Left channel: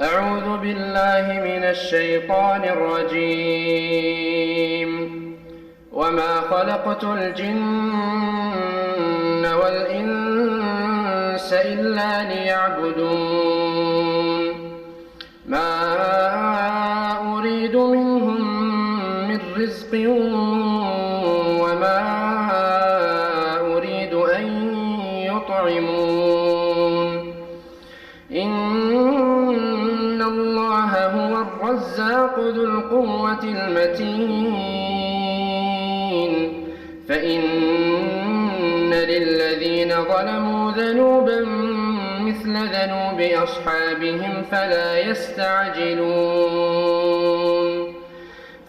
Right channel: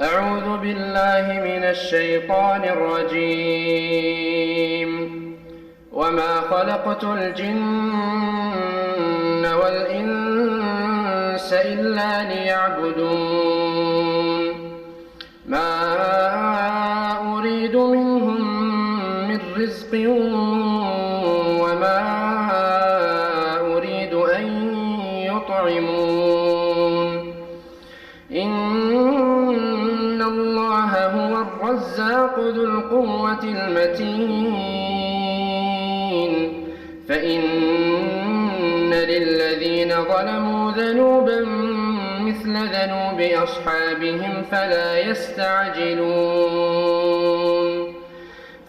أعوذ بالله من الشيطان الرجيم وما خلقت الجن والإنس إلا ليعبدون ما أريد منهم من رزق وما أريد أن يطعمون إن الله هو الرزاق ذو القوة المتين فإن للذين ظلموا ذنوبا مثل ذنوب أصحابهم فلا يستعجلون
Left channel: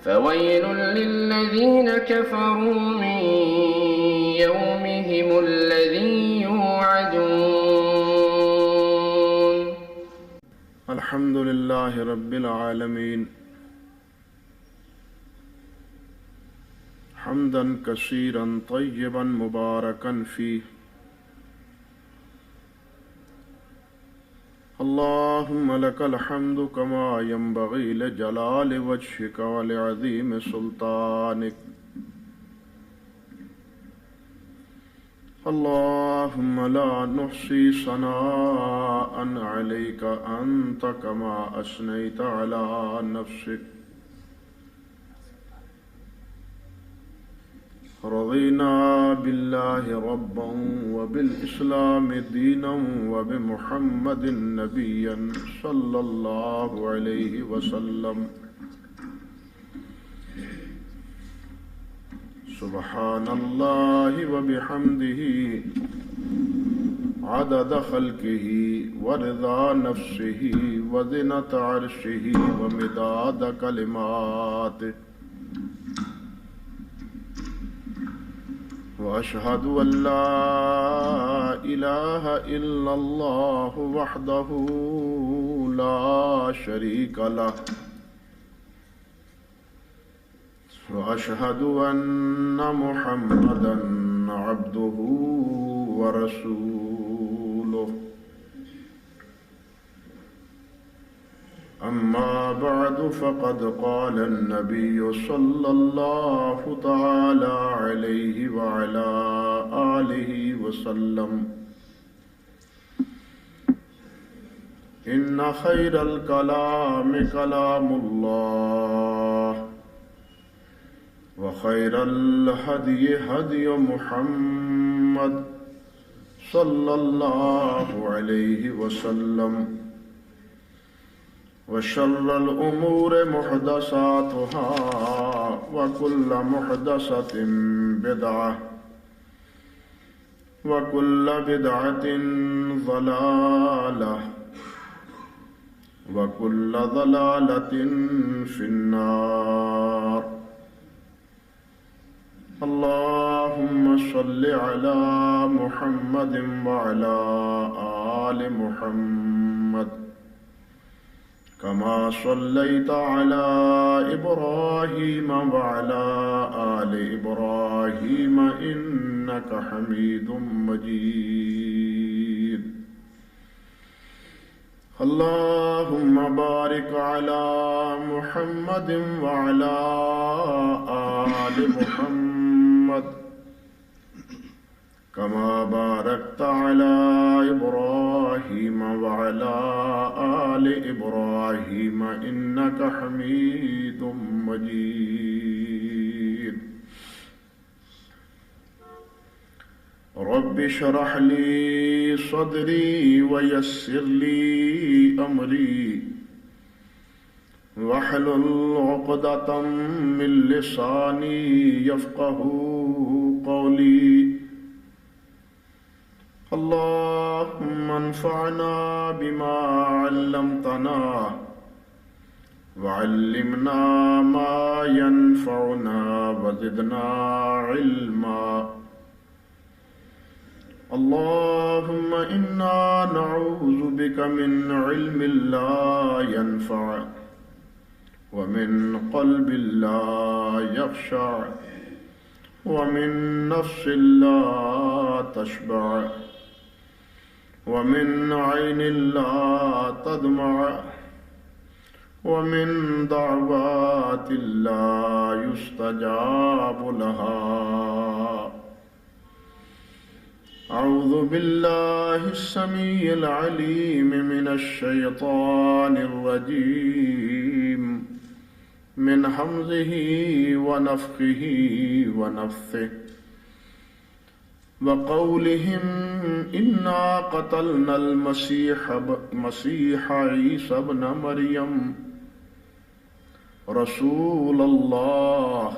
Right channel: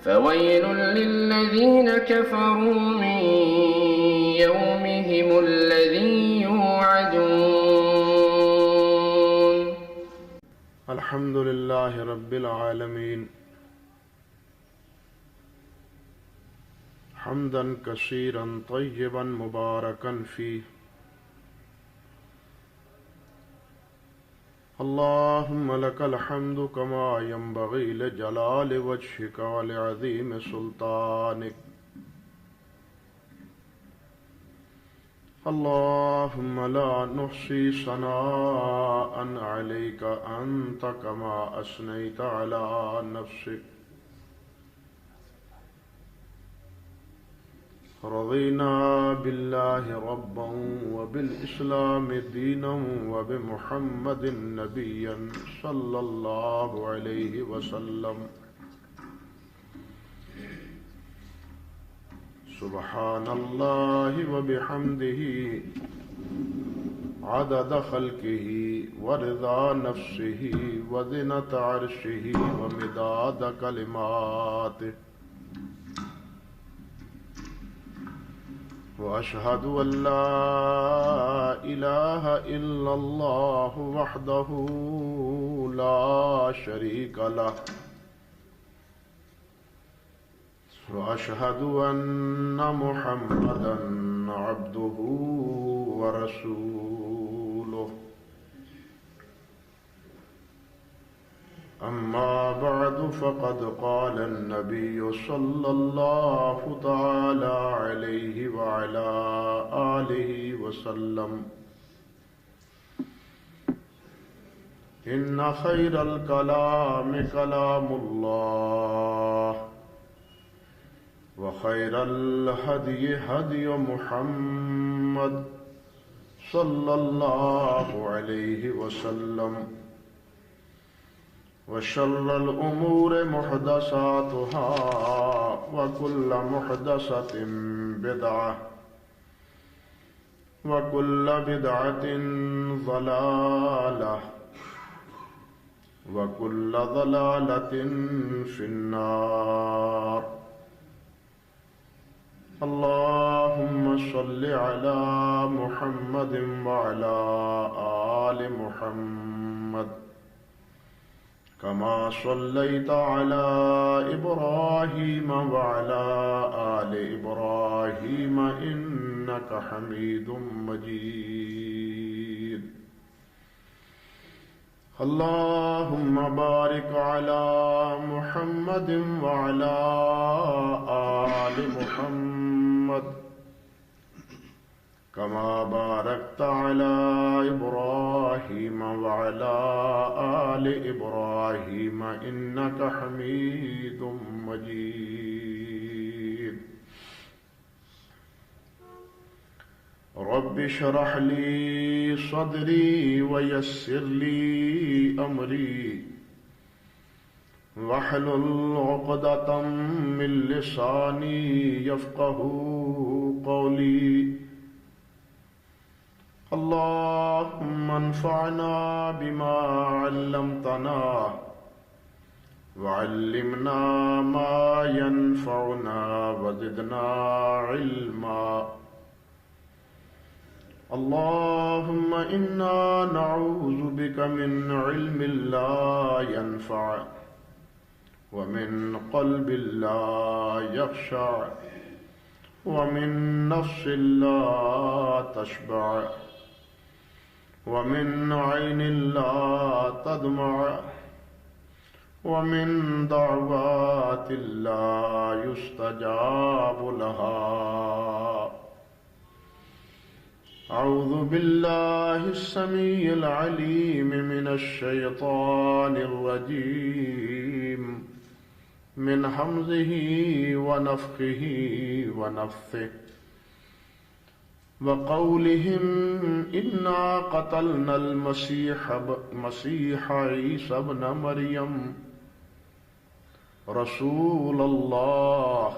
فويل للذين كفروا من يومهم الذي يوعدون. الحمد لله رب العالمين حمدا كثيرا طيبا مباركا فيه اللهم لك الحمد كما ينبغي لجلال وجهك ولعظيم سلطانك اللهم لا نحصي ثناء عليك أنت كما أثنيت على نفسك رضينا بالله ربا وبالإسلام دينا وبمحمد نبيا صلى الله عليه وسلم سبحان الله وبحمده عدد خلقه ورضا نفسه وزنة عرشه ومداد كلماته وأشهد أن لا إله إلا الله وحده لا شريك له وأشهد أن محمدا عبده ورسوله أما بعد فقد قال النبي صلى الله تعالى عليه وعلى آله وسلم إن خير الكلام كلام الله وخير الهدي هدي محمد صلى الله عليه وسلم وشر الأمور محدثاتها وكل محدثة بدعة وكل بدعة ضلالة وكل ضلالة في النار اللهم صل على محمد وعلى آل محمد كما صليت على إبراهيم وعلى آل إبراهيم إنك حميد مجيد اللهم بارك على محمد وعلى آل محمد كما باركت على إبراهيم وعلى آل إبراهيم إنك حميد مجيد رب اشرح لي صدري ويسر لي أمري واحلل عقدة من لساني يفقهوا قولي اللهم انفعنا بما علمتنا وعلمنا ما ينفعنا وزدنا علما اللهم إنا نعوذ بك من علم لا ينفع ومن قلب لا يخشع ومن نفس لا تشبع ومن عين لا تدمع ومن دعوات لا يستجاب لها. أعوذ بالله السميع العليم من الشيطان الرجيم من همزه ونفخه ونفثه. وقولهم إنا قتلنا المسيح عيسى ابن مريم رسول الله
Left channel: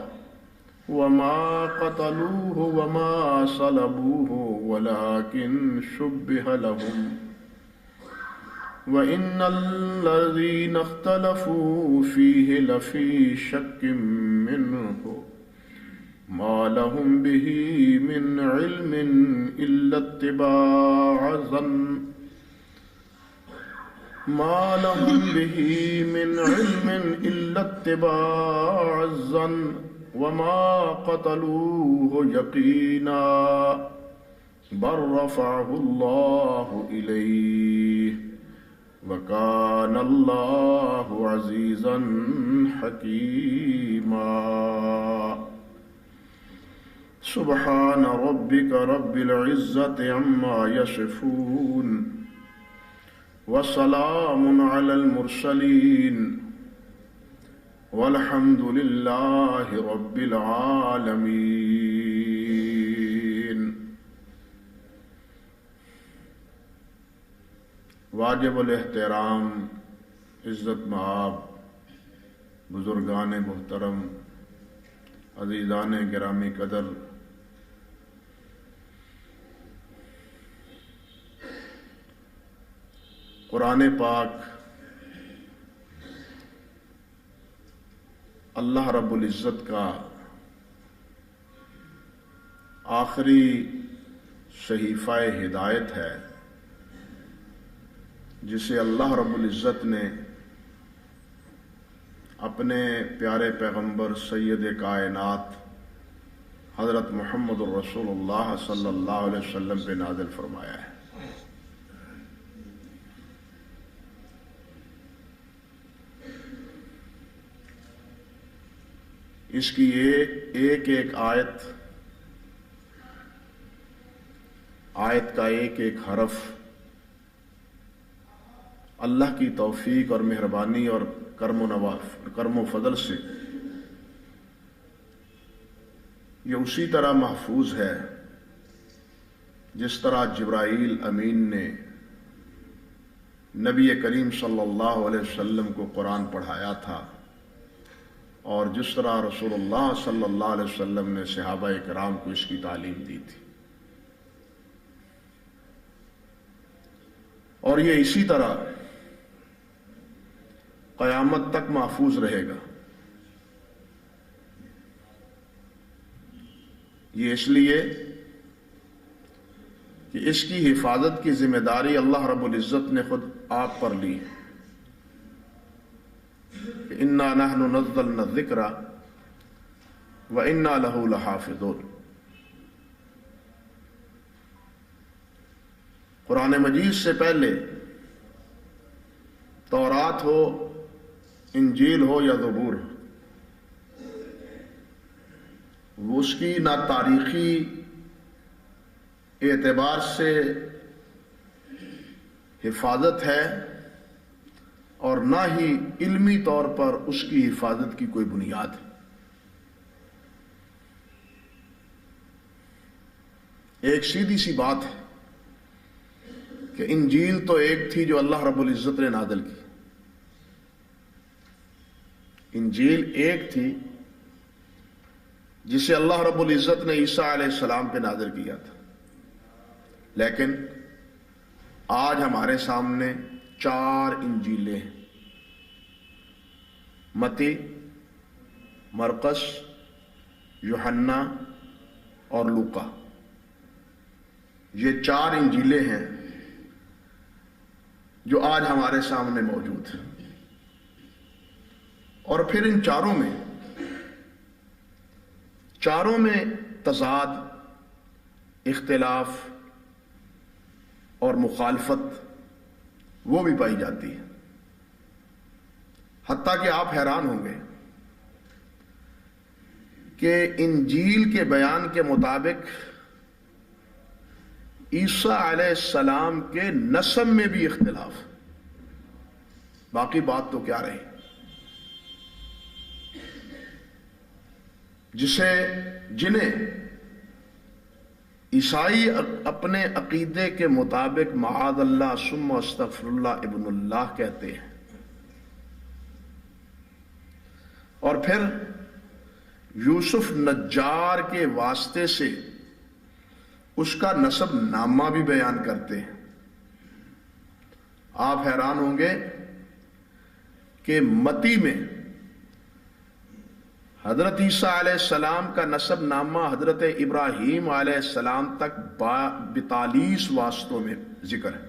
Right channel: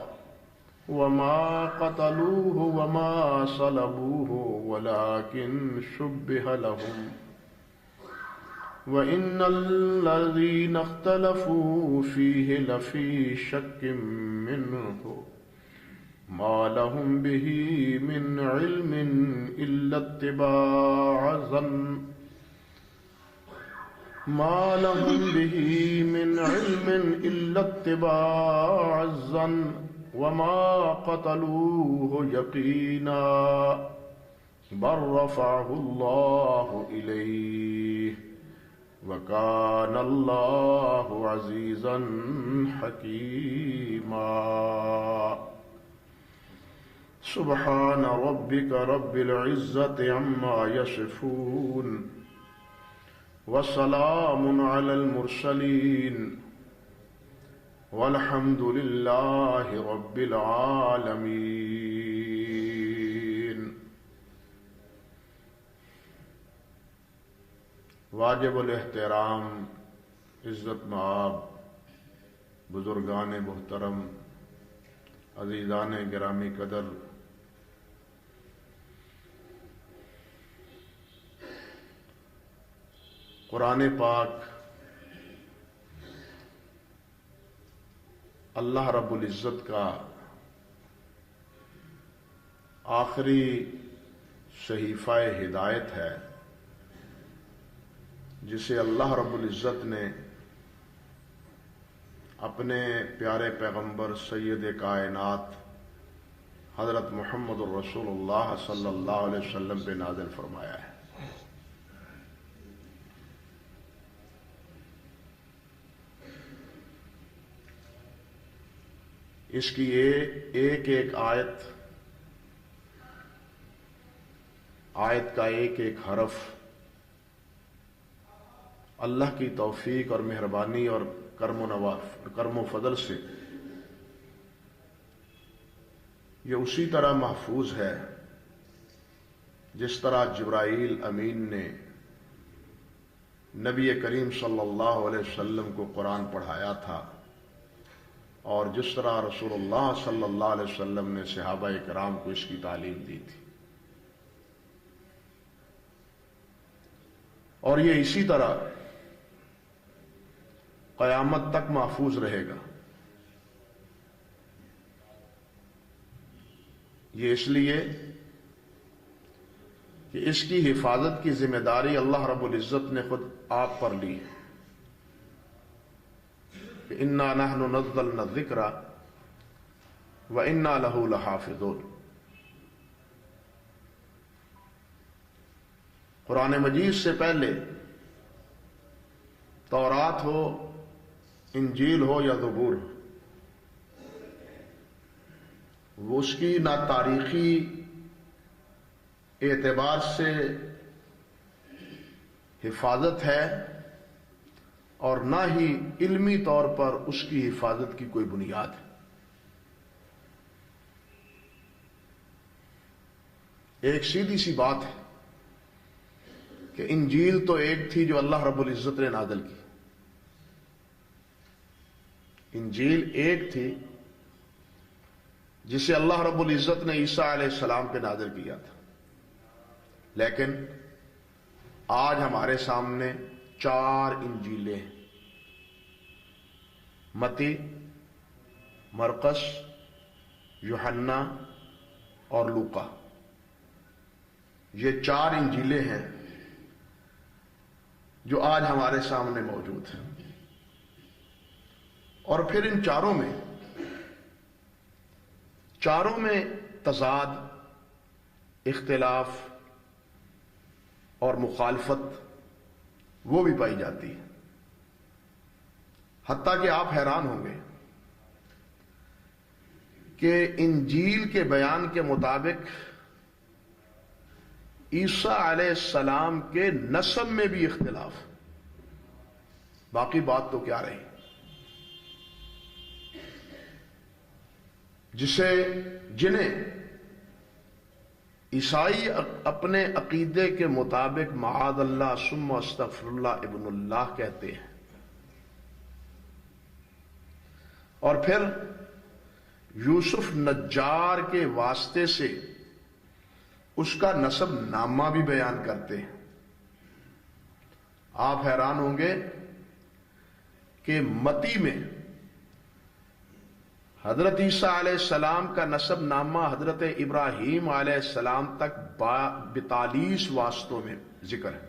وما قتلوه وما صلبوه ولكن شبه لهم وإن الذين اختلفوا فيه لفي شك منه ما لهم به من علم إلا اتباع الظن وما قتلوه يقينا بل رفعه الله إليه وكان الله عزيزا حكيما. سبحان ربك رب العزة عما يصفون وسلام على المرسلين والحمد لله رب العالمين. واجب الاحترام عزت مآب بزرگان محترم عزیزان گرامی قدر، قرآن پاک اللہ رب العزت کا آخری صحیفہ ہدایت ہے، جسے اللہ رب العزت نے اپنے پیارے پیغمبر سید کائنات حضرت محمد الرسول اللہ صلی اللہ علیہ وسلم پہ نازل فرمایا ہے۔ اس کی ایک ایک آیت کا ایک ایک حرف اللہ کی توفیق اور مہربانی اور کرم و فضل سے یہ اسی طرح محفوظ ہے جس طرح جبرائیل امین نے نبی کریم صلی اللہ علیہ وسلم کو قرآن پڑھایا تھا، اور جس طرح رسول اللہ صلی اللہ علیہ وسلم نے صحابہ کرام کو اس کی تعلیم دی تھی، اور یہ اسی طرح قیامت تک محفوظ رہے گا۔ یہ اس لیے کہ اس کی حفاظت کی ذمہ داری اللہ رب العزت نے خود آپ پر لی ہے کہ انا نحن نزلنا الذکر وانا لہ لحافظون۔ قرآن مجید سے پہلے تورات ہو، انجیل ہو یا زبور ہو، وہ اس کی نہ تاریخی اعتبار سے حفاظت ہے اور نہ ہی علمی طور پر اس کی حفاظت کی کوئی بنیاد ہے۔ ایک سیدھی سی بات ہے کہ انجیل تو ایک تھی جو اللہ رب العزت نے نازل کی، انجیل ایک تھی جسے اللہ رب العزت نے عیسیٰ علیہ السلام پہ نازل کیا تھا، لیکن آج ہمارے سامنے 4 انجیلیں ہیں، متی، مرقس، یوحنا اور لوقا۔ یہ 4 انجیلیں ہیں جو آج ہمارے سامنے موجود ہیں، اور پھر ان چاروں میں تضاد، اختلاف اور مخالفت وہ بھی پائی جاتی ہے۔ حتیٰ کہ آپ حیران ہوں گے کہ انجیل کے بیان کے مطابق عیسیٰ علیہ السلام کے نسب میں بھی اختلاف. باقی بات تو کیا رہی. جنہیں عیسائی اپنے عقیدے کے مطابق معاذ اللہ ثم استغفر اللہ ابن اللہ کہتے ہیں، اور پھر یوسف نجار کے واسطے سے اس کا نسب نامہ بھی بیان کرتے ہیں. آپ حیران ہوں گے کہ متی میں حضرت عیسیٰ علیہ السلام کا نسب نامہ حضرت ابراہیم علیہ السلام تک 42 واسطوں میں ذکر ہے،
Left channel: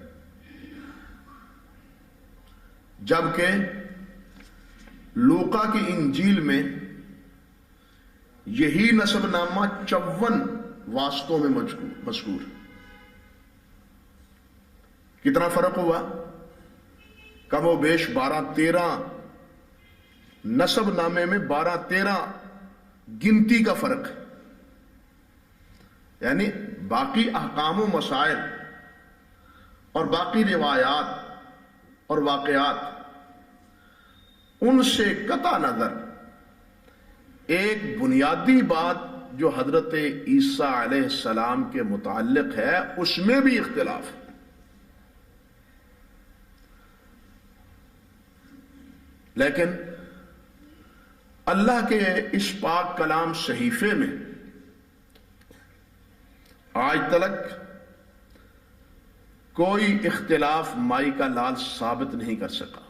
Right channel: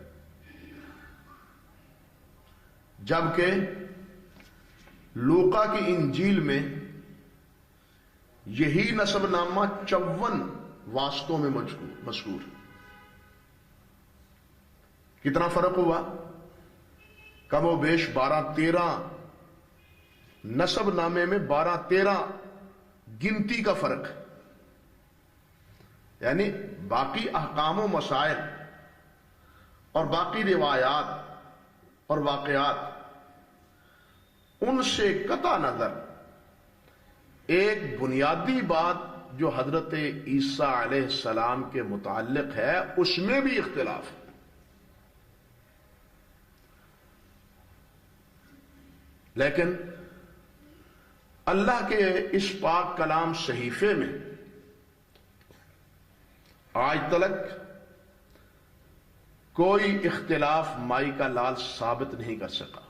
جبکہ لوقا کی انجیل میں یہی نسب نامہ 54 واسطوں میں مذکور. کتنا فرق ہوا؟ کم و بیش 12-13 نسب نامے میں 12-13 گنتی کا فرق ہے. یعنی باقی احکام و مسائل اور باقی روایات اور واقعات ان سے قطع نظر ایک بنیادی بات جو حضرت عیسیٰ علیہ السلام کے متعلق ہے اس میں بھی اختلاف ہے. لیکن اللہ کے اس پاک کلام صحیفے میں آج تک کوئی اختلاف مائی کا لال ثابت نہیں کر سکا.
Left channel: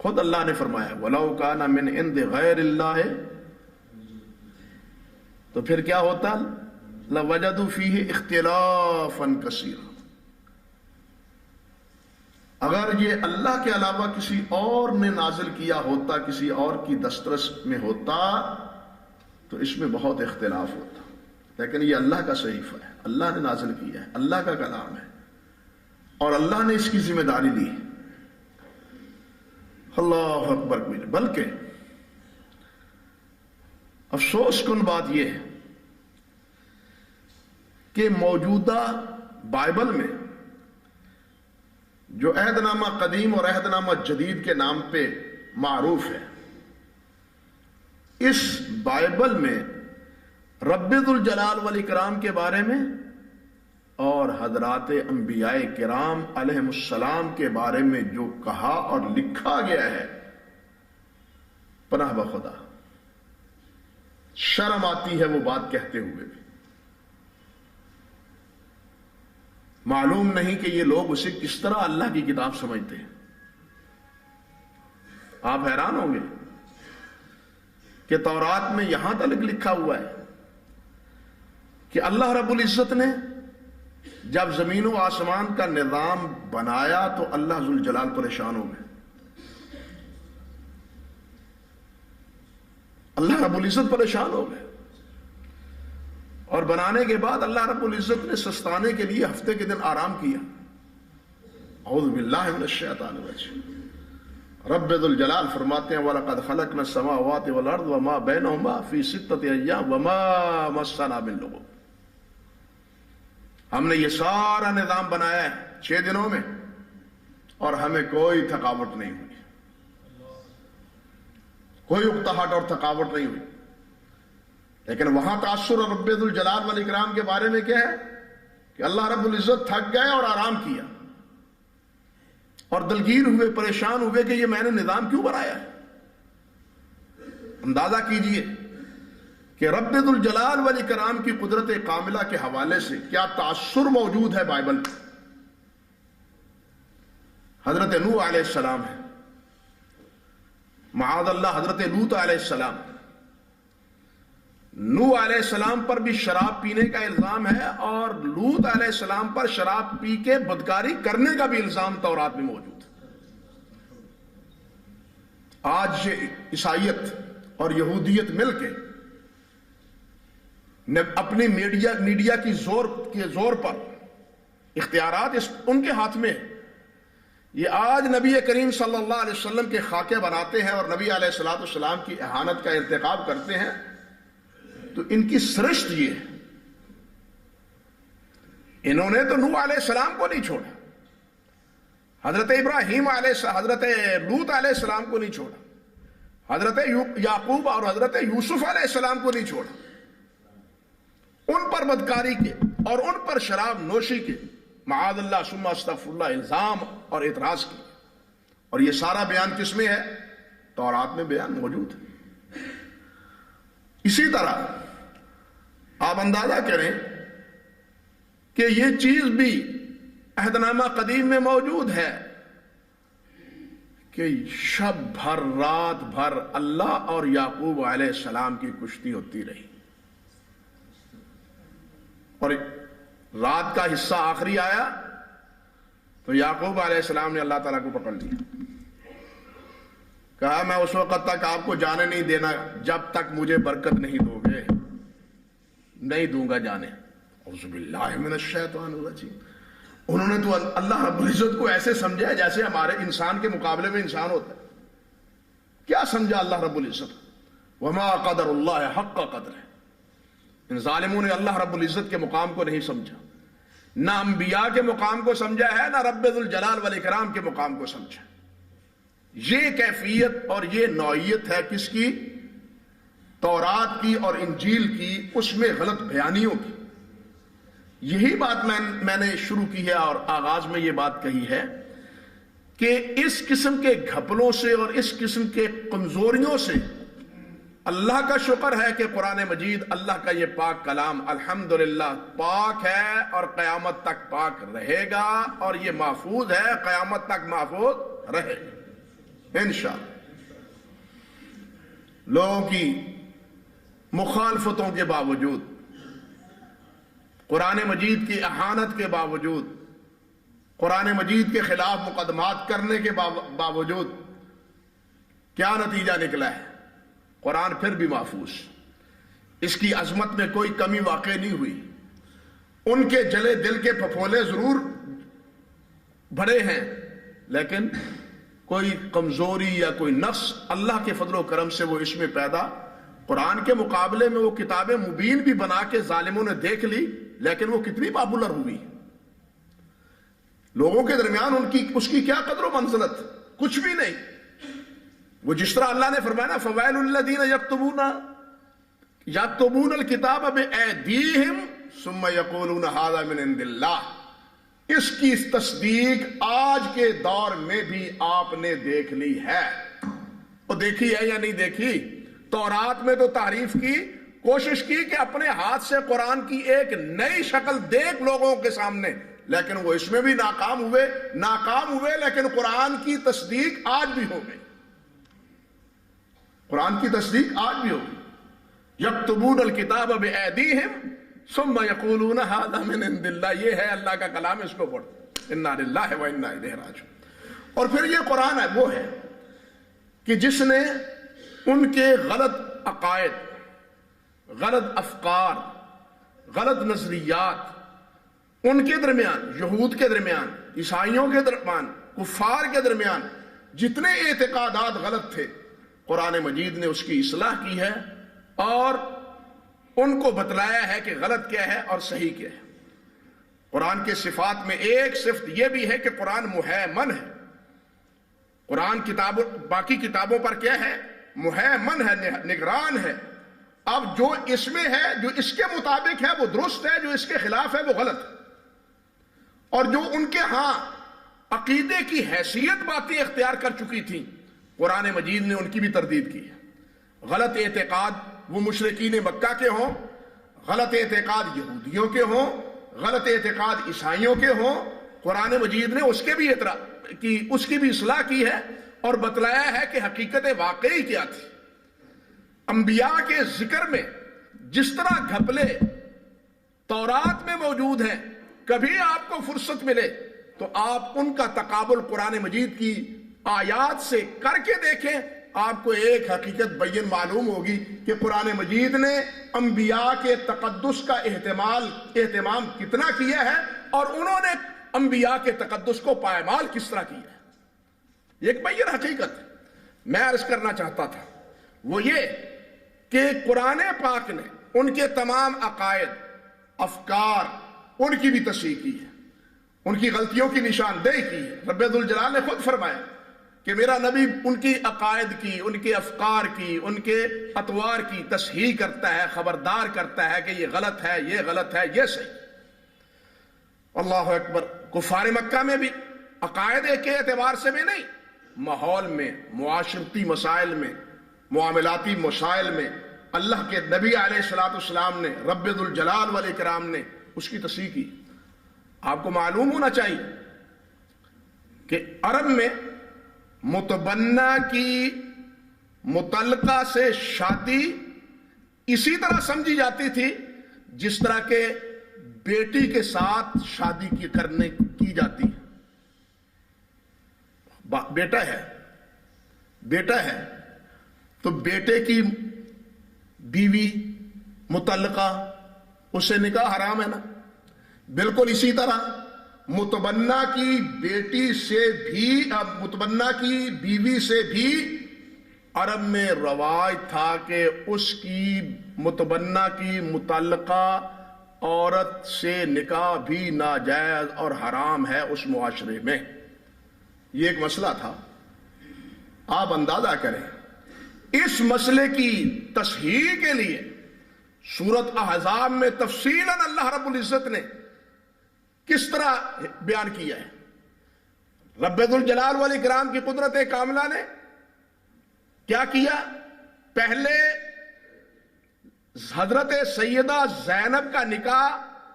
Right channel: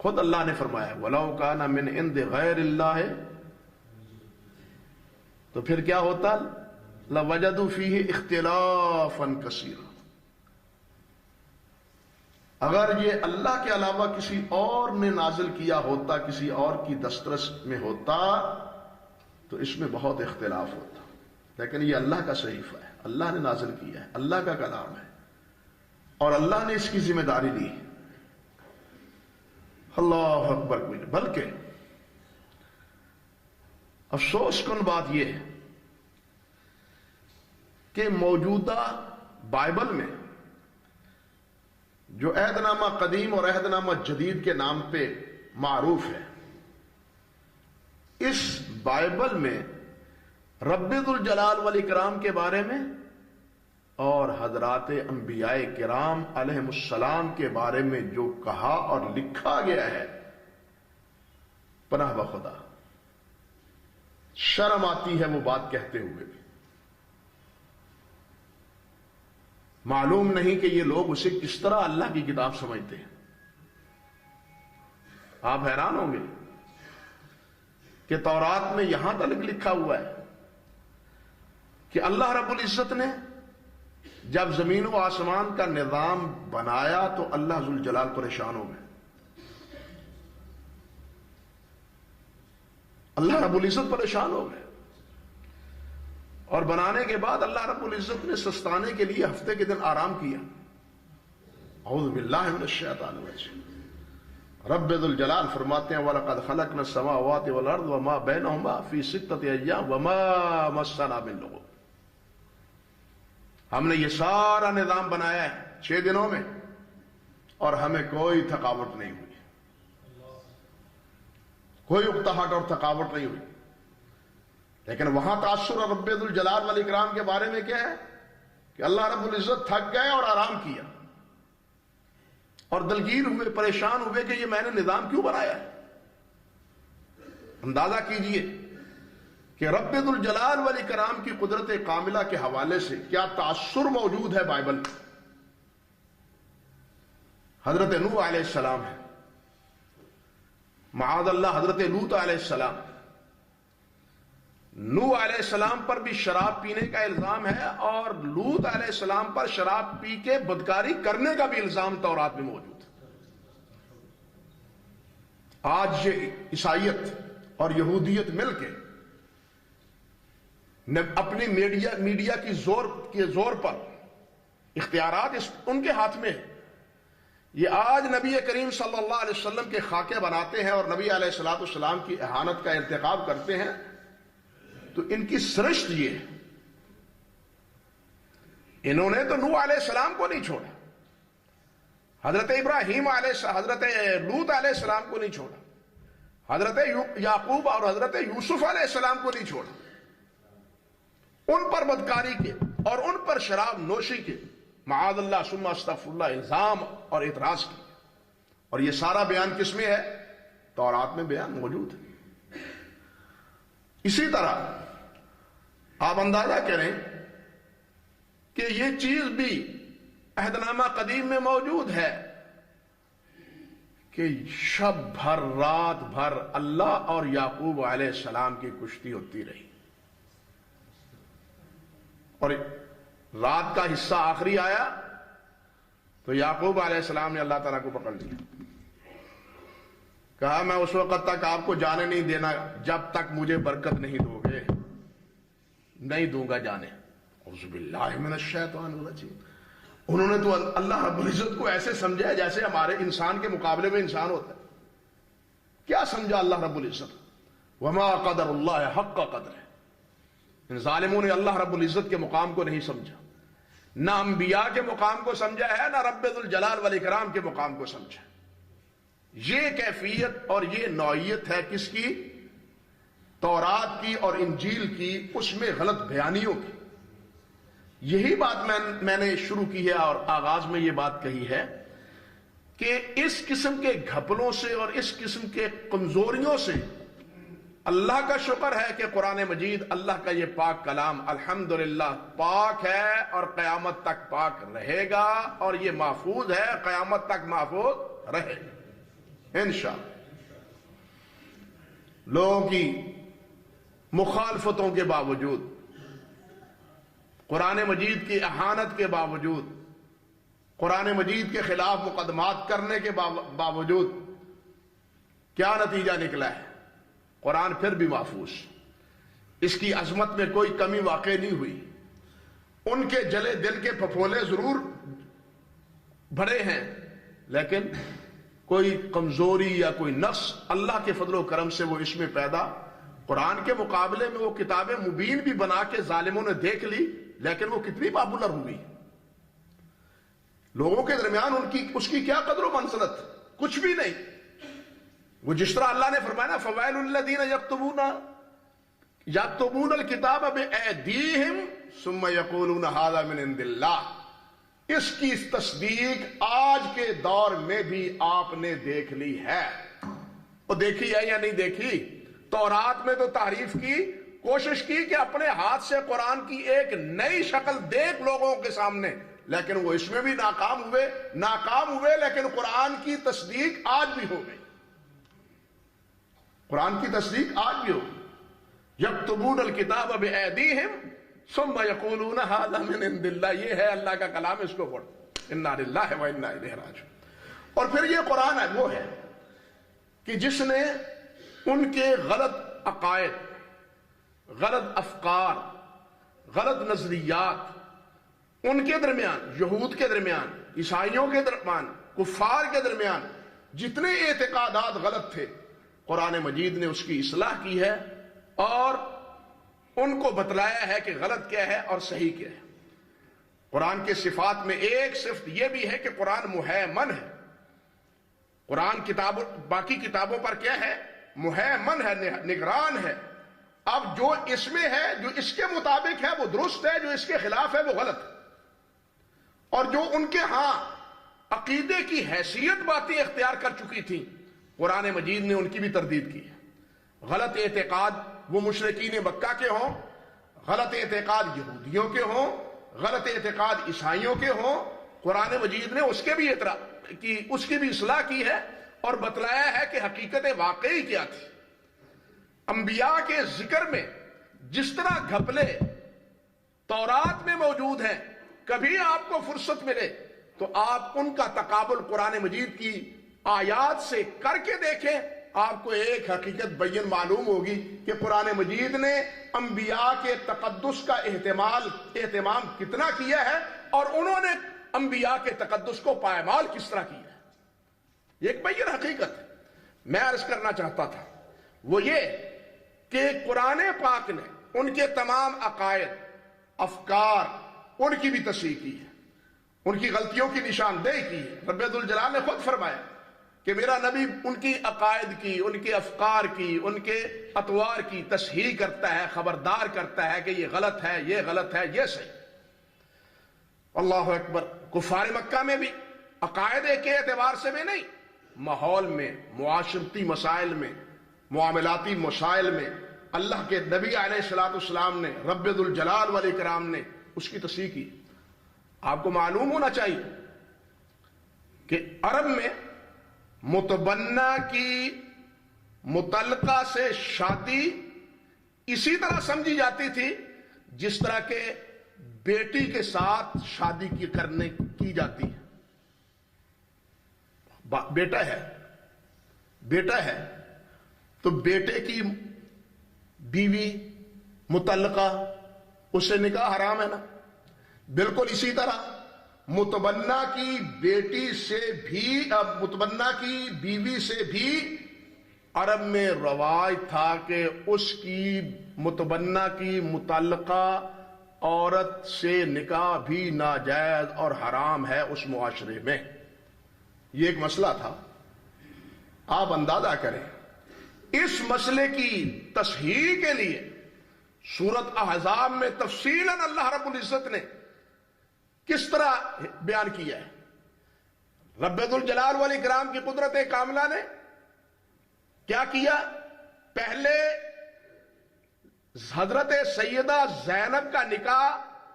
خود اللہ نے فرمایا وَلَوْ كَانَ مِنْ عِنْدِ غَيْرِ اللَّهِ، تو پھر کیا ہوتا؟ لَوَجَدُوا فِيهِ اخْتِلَافًا كَثِيرًا. اگر یہ اللہ کے علاوہ کسی اور نے نازل کیا ہوتا، کسی اور کی دسترس میں ہوتا، تو اس میں بہت اختلاف ہوتا. لیکن یہ اللہ کا صحیفہ ہے، اللہ نے نازل کیا ہے، اللہ کا کلام ہے، اور اللہ نے اس کی ذمہ داری لی ہے. اللہ اکبر. بلکہ افسوس کن بات یہ ہے کہ موجودہ بائبل میں جو عہد نامہ قدیم اور عہد نامہ جدید کے نام پہ معروف ہے، اس بائبل میں رب ذوالجلال والاکرام کے بارے میں اور حضرات انبیاء کرام علیہم السلام کے بارے میں جو کہا اور لکھا گیا ہے، پناہ بخدا شرم آتی ہے وہ بات کہتے ہوئے بھی. معلوم نہیں کہ یہ لوگ اسے کس طرح اللہ کی کتاب سمجھتے ہیں. آپ حیران ہوں گے کہ تورات میں یہاں تک لکھا ہوا ہے کہ اللہ رب العزت نے جب زمین و آسمان کا نظام بنایا تو اللہ ذوالجلال پریشان ہو گئے. اللہ رب العزت پریشان ہو گئے، اور بنانے کے بعد اللہ رب العزت نے سستانے کے لیے ہفتے کے دن آرام کیا. اعوذ باللہ من الشیطان الرجیم. رب ذوالجلال فرماتے ہیں وَلَقَدْ خَلَقْنَا السَّمَاوَاتِ وَالْأَرْضَ وَمَا بَيْنَهُمَا فِي سِتَّةِ أَيَّامٍ وَمَا مَسَّنَا مِن لُغُوبٍ. ہم نے یہ سارا نظام بنایا ہے 6 دنوں میں، اور ہمیں کوئی تھکاوٹ نہیں ہوئی، کوئی اکتاہٹ اور تھکاوٹ نہیں ہوئی. لیکن وہاں تاثر رب ذوالجلال والاکرام کے بارے میں کیا ہے کہ اللہ رب العزت تھک گئے اور آرام کیا، اور دلگیر ہوئے، پریشان ہوئے کہ یہ میں نے نظام کیوں بنایا ہے. اندازہ کیجئے کہ رب ذوالجلال والاکرام کی قدرت کاملہ کے حوالے سے کیا تاثر موجود ہے بائبل میں. حضرت نوح علیہ السلام ہے، معاذ اللہ حضرت لوط علیہ السلام. نوح علیہ السلام پر بھی شراب پینے کا الزام ہے، اور لوط علیہ السلام پر شراب پی کے بدکاری کرنے کا بھی الزام تورات میں موجود ہے. آج یہ عیسائیت اور یہودیت مل کے اپنی میڈیا کی زور پر اختیارات ان کے ہاتھ میں یہ آج نبی کریم صلی اللہ علیہ وسلم کے خاکے بناتے ہیں اور نبی علیہ الصلوۃ والسلام کی اہانت کا ارتکاب کرتے ہیں، تو ان کی سرشت یہ ہے، انہوں نے تو نوح علیہ السلام کو نہیں چھوڑا، حضرت ابراہیم حضرت لوط علیہ السلام کو نہیں چھوڑا، حضرت یعقوب اور حضرت یوسف علیہ السلام کو نہیں چھوڑا، ان پر بدکاری کے اور ان پر شراب نوشی کے معاذ اللہ ثم استغفر اللہ الزام اور اعتراض کی، اور یہ سارا بیان کس میں ہے؟ تورات میں بیان موجود ہے۔ اسی طرح آپ اندازہ کریں کہ یہ چیز بھی عہد نامہ قدیم میں موجود ہے کہ شب بھر رات بھر اللہ اور یعقوب علیہ السلام کی کشتی ہوتی رہی، اور رات کا حصہ آخری آیا تو یعقوب علیہ السلام نے اللہ تعالیٰ کو پکڑ لیا، کہا میں اس وقت تک آپ کو جانے نہیں دینا جب تک مجھے برکت نہیں دو گے، نہیں دوں گا جانے۔ اعوذ باللہ من الشیطان الرجیم۔ انہوں نے تو اللہ رب العزت کو ایسے سمجھا جیسے ہمارے انسان کے مقابلے میں انسان ہوتا ہے۔ کیا سمجھا اللہ رب العزت؟ وما قدر اللہ حق قدر ہے۔ ان ظالموں نے اللہ رب العزت کے مقام کو نہیں سمجھا، نہ انبیاء کے مقام کو سمجھا ہے، نہ رب ذوالجلال والاکرام کے مقام کو سمجھا۔ یہ کیفیت اور یہ نوعیت ہے کس کی؟ تورات کی اور انجیل کی، اس میں غلط بیانیوں کی۔ یہی بات میں نے شروع کی ہے اور آغاز میں یہ بات کہی ہے کہ اس قسم کے گھپلوں سے اور اس قسم کے کمزوریوں سے اللہ کا شکر ہے کہ قرآن مجید اللہ کا یہ پاک کلام الحمدللہ پاک ہے اور قیامت تک پاک رہے گا، اور یہ محفوظ ہے، قیامت تک محفوظ رہے گا انشاءاللہ۔ لوگوں کی مخالفتوں کے باوجود، قرآن مجید کی اہانت کے باوجود، قرآن مجید کے خلاف مقدمات کرنے کے باوجود کیا نتیجہ نکلا ہے؟ قرآن پھر بھی محفوظ، اس کی عظمت میں کوئی کمی واقع نہیں ہوئی۔ ان کے جلے دل کے پھپھولے ضرور بڑے ہیں، لیکن کوئی کمزوری یا کوئی نقص اللہ کے فضل و کرم سے وہ اس میں پیدا، قرآن کے مقابلے میں وہ کتابیں مبین بھی بنا کے ظالموں نے دیکھ لی، لیکن وہ کتنی پاپولر ہوئی، لوگوں کے درمیان اس کی کیا قدر و منزلت؟ کچھ بھی نہیں۔ وہ جس طرح اللہ نے فرمایا نا فویل الذین یکتبون الکتاب بایدیہم ثم یقولون ھذا من عند اللہ، اس کی تصدیق آج کے دور میں بھی آپ نے دیکھ لی ہے۔ وہ دیکھی ہے یا نہیں دیکھی؟ تورات میں تو تعریف کی، کوشش کی کہ اپنے ہاتھ سے قرآن کی ایک نئی شکل دیکھ لوگوں کے سامنے، لیکن وہ اس میں بھی ناکام ہوئے، لیکن قرآن کی تصدیق آج بھی ہو گئی، قرآن کی تصدیق آج بھی ہوگی۔ یکتبون الکتاب بایدیہم ثم یقولون ھذا من عند اللہ، یہ ہے اللہ کا کلام، اس کو پڑھو، انا للہ و انا الیہ راجعون۔ اور پھر یہ قرآن ہے وہ ہے کہ جس نے ان کے غلط عقائد، غلط افکار، غلط نظریات، ان کے درمیان، یہود کے درمیان، عیسائیوں کے درمیان، کفار کے درمیان جتنے اعتقادات غلط تھے، قرآن مجید نے اس کی اصلاح کی ہے اور ان کو بتلایا ہے کہ غلط کیا ہے اور صحیح کیا ہے۔ قرآن کے صفات میں ایک صفت یہ بھی ہے کہ قرآن مہیمن ہے۔ قرآن باقی کتابوں پر کیا ہے؟ مہیمن ہے، نگران ہے۔ اب جو اس میں ہے، جو اس کے مطابق ہے وہ درست ہے، جو اس کے خلاف ہے وہ غلط ہے، اور جو ان کے ہاں عقیدے کی حیثیت باتیں اختیار کر چکی تھیں، قرآن مجید نے ان کی بھی تردید کی ہے۔ غلط اعتقاد وہ مشرکین مکہ کے ہوں، غلط اعتقاد یہودیوں کے ہوں، غلط اعتقاد عیسائیوں کے ہوں، قرآن مجید نے اس کی بھی اصلاح کی ہے اور بتلایا ہے کہ حقیقت واقعی کیا تھی۔ انبیاء کے ذکر میں جس طرح گھپلے تورات میں موجود ہیں، کبھی آپ کو فرصت ملے تو آپ ان کا تقابل قرآن مجید کی آیات سے کر کے دیکھیں، آپ کو ایک حقیقت بین معلوم ہوگی کہ قرآن مجید نے انبیاء کے تقدس کا اہتمام کتنا کیا ہے اور انہوں نے انبیاء کے تقدس کو پائمال کس طرح کیا ہے۔ ایک بین حقیقت میں عرض کرنا چاہتا تھا وہ یہ کہ قرآن پاک نے ان کے تمام عقائد، افکار، ان کی بھی تصحیح کی ہے، ان کی غلطیوں کی نشاندہی کی ہے۔ رب ذوالجلال نے خود فرمایا کہ میرا نبی ان کی عقائد کی، ان کے افکار کی، ان کے اطوار کی تصحیح کرتا ہے، خبردار کرتا ہے کہ یہ غلط ہے، یہ غلط ہے، یہ صحیح۔ اللہ اکبر۔ کفار مکہ میں بھی عقائد کے اعتبار سے بھی نہیں، ماحول میں، معاشرتی مسائل میں، معاملاتی مسائل میں اللہ کے نبی علیہ السلام نے، رب ذوالجلال والاکرام نے اس کی تصحیح کی۔ آپ کو معلوم ہونا چاہیے کہ عرب میں متبنہ کی متعلقہ سے شادی اسی طرح سمجھی جاتی تھی جس طرح کے بیٹی کے ساتھ شادی کی جاتی ہے۔ بیٹا ہے تو بیٹے کی بیوی متعلقہ، اس سے نکاح حرام ہے نا۔ بالکل اسی طرح متبنہ کی بیٹی سے بھی، اب متبنہ کی بیوی سے بھی عرب میں رواج تھا کہ اس کی متبنہ کی متعلقہ عورت سے نکاح بھی ناجائز اور حرام ہے اس معاشرے میں۔ یہ ایک مسئلہ تھا۔ آپ اندازہ کریں اس مسئلے کی تصحیح کے لیے سورۃ احزاب میں تفصیلاً اللہ رب العزت نے کس طرح بیان کیا ہے۔ رب ذوالجلال والاکرام کی قدرت کاملہ نے کیا کیا؟ پہلے حضرت سیدہ زینب کا نکاح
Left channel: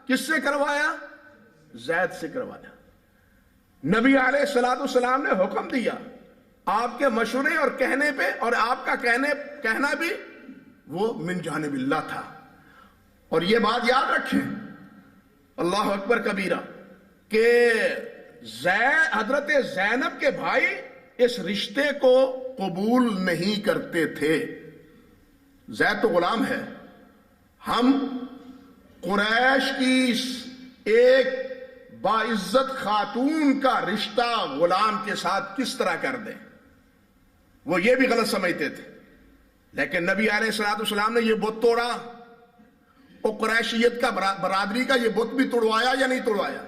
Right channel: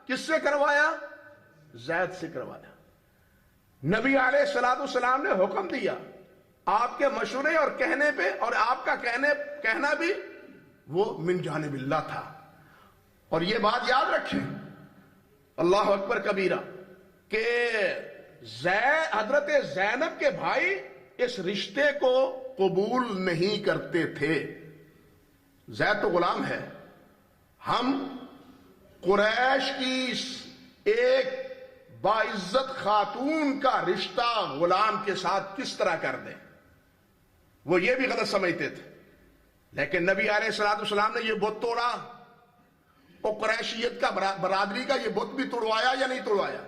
کس سے کروایا؟ زید سے کروایا۔ نبی علیہ السلام نے حکم دیا، آپ کے مشورے اور کہنے پہ، اور آپ کا کہنا بھی وہ من جانب اللہ تھا۔ اور یہ بات یاد رکھیں، اللہ اکبر کبیرہ، کہ حضرت زینب کے بھائی اس رشتے کو قبول نہیں کرتے تھے۔ زید تو غلام ہے، ہم قریش کی ایک باعزت خاتون کا رشتہ غلام کے ساتھ کس طرح کر دیں؟ وہ یہ بھی غلط سمجھتے تھے۔ لیکن نبی علیہ السلام نے یہ بت توڑا، اور قریشیت کا برادری کا یہ بت بھی توڑوایا یا نہیں توڑوایا؟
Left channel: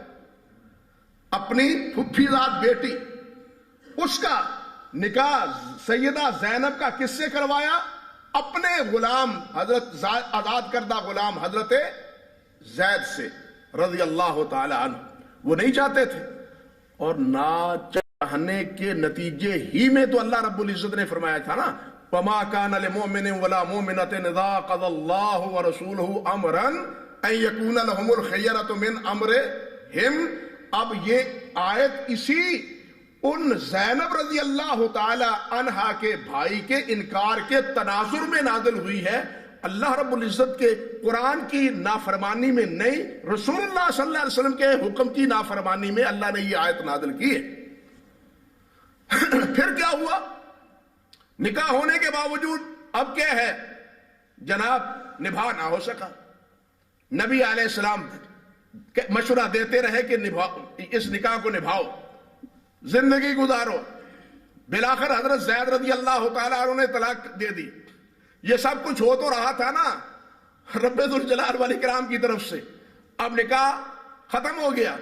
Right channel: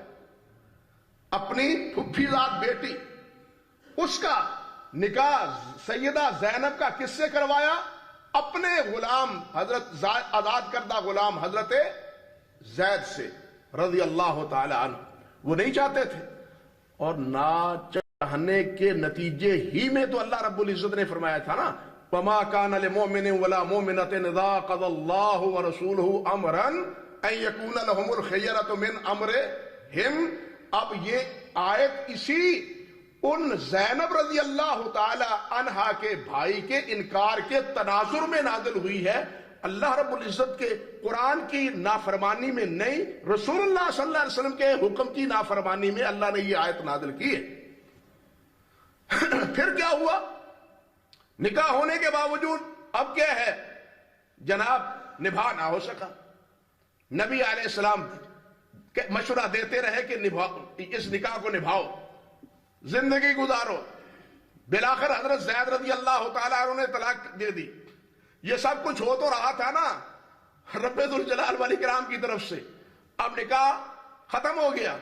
اپنی پھپھی زاد بیٹی، اس کا نکاح سیدہ زینب کا کس سے کروایا؟ اپنے غلام، حضرت آزاد کردہ غلام حضرت زید سے رضی اللہ تعالی عنہ۔ وہ نہیں چاہتے تھے، اور نہ چاہنے کے نتیجے ہی میں تو اللہ رب العزت نے فرمایا تھا نا، وَمَا كَانَ لِمُؤْمِنٍ وَلَا مُؤْمِنَةٍ إِذَا قَضَى اللَّهُ وَرَسُولُهُ أَمْرًا أَن يَكُونَ لَهُمُ الْخِيَرَةُ مِنْ أَمْرِهِمْ۔ اب یہ آیت اسی ان زینب رضی اللہ تعالی عنہا کے بھائی کے انکار کے تناظر میں نازل ہوئی ہے۔ اللہ رب العزت کے قرآن کی نافرمانی میں نہیں، رسول اللہ صلی اللہ علیہ وسلم کے حکم کی نافرمانی میں اللہ نے یہ آیت نازل کی ہے۔ پھر کیا ہوا؟ نکاح ہونے کے باوجود اب کیا ہے جناب، نبھا نہ ہو سکا۔ نبی علیہ السلام مشورہ دیتے رہے کہ اس نکاح کو نبھاؤ، زندگی گزارو۔ بالآخر حضرت زید رضی اللہ تعالیٰ عنہ نے طلاق دے دی۔ یہ سب کچھ ہو تو رہا تھا نا رب ذوالجلال والاکرام کی طرف سے۔ اب نکاح ختم ہو گیا،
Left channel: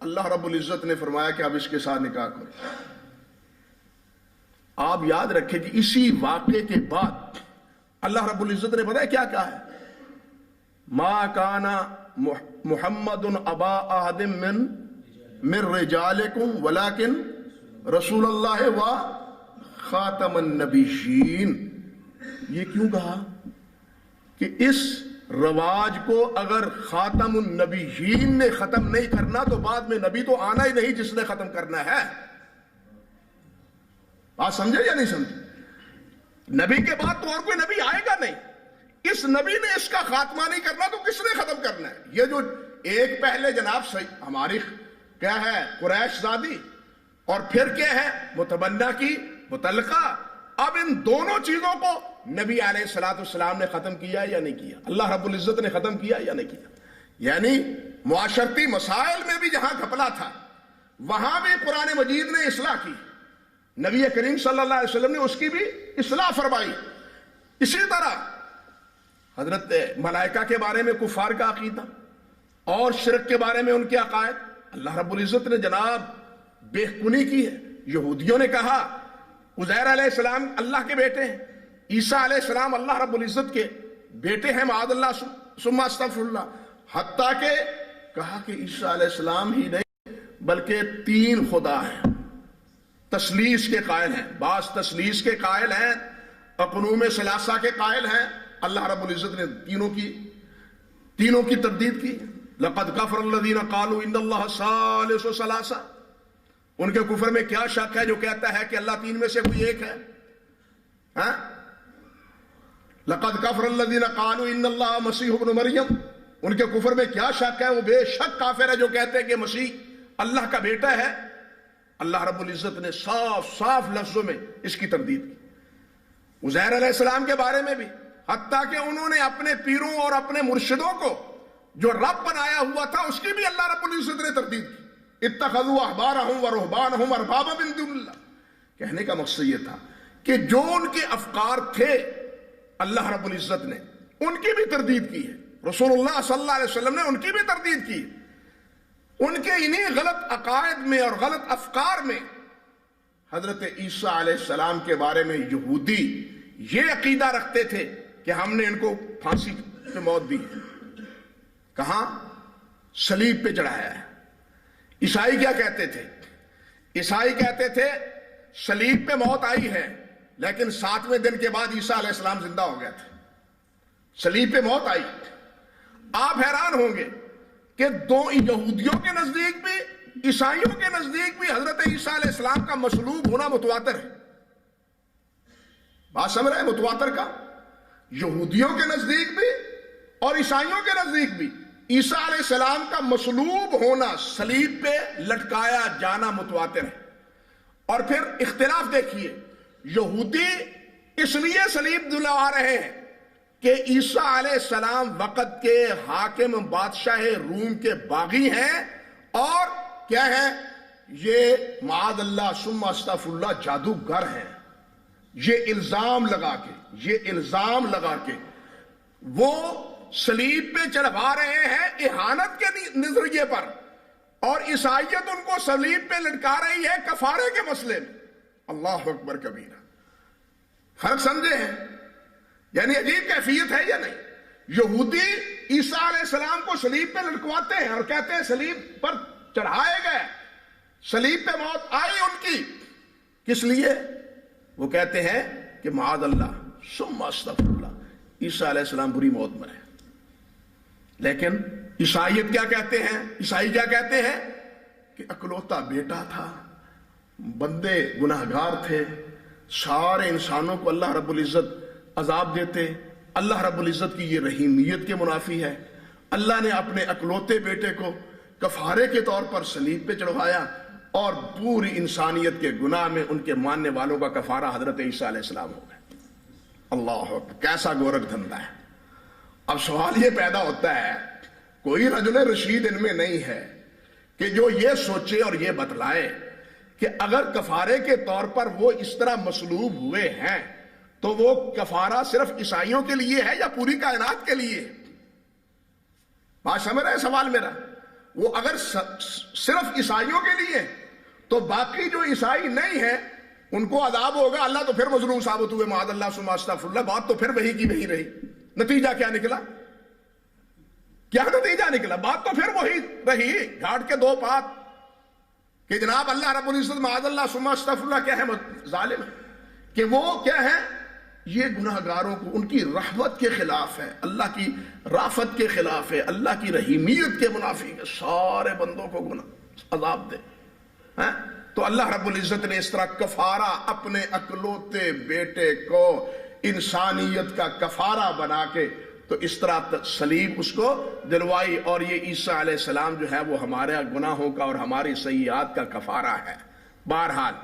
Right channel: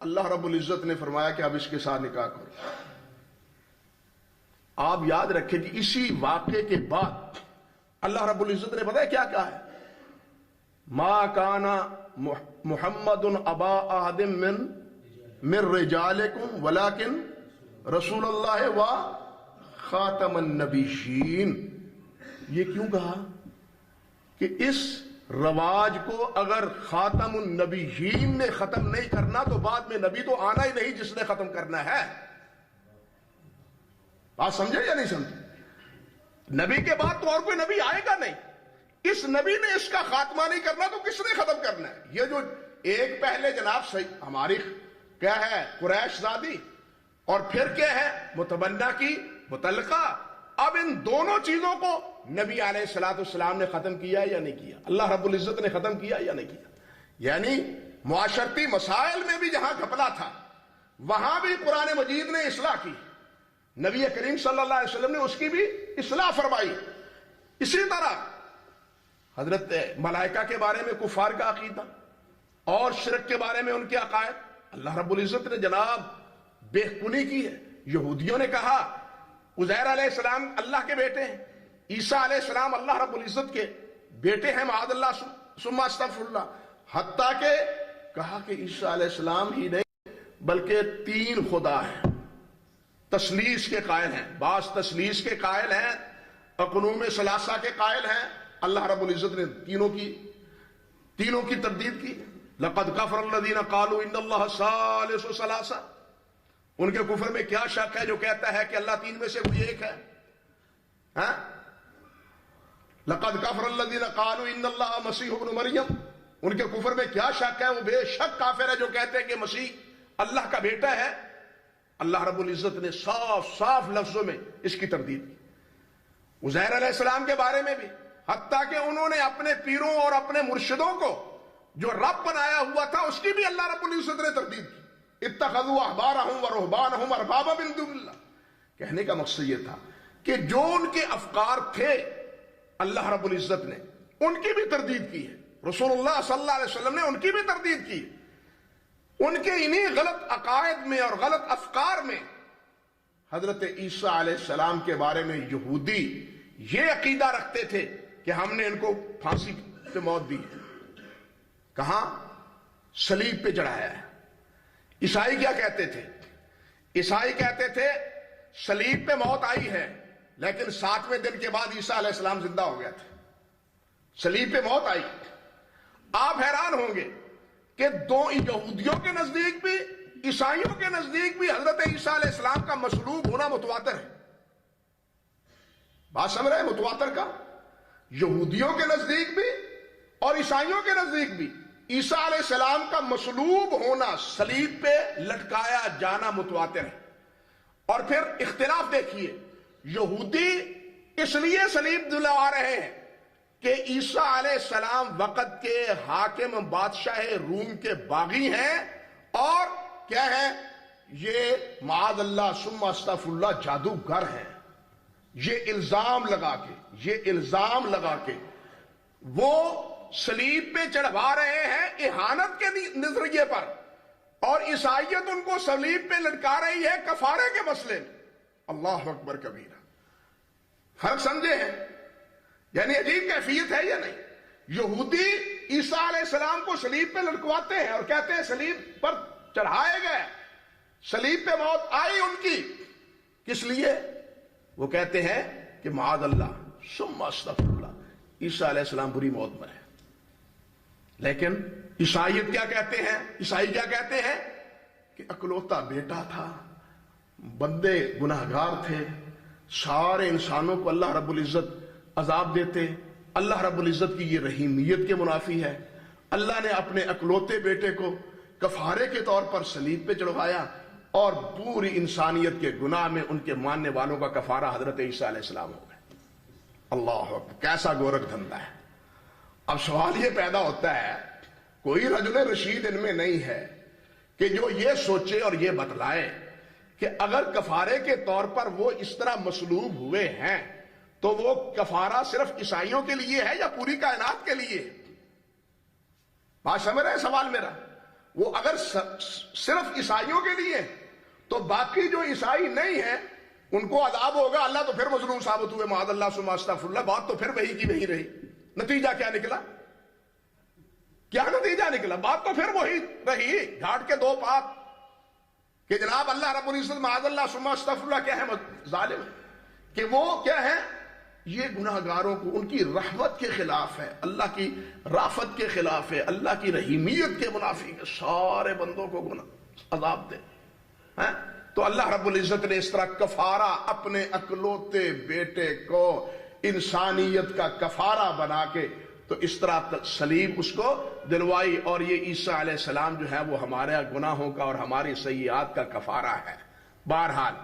اللہ رب العزت نے فرمایا کہ اب اس کے ساتھ نکاح کرو۔ آپ یاد رکھیں کہ اسی واقعے کے بعد اللہ رب العزت نے پتہ ہے کیا کہا ہے؟ ما کان محمد ابا احد من رجالکم ولکن رسول اللہ و خاتم النبیین۔ یہ کیوں کہا کہ اس رواج کو اگر خاتم النبیین نے ختم نہیں کرنا تو بعد میں نبی تو آنا ہی نہیں جس نے ختم کرنا ہے۔ بات سمجھے یا نہیں سمجھے؟ نبی کے بعد تو اور کوئی نبی آئے گا نہیں۔ اس نبی نے اس کا خاتمہ نہیں کرنا تو کس نے ختم کرنا ہے؟ یہ جو ایک پہلے جناب ہماری کیا ہے قریش زادی، اور پھر کیا ہے متبنہ کی متعلقہ، اب ان دونوں چیزوں کو نبی علیہ السلام نے ختم کیا یا نہیں کیا؟ اللہ رب العزت نے ختم کیا یا نہیں کیا؟ یعنی معاشرتی مسائل میں بھی جہاں گھپلا تھا وہاں بھی قرآن مجید نے اصلاح کی۔ نبی کریم صلی اللہ علیہ وسلم نے اس کی بھی اصلاح فرمائی. اسی طرح حضرت ملائکہ کے بارے میں کفار کا عقیدہ اور شرک کے بارے میں ان کے عقائد اللہ رب العزت نے جناب بے کنی کی ہے. یہودیوں نے کہا عزیر علیہ السلام اللہ کے بیٹے ہیں، عیسیٰ علیہ السلام اللہ رب العزت کے بیٹے ہیں، معاذ اللہ ثم استغفر اللہ. حتیٰ کہ کہا کہ عیسیٰ علیہ السلام ہی نہیں بلکہ 3 خدا ہیں، تثلیث کے قائل ہیں. بعض تثلیث کے قائل ہیں، اقنوم ثلاثہ کے قائل ہیں. اللہ رب العزت نے تینوں کی تردید کی. لقد کفر الذین قالوا ان اللہ ثالث ثلاثہ. ان کے کفر میں کیا شک ہے جو کہتا ہے کہ اللہ 3 میں سے کوئی ایک ہے؟ لقد کفر الذین قالوا ان اللہ مسیح ابن مریم. ان کے کفر میں کیا شک ہے؟ وہ بے شک کافر ہے جو کہتے ہیں کہ مسیح اللہ کا بیٹا ہے. اللہ رب العزت نے صاف لفظوں میں اس کی تردید کی. عزیر علیہ السلام کے بارے میں بھی، حتیٰ کہ انہوں نے اپنے پیروں اور اپنے مرشدوں کو جو رب بنایا ہوا تھا اس کی بھی اللہ رب العزت نے تردید کی. اتخذوا احبارهم ورهبانهم اربابا من دون اللہ. کہنے کا مقصد یہ تھا کہ جو ان کے افکار تھے اللہ رب العزت نے ان کی بھی تردید کی ہے. رسول اللہ صلی اللہ علیہ وسلم نے ان کی بھی تردید کی. ان کے انہی غلط عقائد میں اور غلط افکار میں حضرت عیسیٰ علیہ السلام کے بارے میں یہودی یہ عقیدہ رکھتے تھے کہ ہم نے ان کو پھانسی پہ موت دی ہے. کہاں؟ صلیب پہ چڑھایا ہے. عیسائی کیا کہتے تھے؟ عیسائی کہتے تھے صلیب پہ موت آئی ہے لیکن 7ویں دن کے بعد عیسیٰ علیہ السلام زندہ ہو گیا تھا. صلیب پہ موت آئی. آپ حیران ہوں گے کہ یہودیوں کے نزدیک بھی عیسائیوں کے نزدیک بھی حضرت عیسیٰ علیہ السلام کا مصلوب ہونا متواتر ہے. بات سمجھ رہے ہیں؟ متواتر کا یہودیوں کے نزدیک بھی اور عیسائیوں کے نزدیک بھی عیسیٰ علیہ السلام کا مصلوب ہونا، صلیب پہ لٹکایا جانا متواتر ہے. اور پھر اختلاف دیکھیے، یہودی اس لیے صلیب دلوا رہے ہیں کہ عیسیٰ علیہ السلام وقت کے حاکم بادشاہ روم کے باغی ہیں اور کیا ہے؟ یہ معاذ اللہ ثم استغفر اللہ جادوگر ہیں. یہ الزام لگا کے وہ صلیب پہ چڑھوا رہے ہیں اہانت کے نظریے پر، اور عیسائیت ان کو صلیب پہ لٹکا رہی ہے کفارے کے مسئلے میں. اللہ اکبر کبیرہ. فرق سمجھے ہیں؟ یعنی عجیب کیفیت ہے یا نہیں؟ یہودی عیسیٰ علیہ السلام کو صلیب پہ لٹکواتے ہیں اور کہتے ہیں صلیب پر چڑھائے گئے، صلیب پہ موت آئی ان کی. کس لیے؟ وہ کہتے ہیں کہ معاذ اللہ ثم استغفر اللہ عیسیٰ علیہ السلام بری موت مرے. لیکن عیسائیت کیا کہتے ہیں؟ عیسائی کیا کہتے ہیں کہ اکلوتا بیٹا تھا، بندے گناہگار تھے، سارے انسانوں کو اللہ رب العزت عذاب دیتے. اللہ رب العزت کی یہ رحیمیت کے منافی ہے. اللہ نے اپنے اکلوتے بیٹے کو کفارے کے طور پر صلیب پہ چڑھوایا اور پوری انسانیت کے گناہ میں ان کے ماننے والوں کا کفارہ حضرت عیسیٰ علیہ السلام ہو گیا. اللہ اکبر، کیسا گورکھ دھندا ہے. اب سوال یہ پیدا ہوتا ہے، کوئی رجل رشید ان میں نہیں ہے کہ جو یہ سوچے اور یہ بتلائے کہ اگر کفارے کے طور پر وہ اس طرح مصلوب ہوئے ہیں تو وہ کفارہ صرف عیسائیوں کے لیے ہے یا پوری کائنات کے لیے؟ بات سمجھ رہے ہیں سوال میرا؟ وہ اگر صرف عیسائیوں کے لیے تو باقی جو عیسائی نہیں ہیں ان کو عذاب ہوگا. اللہ تو پھر مظلوم ثابت ہوئے معاذ اللہ ثم استغفر اللہ. بات تو پھر وہی کی وہی رہی. نتیجہ کیا نکلا؟ کیا نتیجہ نکلا؟ بات تو پھر وہی رہی، گھاٹ کے 2 پات کہ جناب اللہ رب العزت معاذ اللہ ثم استغفر اللہ کیا ہے؟ ظالم ہے. کہ وہ کیا ہے؟ یہ گناہگاروں کو ان کی رحمت کے خلاف ہے، اللہ کی رافت کے خلاف ہے، اللہ کی رحیمیت کے منافی ہے. سارے بندوں کو عذاب دے. تو اللہ رب العزت نے اس طرح کفارہ اپنے اکلوتے بیٹے کو انسانیت کا کفارہ بنا کے تو اس طرح صلیب اس کو دلوائی. اور یہ عیسیٰ علیہ السلام جو ہے وہ ہمارے گناہوں کا اور ہماری سیئات کا کفارہ ہے. بہرحال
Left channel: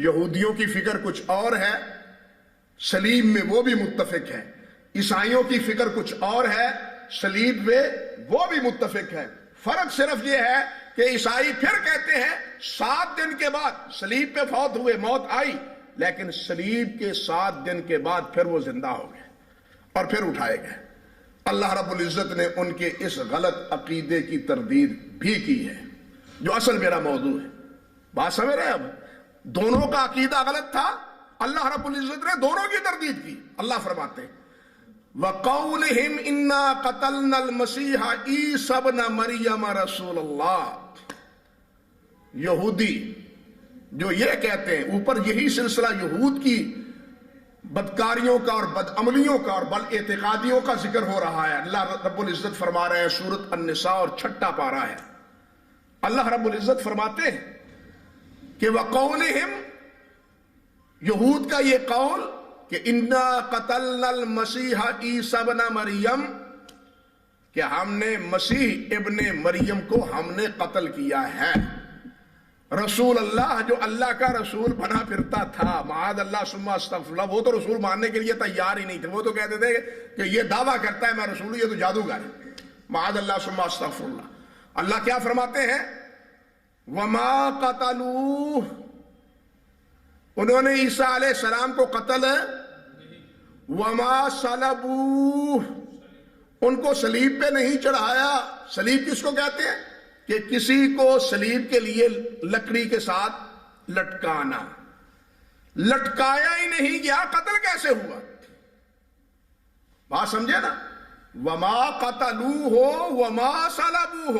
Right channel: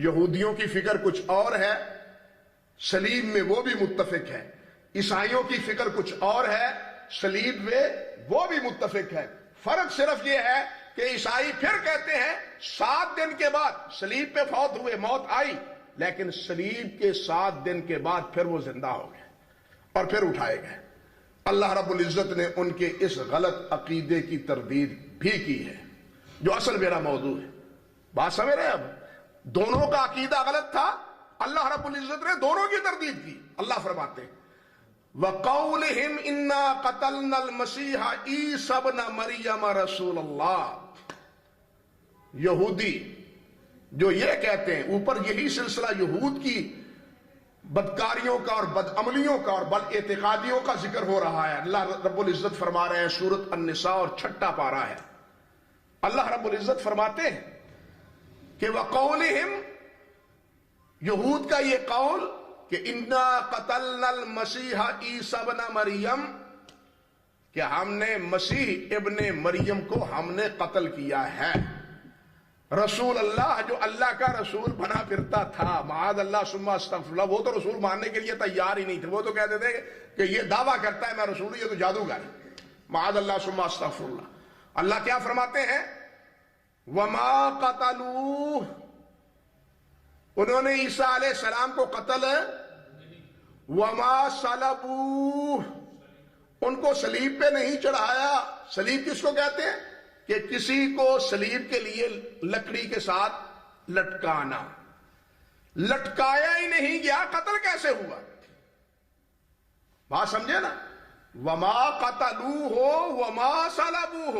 یہودیوں کی فکر کچھ اور ہے، صلیب میں وہ بھی متفق ہے. عیسائیوں کی فکر کچھ اور ہے، صلیب میں وہ بھی متفق ہے. فرق صرف یہ ہے کہ عیسائی پھر کہتے ہیں 7 دن کے بعد صلیب پہ فوت ہوئے، موت آئی، لیکن صلیب کے 7 دن کے بعد پھر وہ زندہ ہو گئے اور پھر اٹھائے گئے۔ اللہ رب العزت نے ان کے اس غلط عقیدے کی تردید بھی کی ہے، جو اصل میرا موضوع ہے۔ بات سمجھ رہے ہیں؟ اب دونوں کا عقیدہ غلط تھا، اللہ رب العزت نے دونوں کی تردید کی۔ اللہ فرماتے ہیں وَقَوْلِهِمْ إِنَّا قَتَلْنَا الْمَسِيحَ عِيسَى ابْنَ مَرْيَمَ رَسُولَ اللَّهِ، یہودی جو یہ کہتے ہیں، اوپر یہی سلسلہ یہود کی بدکاریوں کا اور بدعملیوں کا اور بد اعتقادیوں کا ذکر ہو رہا ہے۔ اللہ رب العزت فرما رہے ہیں سورۃ النساء اور 6 پارہ ہے، اللہ رب العزت فرماتے ہیں کہ وَقَوْلِهِمْ، یہود کا یہ قول کہ اِنَّا قَتَلْنَا الْمَسِيحَ عِيسَى ابْنَ مَرْيَمَ، کہ ہم نے مسیح ابن مریم کو ہم نے قتل کیا ہے۔ رسول اللہ، جو اللہ کا رسول بنا پھرتا تھا، معاذ اللہ ثم استغفر اللہ، وہ تو رسول ماننے کے لیے تیار ہی نہیں تھے، وہ تو کہتے تھے کہ یہ دعویٰ کرتا ہے میں رسول ہوں، یہ تو جادوگر ہے، معاذ اللہ ثم استغفر اللہ۔ اللہ کیا فرماتے ہیں؟ وَمَا قَتَلُوهُ، انہوں نے عیسیٰ علیہ السلام کو قتل وَمَا صَلَبُوهُ، ان کو صلیب پہ نہیں چڑھایا۔ صلیب کس کو کہتے ہیں؟ کہ کسی کو صلیب کے لیے لکڑی کے ساتھ لٹکانا، لٹکایا ہی نہیں گیا، قتل کیسے ہوا؟ بات سمجھے نا؟ وَمَا قَتَلُوهُ وَمَا صَلَبُوهُ،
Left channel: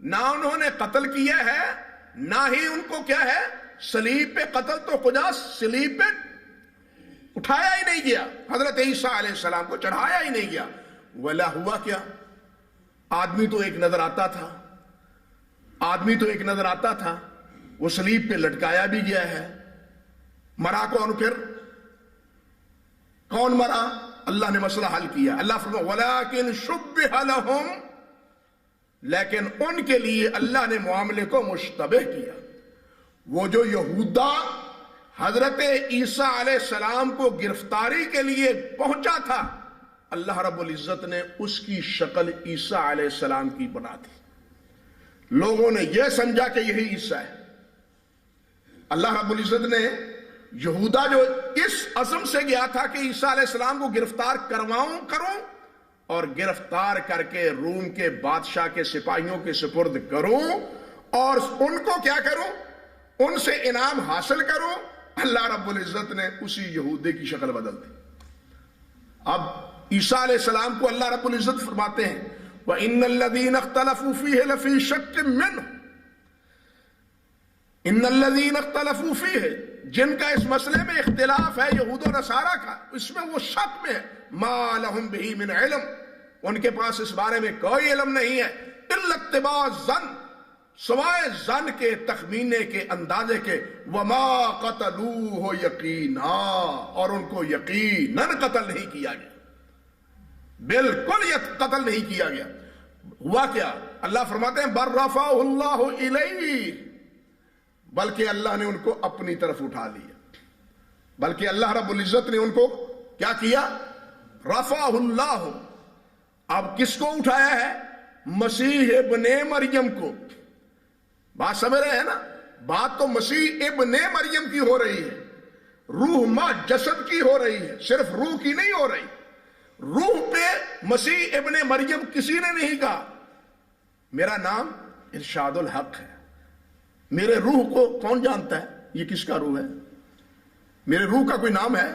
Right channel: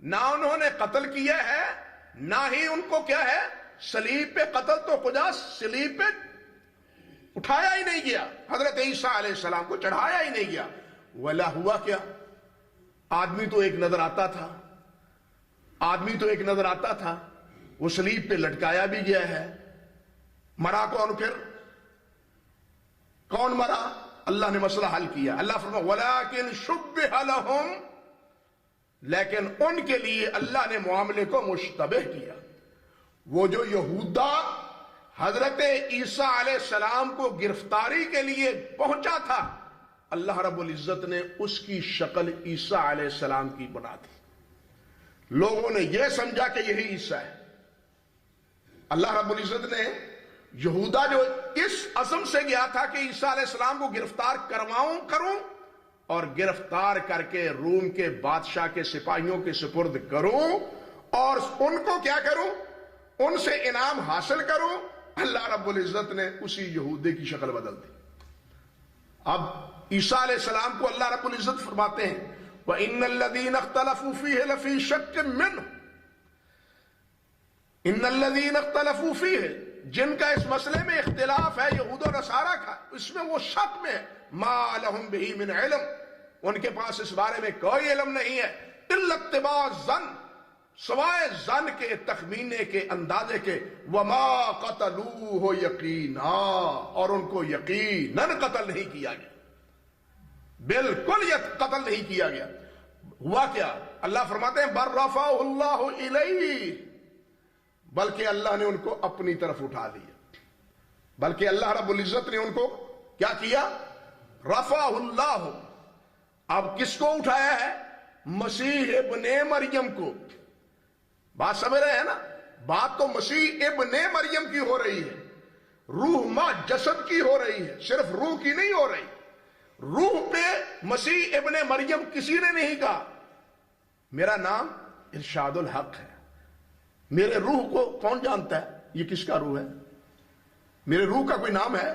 نہ انہوں نے قتل کیا ہے، نہ ہی ان کو کیا ہے صلیب پہ، قتل تو خدا صلیب پہ اٹھایا ہی نہیں گیا، حضرت عیسیٰ علیہ السلام کو چڑھایا ہی نہیں گیا۔ ولا ہوا کیا؟ آدمی تو ایک نظر آتا تھا، آدمی تو ایک نظر آتا تھا، وہ صلیب پہ لٹکایا بھی گیا ہے۔ مرا کون پھر؟ کون مرا؟ اللہ نے مسئلہ حل کیا۔ اللہ فرمایا وَلَكِنْ شُبِّهَ لَهُمْ، لیکن ان کے لیے اللہ نے معاملے کو مشتبہ کیا۔ وہ جو یہودا حضرت عیسیٰ علیہ السلام کو گرفتاری کے لیے پہنچا تھا، اللہ رب العزت نے اس کی شکل عیسیٰ علیہ السلام کی بنا دی۔ لوگوں نے یہ سمجھا کہ یہی عیسیٰ ہے۔ اللہ رب العزت نے یہودا جو اس عزم سے گیا تھا کہ عیسیٰ علیہ السلام کو گرفتار کروں اور گرفتار کر کے روم کے بادشاہ کے سپاہیوں کے سپرد کروں اور ان کو کیا کروں؟ ان سے انعام حاصل کروں، اللہ رب العزت نے اسی یہودے کی شکل بدل دی۔ اب عیسیٰ علیہ السلام کو اللہ رب العزت فرماتے ہیں وَإِنَّ الَّذِينَ اخْتَلَفُوا فِيهِ لَفِي شَكٍّ مِّنْهُ، إِنَّ الَّذِينَ اخْتَلَفُوا فِيهِ، جن کا اس مسئلے میں اختلاف ہے یہود و نصارہ کا، اس میں وہ شک میں ہے، مَا لَهُمْ بِهِ مِنْ علم، ان کے پاس اس بارے میں کوئی علم نہیں ہے، إِلَّا اتِّبَاعَ الظَّنِّ، سوائے ظن کے، تخمینے کے، اندازے کے، وَمَا قَتَلُوهُ يَقِينًا، اور ان کو یقیناً قتل نہیں کیا گیا، بالکل قتل نہیں کیا گیا۔ ہوا کیا؟ اللہ فرماتے ہیں بَلْ رَفَعَهُ اللَّهُ إِلَيْهِ، بلکہ اللہ نے ان کو اپنی طرف اٹھا لیا، بلکہ اللہ رب العزت نے ان کو کیا کیا؟ رفعہ اللہ۔ اب کس کو اٹھایا ہے؟ مسیح ابن مریم کو۔ بات سمجھ رہے ہیں نا؟ بات تو مسیح ابن مریم کی ہو رہی ہے، روح ما جسد کی ہو رہی ہے، صرف روح کی نہیں ہو رہی۔ روح پہ مسیح ابن مریم کسی نے نہیں کہا میرا نام ارشاد الحق ہے۔ میرے روح کو کون جانتا ہے یہ کس کا روح ہے؟ میرے روح کا کوئی نام ہے؟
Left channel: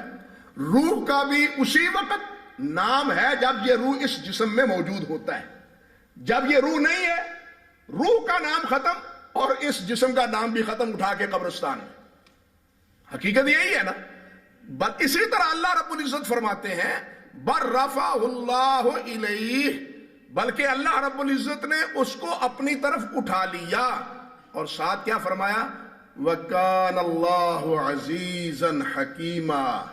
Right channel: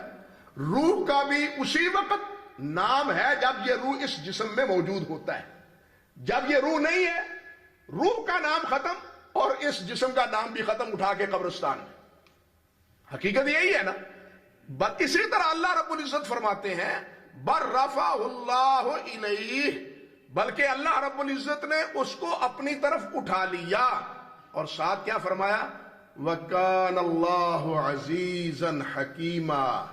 روح کا بھی اسی وقت نام ہے جب یہ روح اس جسم میں موجود ہوتا ہے۔ جب یہ روح نہیں ہے، روح کا نام ختم اور اس جسم کا نام بھی ختم، اٹھا کے قبرستان میں۔ حقیقت یہی ہے نا؟ بس اسی طرح اللہ رب العزت فرماتے ہیں بر رفع اللہ الیہ، بلکہ اللہ رب العزت نے اس کو اپنی طرف اٹھا لیا، اور ساتھ کیا فرمایا؟ وَكَانَ اللَّهُ عَزِيزًا حَكِيمًا،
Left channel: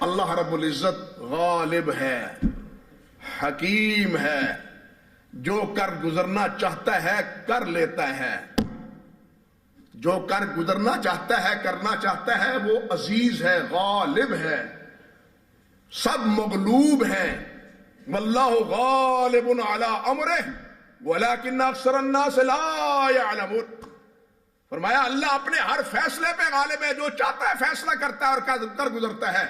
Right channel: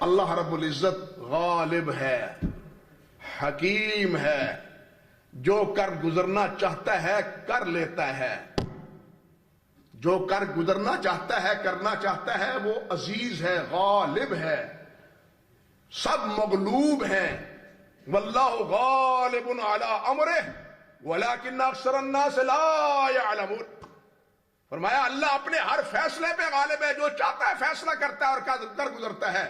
اللہ رب العزت غالب ہے، حکیم ہے، جو کر گزرنا چاہتا ہے کر لیتا ہے، جو کر گزرنا چاہتا ہے کرنا چاہتا ہے، وہ عزیز ہے، غالب ہے، سب مغلوب ہیں۔ واللہ غالب علی امرہ وَلَكِنَّ أَكْثَرَ النَّاسِ لَا يَعْلَمُونَ. فرمایا اللہ اپنے ہر فیصلے پہ غالب ہے، جو چاہتا ہے فیصلہ کرتا ہے اور کر گزرتا ہے،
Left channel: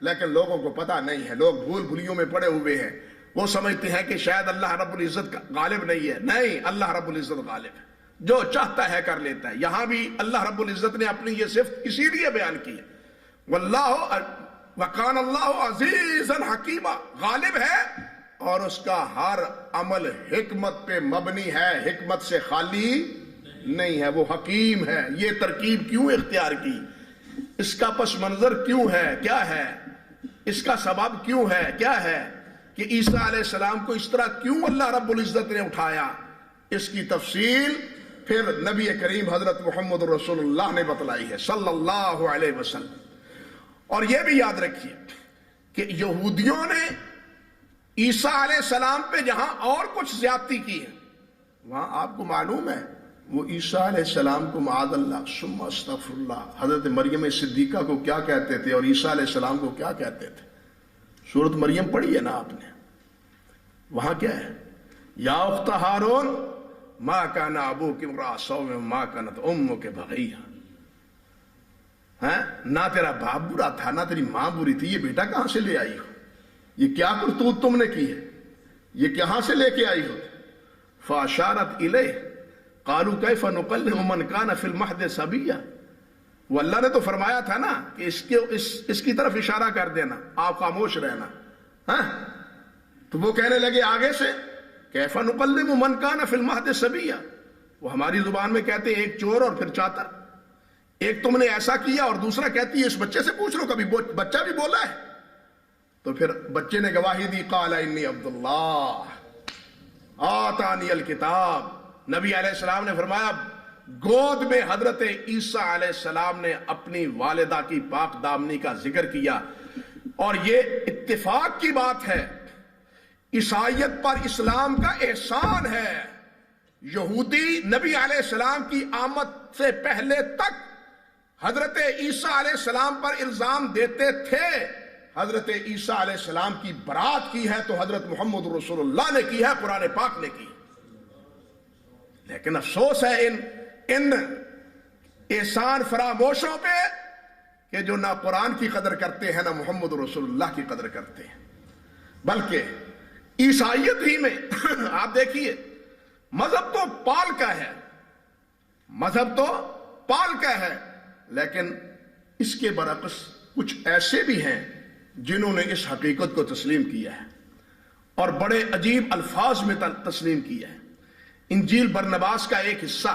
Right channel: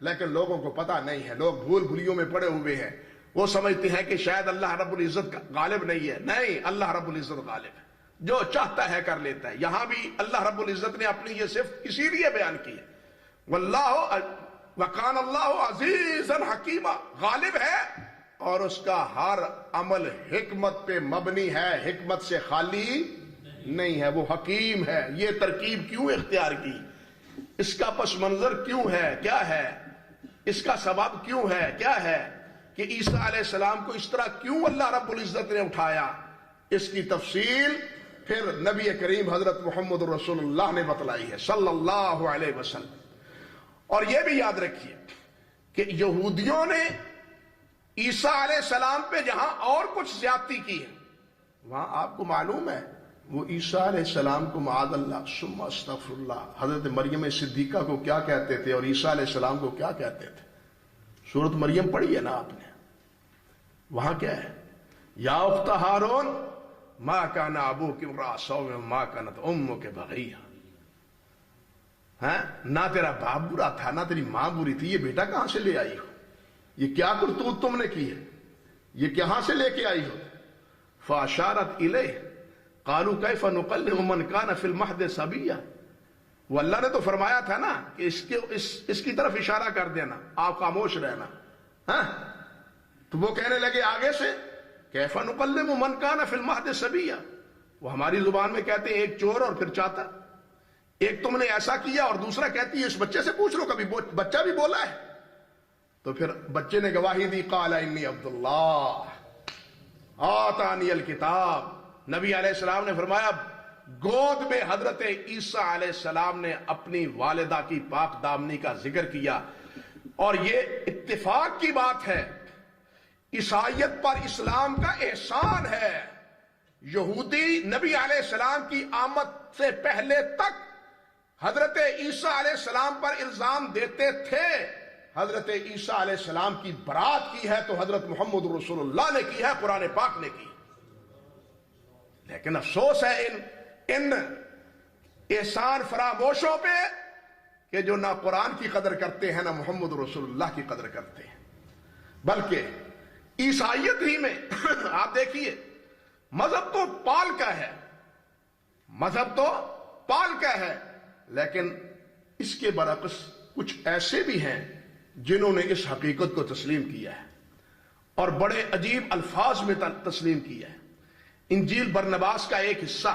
لیکن لوگوں کو پتہ نہیں ہے. لوگ بھول بھولیوں میں پڑے ہوئے ہیں. وہ سمجھتے ہیں کہ شاید اللہ رب العزت غالب نہیں ہے. نہیں، اللہ رب العزت غالب ہے، جو چاہتا ہے کر لیتا ہے. یہاں بھی اللہ رب العزت نے اپنی یہ صفت اسی لیے بیان کی ہے. وَكَانَ اللَّهُ عَزِيزًا حَكِيمًا. غالب ہے اور اس کا ہر عمل حکمت پہ مبنی ہے، حکمت سے خالی نہیں ہے. وہ حکیم ہے. یہ ترکیب کیوں اختیار کی؟ اس کا پس منظر کیوں ہے؟ کیا ہے اس کا سبب؟ کیوں ہے؟ کیا ہے کہ عیسیٰ علیہ السلام کو اس طرح کیوں اللہ رب العزت نے اٹھایا؟ اس کی تفصیل پھر نبی کریم حضرت محمد رسول اللہ نے بتلائی ہے صلی اللہ علیہ وسلم. اور یہ بھی یاد رکھیے کہ یہودیوں نے عیسیٰ علیہ السلام پہ جہاں اور کچھ زیادتی کی ہے، وہاں آپ کو معلوم ہے وہ عیسیٰ علیہ السلام کو معاذ اللہ ثم استغفر اللہ حضرت مریم صدیقہ کو کیا کہتے تھے اور عیسیٰ علیہ السلام کو کیا کہتے تھے؟ سورۃ مریم پڑھی ہے نا آپ نے، وہاں کیا ہے؟ یا اخت ہارون ما کان ابوک امرأ سوء ما کانت امک بغیہ. نہ تیرا باپ برا تھا نہ تیری ماں بری تھی، یہ بیٹا کہاں سے لے آئی ہو؟ یہ کیا کرتوت تم نے کی ہے؟ یہ کہاں سے لے کے آئی ہو؟ فاشارت الیہ قالوا کیف نکلم من کان فی المہد صبیا. وہ اللہ نے تو فرمایا تھا نا کہ اس کی طرف اشارہ کر دینا، آپ خاموش رہنا. تو وہ کہنے لگے آگے سے کیف نکلم من کان فی المہد صبیا. وہ ہماری زبان میں کہتے ہیں ایک چور اور پھر چاتا. ایک تم نے ایسا کیا اور دوسرا کہتی ہے اس بچے سے پوچھ لو، کبھی بچہ بھی بولا ہے؟ تو پھر بچے نے گواہی دی، قال انی عبد اللہ آتانی الکتاب. نبی علیہ السلام نے فرمایا گود میں حضرت عیسیٰ علیہ السلام نے اپنی والدہ کی پاک دامنی کا ذکر کیا. اور یہ اتفاق کی بات ہے، عیسائیت پر اسلام کا احسان ہے. یہودی نبی علیہ السلام کی آمد سے پہلے تک حضرت عیسیٰ علیہ السلام پر الزام دیتے تھے. حضرت عیسیٰ علیہ السلام کی برات کی ہے تو حضرت محمد رسول اللہ نے کی ہے، قرآن پاک نے کی. لیکن افسوس ہے ان احسان فراموشوں پہ کہ جو نہ قرآن کی قدر کرتے ہیں نہ محمد رسول اللہ کی قدر کرتے ہیں. بلکہ عیسائیت ہی میں آپ دیکھیے مذہب تو پال کا ہے، مذہب تو پال کا ہے، لیکن اس کے برعکس کچھ ایسے بھی ہیں جنہوں نے اس حقیقت کو تسلیم کیا ہے اور بڑے عجیب الفاظ میں تسلیم کیا ہے. انجیل برنباس کا ایک حصہ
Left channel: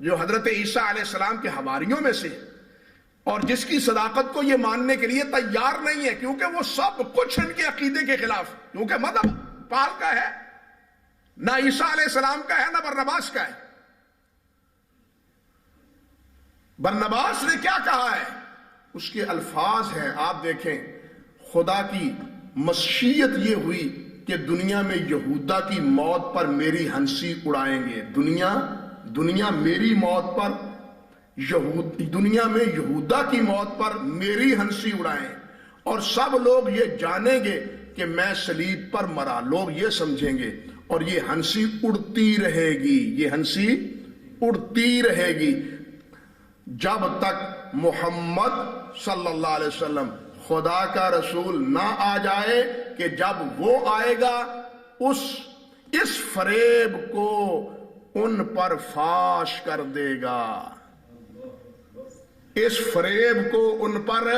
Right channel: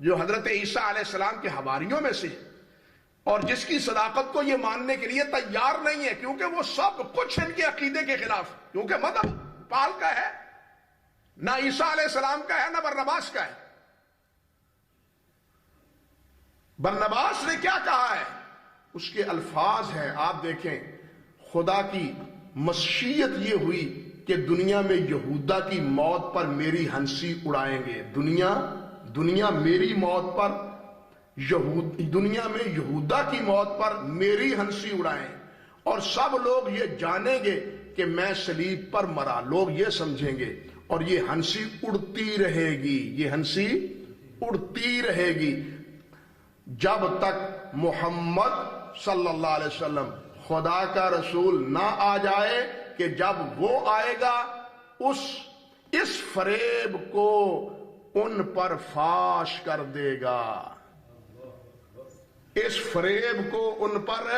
جو حضرت عیسیٰ علیہ السلام کے حواریوں میں سے اور جس کی صداقت کو یہ ماننے کے لیے تیار نہیں ہے کیونکہ وہ سب کچھ ان کے عقیدے کے خلاف، کیونکہ مذہب پال کا ہے، نہ عیسیٰ علیہ السلام کا ہے نہ برنباس کا ہے. برنباس نے کیا کہا ہے؟ اس کے الفاظ ہیں، آپ دیکھیں، خدا کی مشیت یہ ہوئی کہ دنیا میں یہودا کی موت پر میری ہنسی اڑائیں گے. دنیا میری موت پر دنیا میں یہودا کی موت پر میری ہنسی اڑائیں اور سب لوگ یہ جانیں گے کہ میں صلیب پر مرا. لوگ یہ سمجھیں گے اور یہ ہنسی اڑتی رہے گی، یہ ہنسی اڑتی رہے گی جب تک محمد صلی اللہ علیہ وسلم خدا کا رسول نہ آ جائے، کہ جب وہ آئے گا اس فریب کو ان پر فاش کر دے گا، اس فریب کو ان پر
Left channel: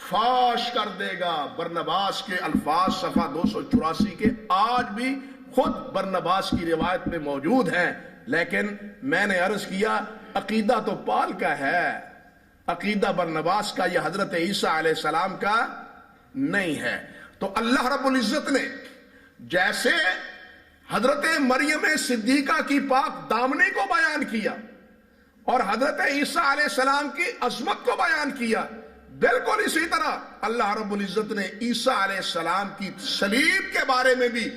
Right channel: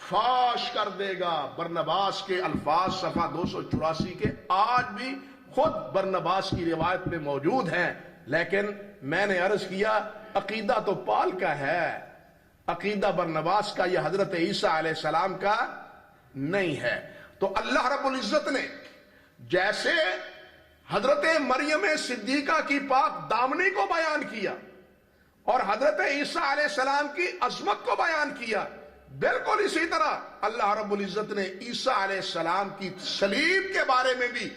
فاش کر دے گا. برنباس کے الفاظ صفحہ 284 کے آج بھی خود برنباس کی روایت میں موجود ہیں. لیکن میں نے عرض کیا عقیدہ تو پال کا ہے، عقیدہ برنباس کا، یہ حضرت عیسیٰ علیہ السلام کا نہیں ہے. تو اللہ رب العزت نے جیسے حضرت مریم صدیقہ کی پاک دامنی کو بیان کیا اور حضرت عیسیٰ علیہ السلام کی عظمت کو بیان کیا، بالکل اسی طرح اللہ رب العزت نے عیسیٰ علیہ السلام کی صلیب کے بارے میں بھی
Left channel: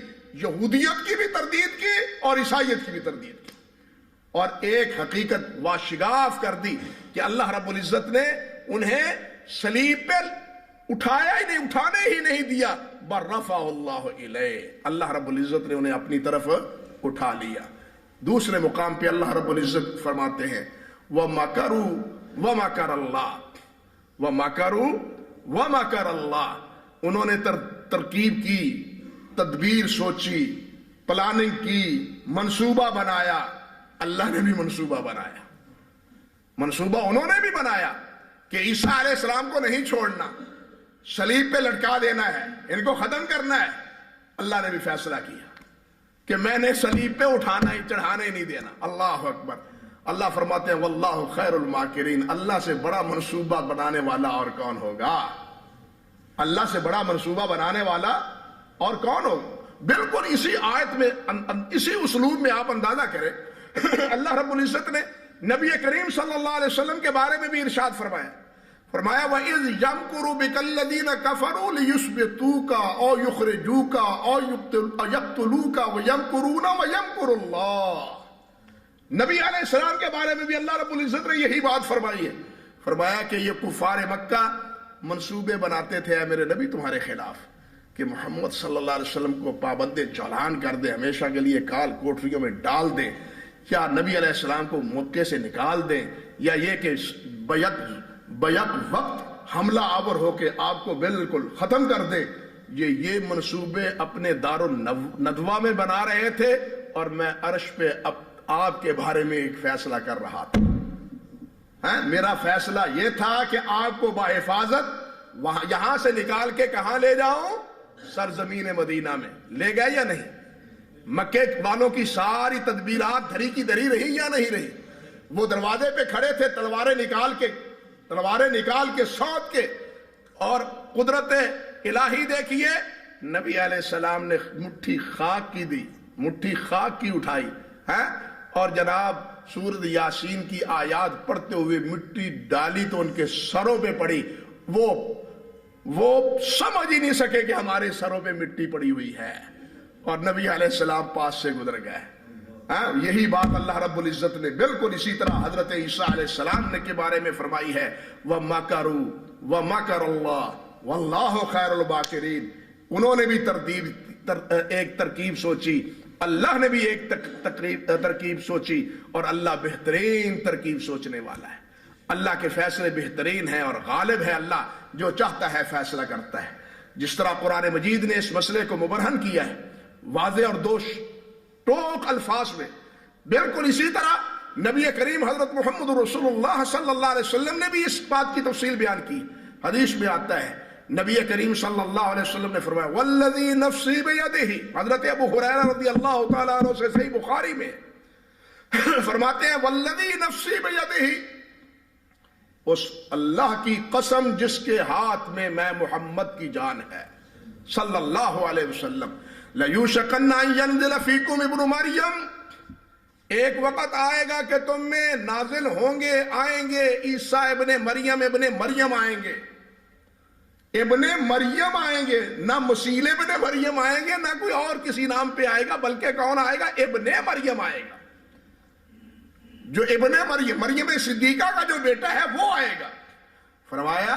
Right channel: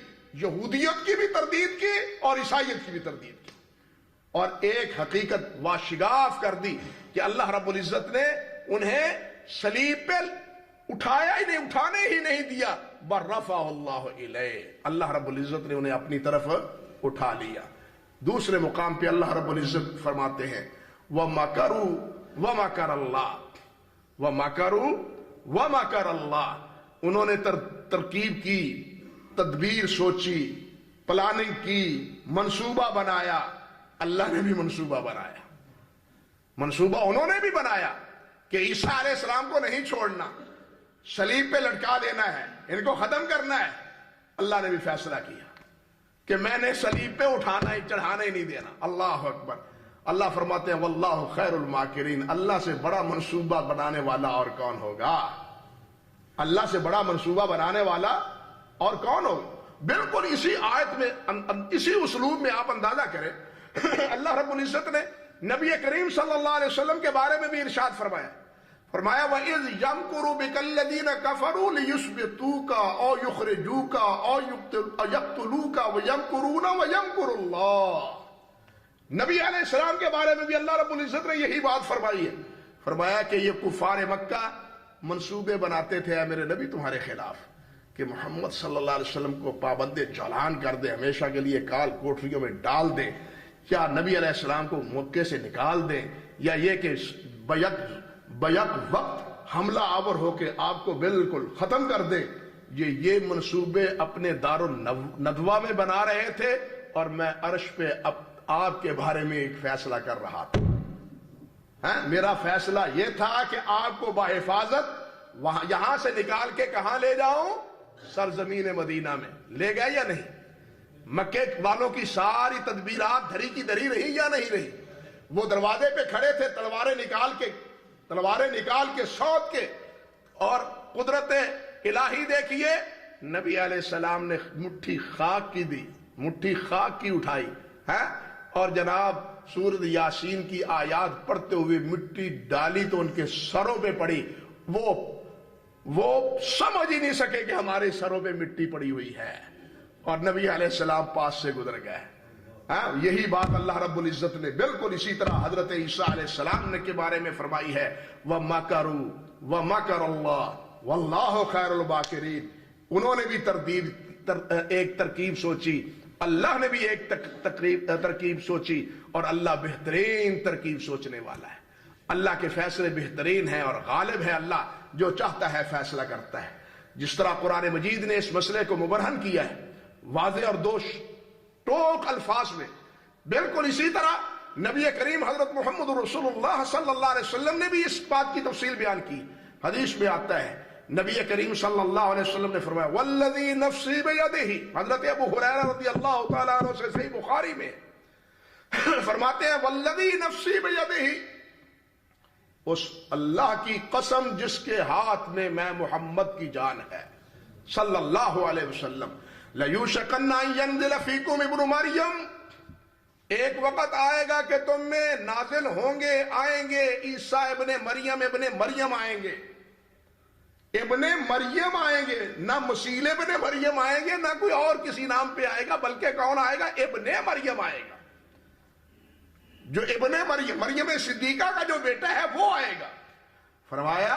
یہودیت کی بھی تردید کی اور عیسائیت کی بھی تردید کی، اور ایک حقیقت واشگاف کر دی کہ اللہ رب العزت نے انہیں صلیب پہ اٹھایا ہی نہیں، اٹھانے ہی نہیں دیا، بل رفع اللہ الیہ، اللہ رب العزت نے انہیں اپنی طرف اٹھا لیا۔ دوسرے مقام پہ اللہ رب العزت فرماتے ہیں وَمَكَرُوا وَمَكَرَ اللَّهُ وَمَكَرُوا وَمَكَرَ اللَّهُ، انہوں نے ترکیب کی، تدبیر سوچی، پلاننگ کی، منصوبہ بنایا۔ اللہ نے بھی منصوبہ بنایا، منصوبہ انہوں نے بھی بنایا کہ عیسیٰ علیہ السلام کو نہیں چھوڑنا، صلیب پہ لٹکا دینا ہے، ان کو ختم کرنا ہے۔ اللہ نے بھی فیصلہ کیا کہ میں نے صلیب پہ اٹھانا ہی، چڑھانا ہی نہیں دینا۔ اللہ اکبر۔ اللہ فرماتے ہیں واللہ خیر الماکرین، اللہ سے بڑا منصوبہ بنانے والا اور کون ہوگا؟ اللہ سے بڑا منصوبہ بنانے والا اور کون ہوگا؟ بالکل اسی آیت میں، اسی اسلوب میں آپ اندازہ کریں، اللہ رب العزت نے نبی کریم صلی اللہ علیہ وسلم کے بارے میں بھی ارشاد فرمایا، وَإِذْ يَمْكُرُ بِكَ الَّذِينَ كَفَرُوا لِيُثْبِتُوكَ أَوْ يُخْرِجُوكَ أَوْ يَقْتُلُوكَ وَيَمْكُرُونَ وَيَمْكُرُ اللَّهُ۔ نبی علیہ السلام کے بارے میں بھی اللہ رب العزت نے یہی بات فرمائی ہے، فرمایا کہ یہ کفار مکہ منصوبے بناتے تھے اے میرے نبی تمہارے خلاف، کہ محمد صلی اللہ علیہ وسلم کو پابند چولہان کر دیں، ہمیشہ کے لیے کال کوٹریوں میں ڈال دیں، یا نبی علیہ السلام کو موقع سے نکال دیں، یا یہ کہ بیک وقت حملہ آور ہو کے آپ کو بالکل ختم کر دے۔ یہ منصوبے اپنے دار الندوہ میں بنا رہے تھے، اور میں عرش پہ آپ کے بارے میں ایک فیصلہ کر رہا تھا۔ میرا فیصلہ یہ تھا کہ آپ کو بحفاظت یہاں سے نکال کے کہاں لے جاؤں؟ سرزمین مدینہ میں لے گئے یا نہیں؟ مکے والوں کی ساری تدبیرات دھری کی دھری رہی یا نہیں رہی؟ وہ دروازے پہ کھڑے تھے، تلواریں نکال کے سونت کے، اور قدرت الہی دیکھیے، نبی علیہ السلام نے مٹھی خاک کی دی، مٹھی خاک کی اٹھائی ہے، اور جناب سورۃ یاسین کی آیات پڑھتے ہوئے مٹی ڈالی تو ان کے سروں پہ پڑی، وہ سمجھ ہی نہیں سکے کہ ہمارے سروں پہ مٹی پڑی ہوئی ہے، اور نبی علیہ السلام پاس سے گزر گئے۔ یہی بات اللہ رب العزت نے بالکل اسی طرح حضرت عیسیٰ علیہ السلام نے کے بارے میں فرمائی ہے وَمَكَرُوا وَمَكَرَ اللَّهُ وَاللَّهُ خَيْرُ الْمَاكِرِينَ۔ انہوں نے بھی ایک ترکیب سوچی، اللہ نے بھی ایک ترکیب سوچی، اور اللہ بہترین ترکیب سوچنے والا ہے۔ اللہ کے فیصلے بہترین ہیں اور غالب ہے، اللہ جو چاہتا ہے فیصلہ کرتا ہے۔ جس طرح قرآن مجید نے اس مسئلے کو مبرہن کیا ہے واضح اور ٹوک الفاظ میں، بالکل اسی طرح نبی کریم حضرت محمد رسول اللہ صلی اللہ علیہ وسلم نے بھی اس بات کی تفصیل بیان کی۔ حدیث میں آتا ہے، نبی کریم صلی اللہ علیہ وسلم نے فرمایا والذی نفسی بیدہ، حضرت ابو ہریرہ رضی اللہ تعالیٰ عنہ سے صحیح بخاری میں فرماتے ہیں والذی نفسی بیدہ، اس اللہ کی قسم جس کے ہاتھ میں محمد کی جان ہے صلی اللہ علیہ وسلم، لَيُوشَكَنَّ أَن يَنزِلَ فِيكُمْ ابْنُ مَرْيَمَ، ایک وقت آئے گا کہ تم میں نازل ہوں گے، آئیں گے عیسیٰ ابن مریم آئیں گے، ابن مریم آئیں گے، نہ مسیح ابن مریم آئیں گے، نہ کوئی اور کسی نام پہ آئے گا، بلکہ کون آئے گا؟ ابن مریم آئے گا، جو ابن مریم صدیقہ کا جو بیٹا ہے وہ آئے گا۔ فرمایا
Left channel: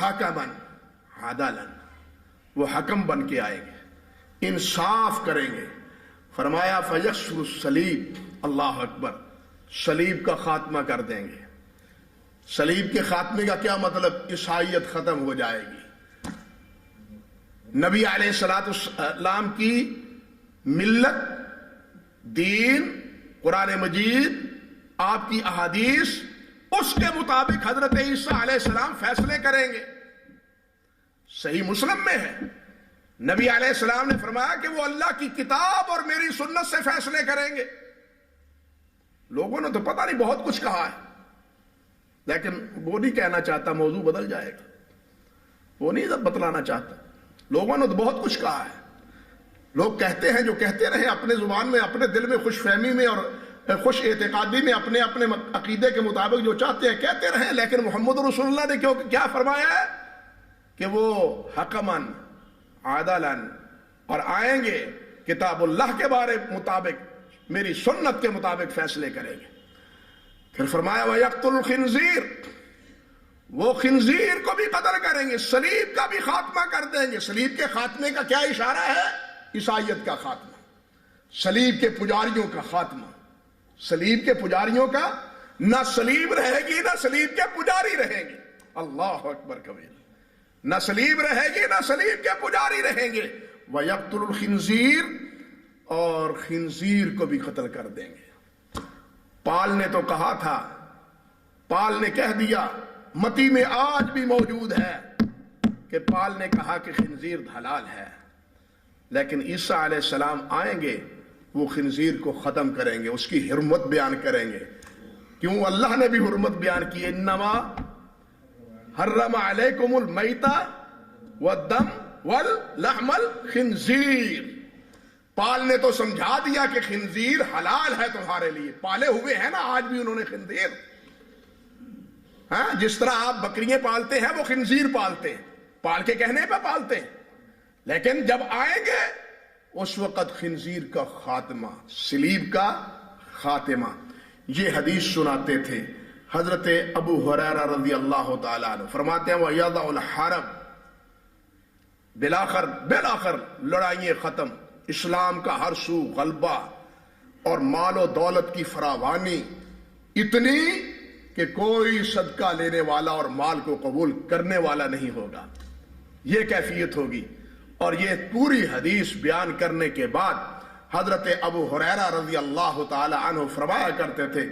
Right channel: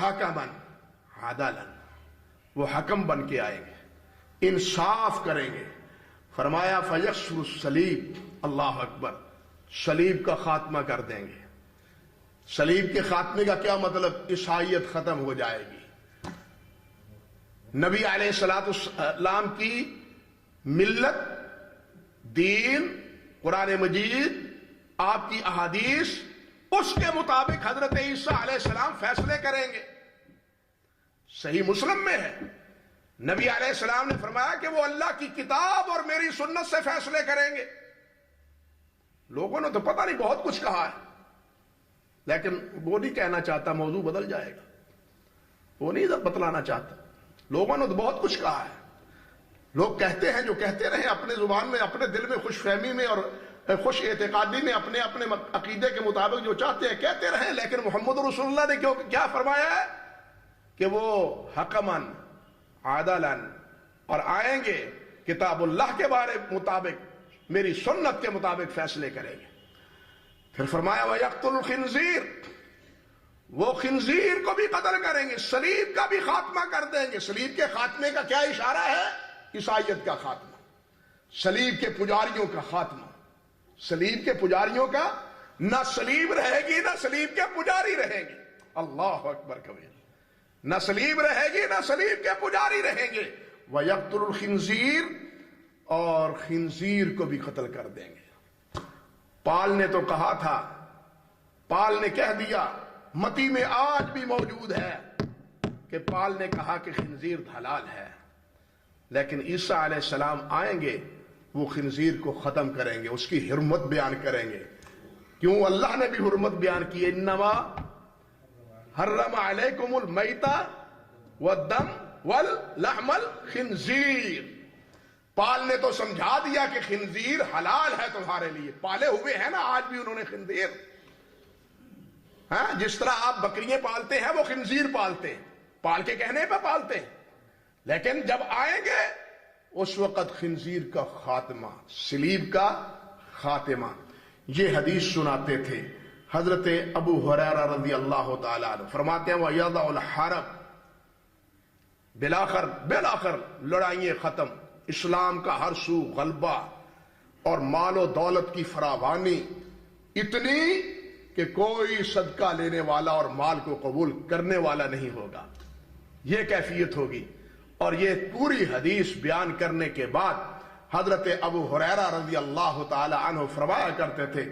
حکمن عدلن، وہ حکم بن کے آئیں گے، انصاف کریں گے۔ فرمایا فیکسر الصلیب، اللہ اکبر، صلیب کا خاتمہ کر دیں گے۔ صلیب کے خاتمے کا کیا مطلب؟ عیسائیت ختم ہو جائے گی، نبی علیہ السلام کی ملت، دین، قرآن مجید، آپ کی احادیث، اس کے مطابق حضرت عیسیٰ علیہ السلام فیصلے کریں گے۔ صحیح مسلم میں ہے، نبی علیہ السلام نے فرمایا کہ وہ اللہ کی کتاب اور میری سنت سے فیصلے کریں گے۔ لوگوں نے تو پتہ نہیں بہت کچھ کہا ہے، لیکن وہ نہیں کہنا چاہتا، موضوع بدل جائے گا، وہ نہیں بتلانا چاہتا۔ لوگوں نے تو بہت کچھ کہا ہے، لوگ کہتے ہیں جو کہتے رہے اپنے زبان میں، اپنے دل میں خوش فہمی میں اور خوش اعتقادی میں، اپنے اپنے عقیدے کے مطابق جو چاہتے ہیں کہتے رہیں، لیکن محمد رسول اللہ نے کیا فرمایا ہے کہ وہ حکمن عادلن، اور آئیں گے کتاب اللہ کے بارے مطابق، میری سنت کے مطابق فیصلے کریں گے۔ پھر فرمایا وَيَقْتُلُ الْخِنْزِيرَ، وہ خنزیر کو بھی قتل کریں گے، صلیب کا بھی خاتمہ کر دیں گے۔ صلیب کے خاتمے کا کیا اشارہ ہے؟ عیسائیت کا خاتمہ۔ صلیب کے پجاریوں کا خاتمہ، صلیب کے پجاریوں کا، نہ صلیب رہے گی نہ صلیب کے پجاری رہیں گے، اللہ اکبر کبیر، نہ صلیب رہے گی نہ صلیب کے پجاری رہیں گے، وَيَقْتُلُ الْخِنْزِيرَ، اور خنزیر کو بھی قتل کر دیں گے۔ پال نے تو کہا تھا، پال نے کہہ دیا، متی میں آج بھی موجود ہے کہ پال نے کہا کہ خنزیر حلال ہے، لیکن عیسیٰ علیہ السلام آئیں گے، وہ خنزیر کو ختم کریں گے، اس کی حرمت بیان کریں گے۔ کیوں؟ اللہ نے بھی حرمت بیان کی، انما حرم علیکم المیتہ والدم واللحم الخنزیر۔ پال نے تو سمجھا دیا کہ خنزیر حلال ہے تمہارے لیے، پالے ہوئے ہیں نا آج بھی انہوں نے خنزیر، ہاں جس طرح آپ بکریاں پالتے ہیں وہ خنزیر پالتے ہیں، پال کے کہنے پہ پالتے ہیں، لیکن جب آئیں گے اس وقت خنزیر کا خاتمہ، صلیب کا خاتمہ۔ یہ حدیث سناتے تھے حضرت ابو ہریرہ رضی اللہ تعالیٰ عنہ، فرماتے ہیں وَيَضَعُ الْحَرَبَ، بالآخر لڑائیاں ختم، اسلام کا ہر سو غلبہ اور مال و دولت کی فراوانی اتنی کہ کوئی صدقہ لینے والا اور مال کو قبول کرنے والا نہیں ہوگا، یہ کیفیت ہوگی۔ اور یہ پوری حدیث بیان کرنے کے بعد حضرت ابو ہریرہ رضی اللہ تعالی عنہ فرمایا کرتے تھے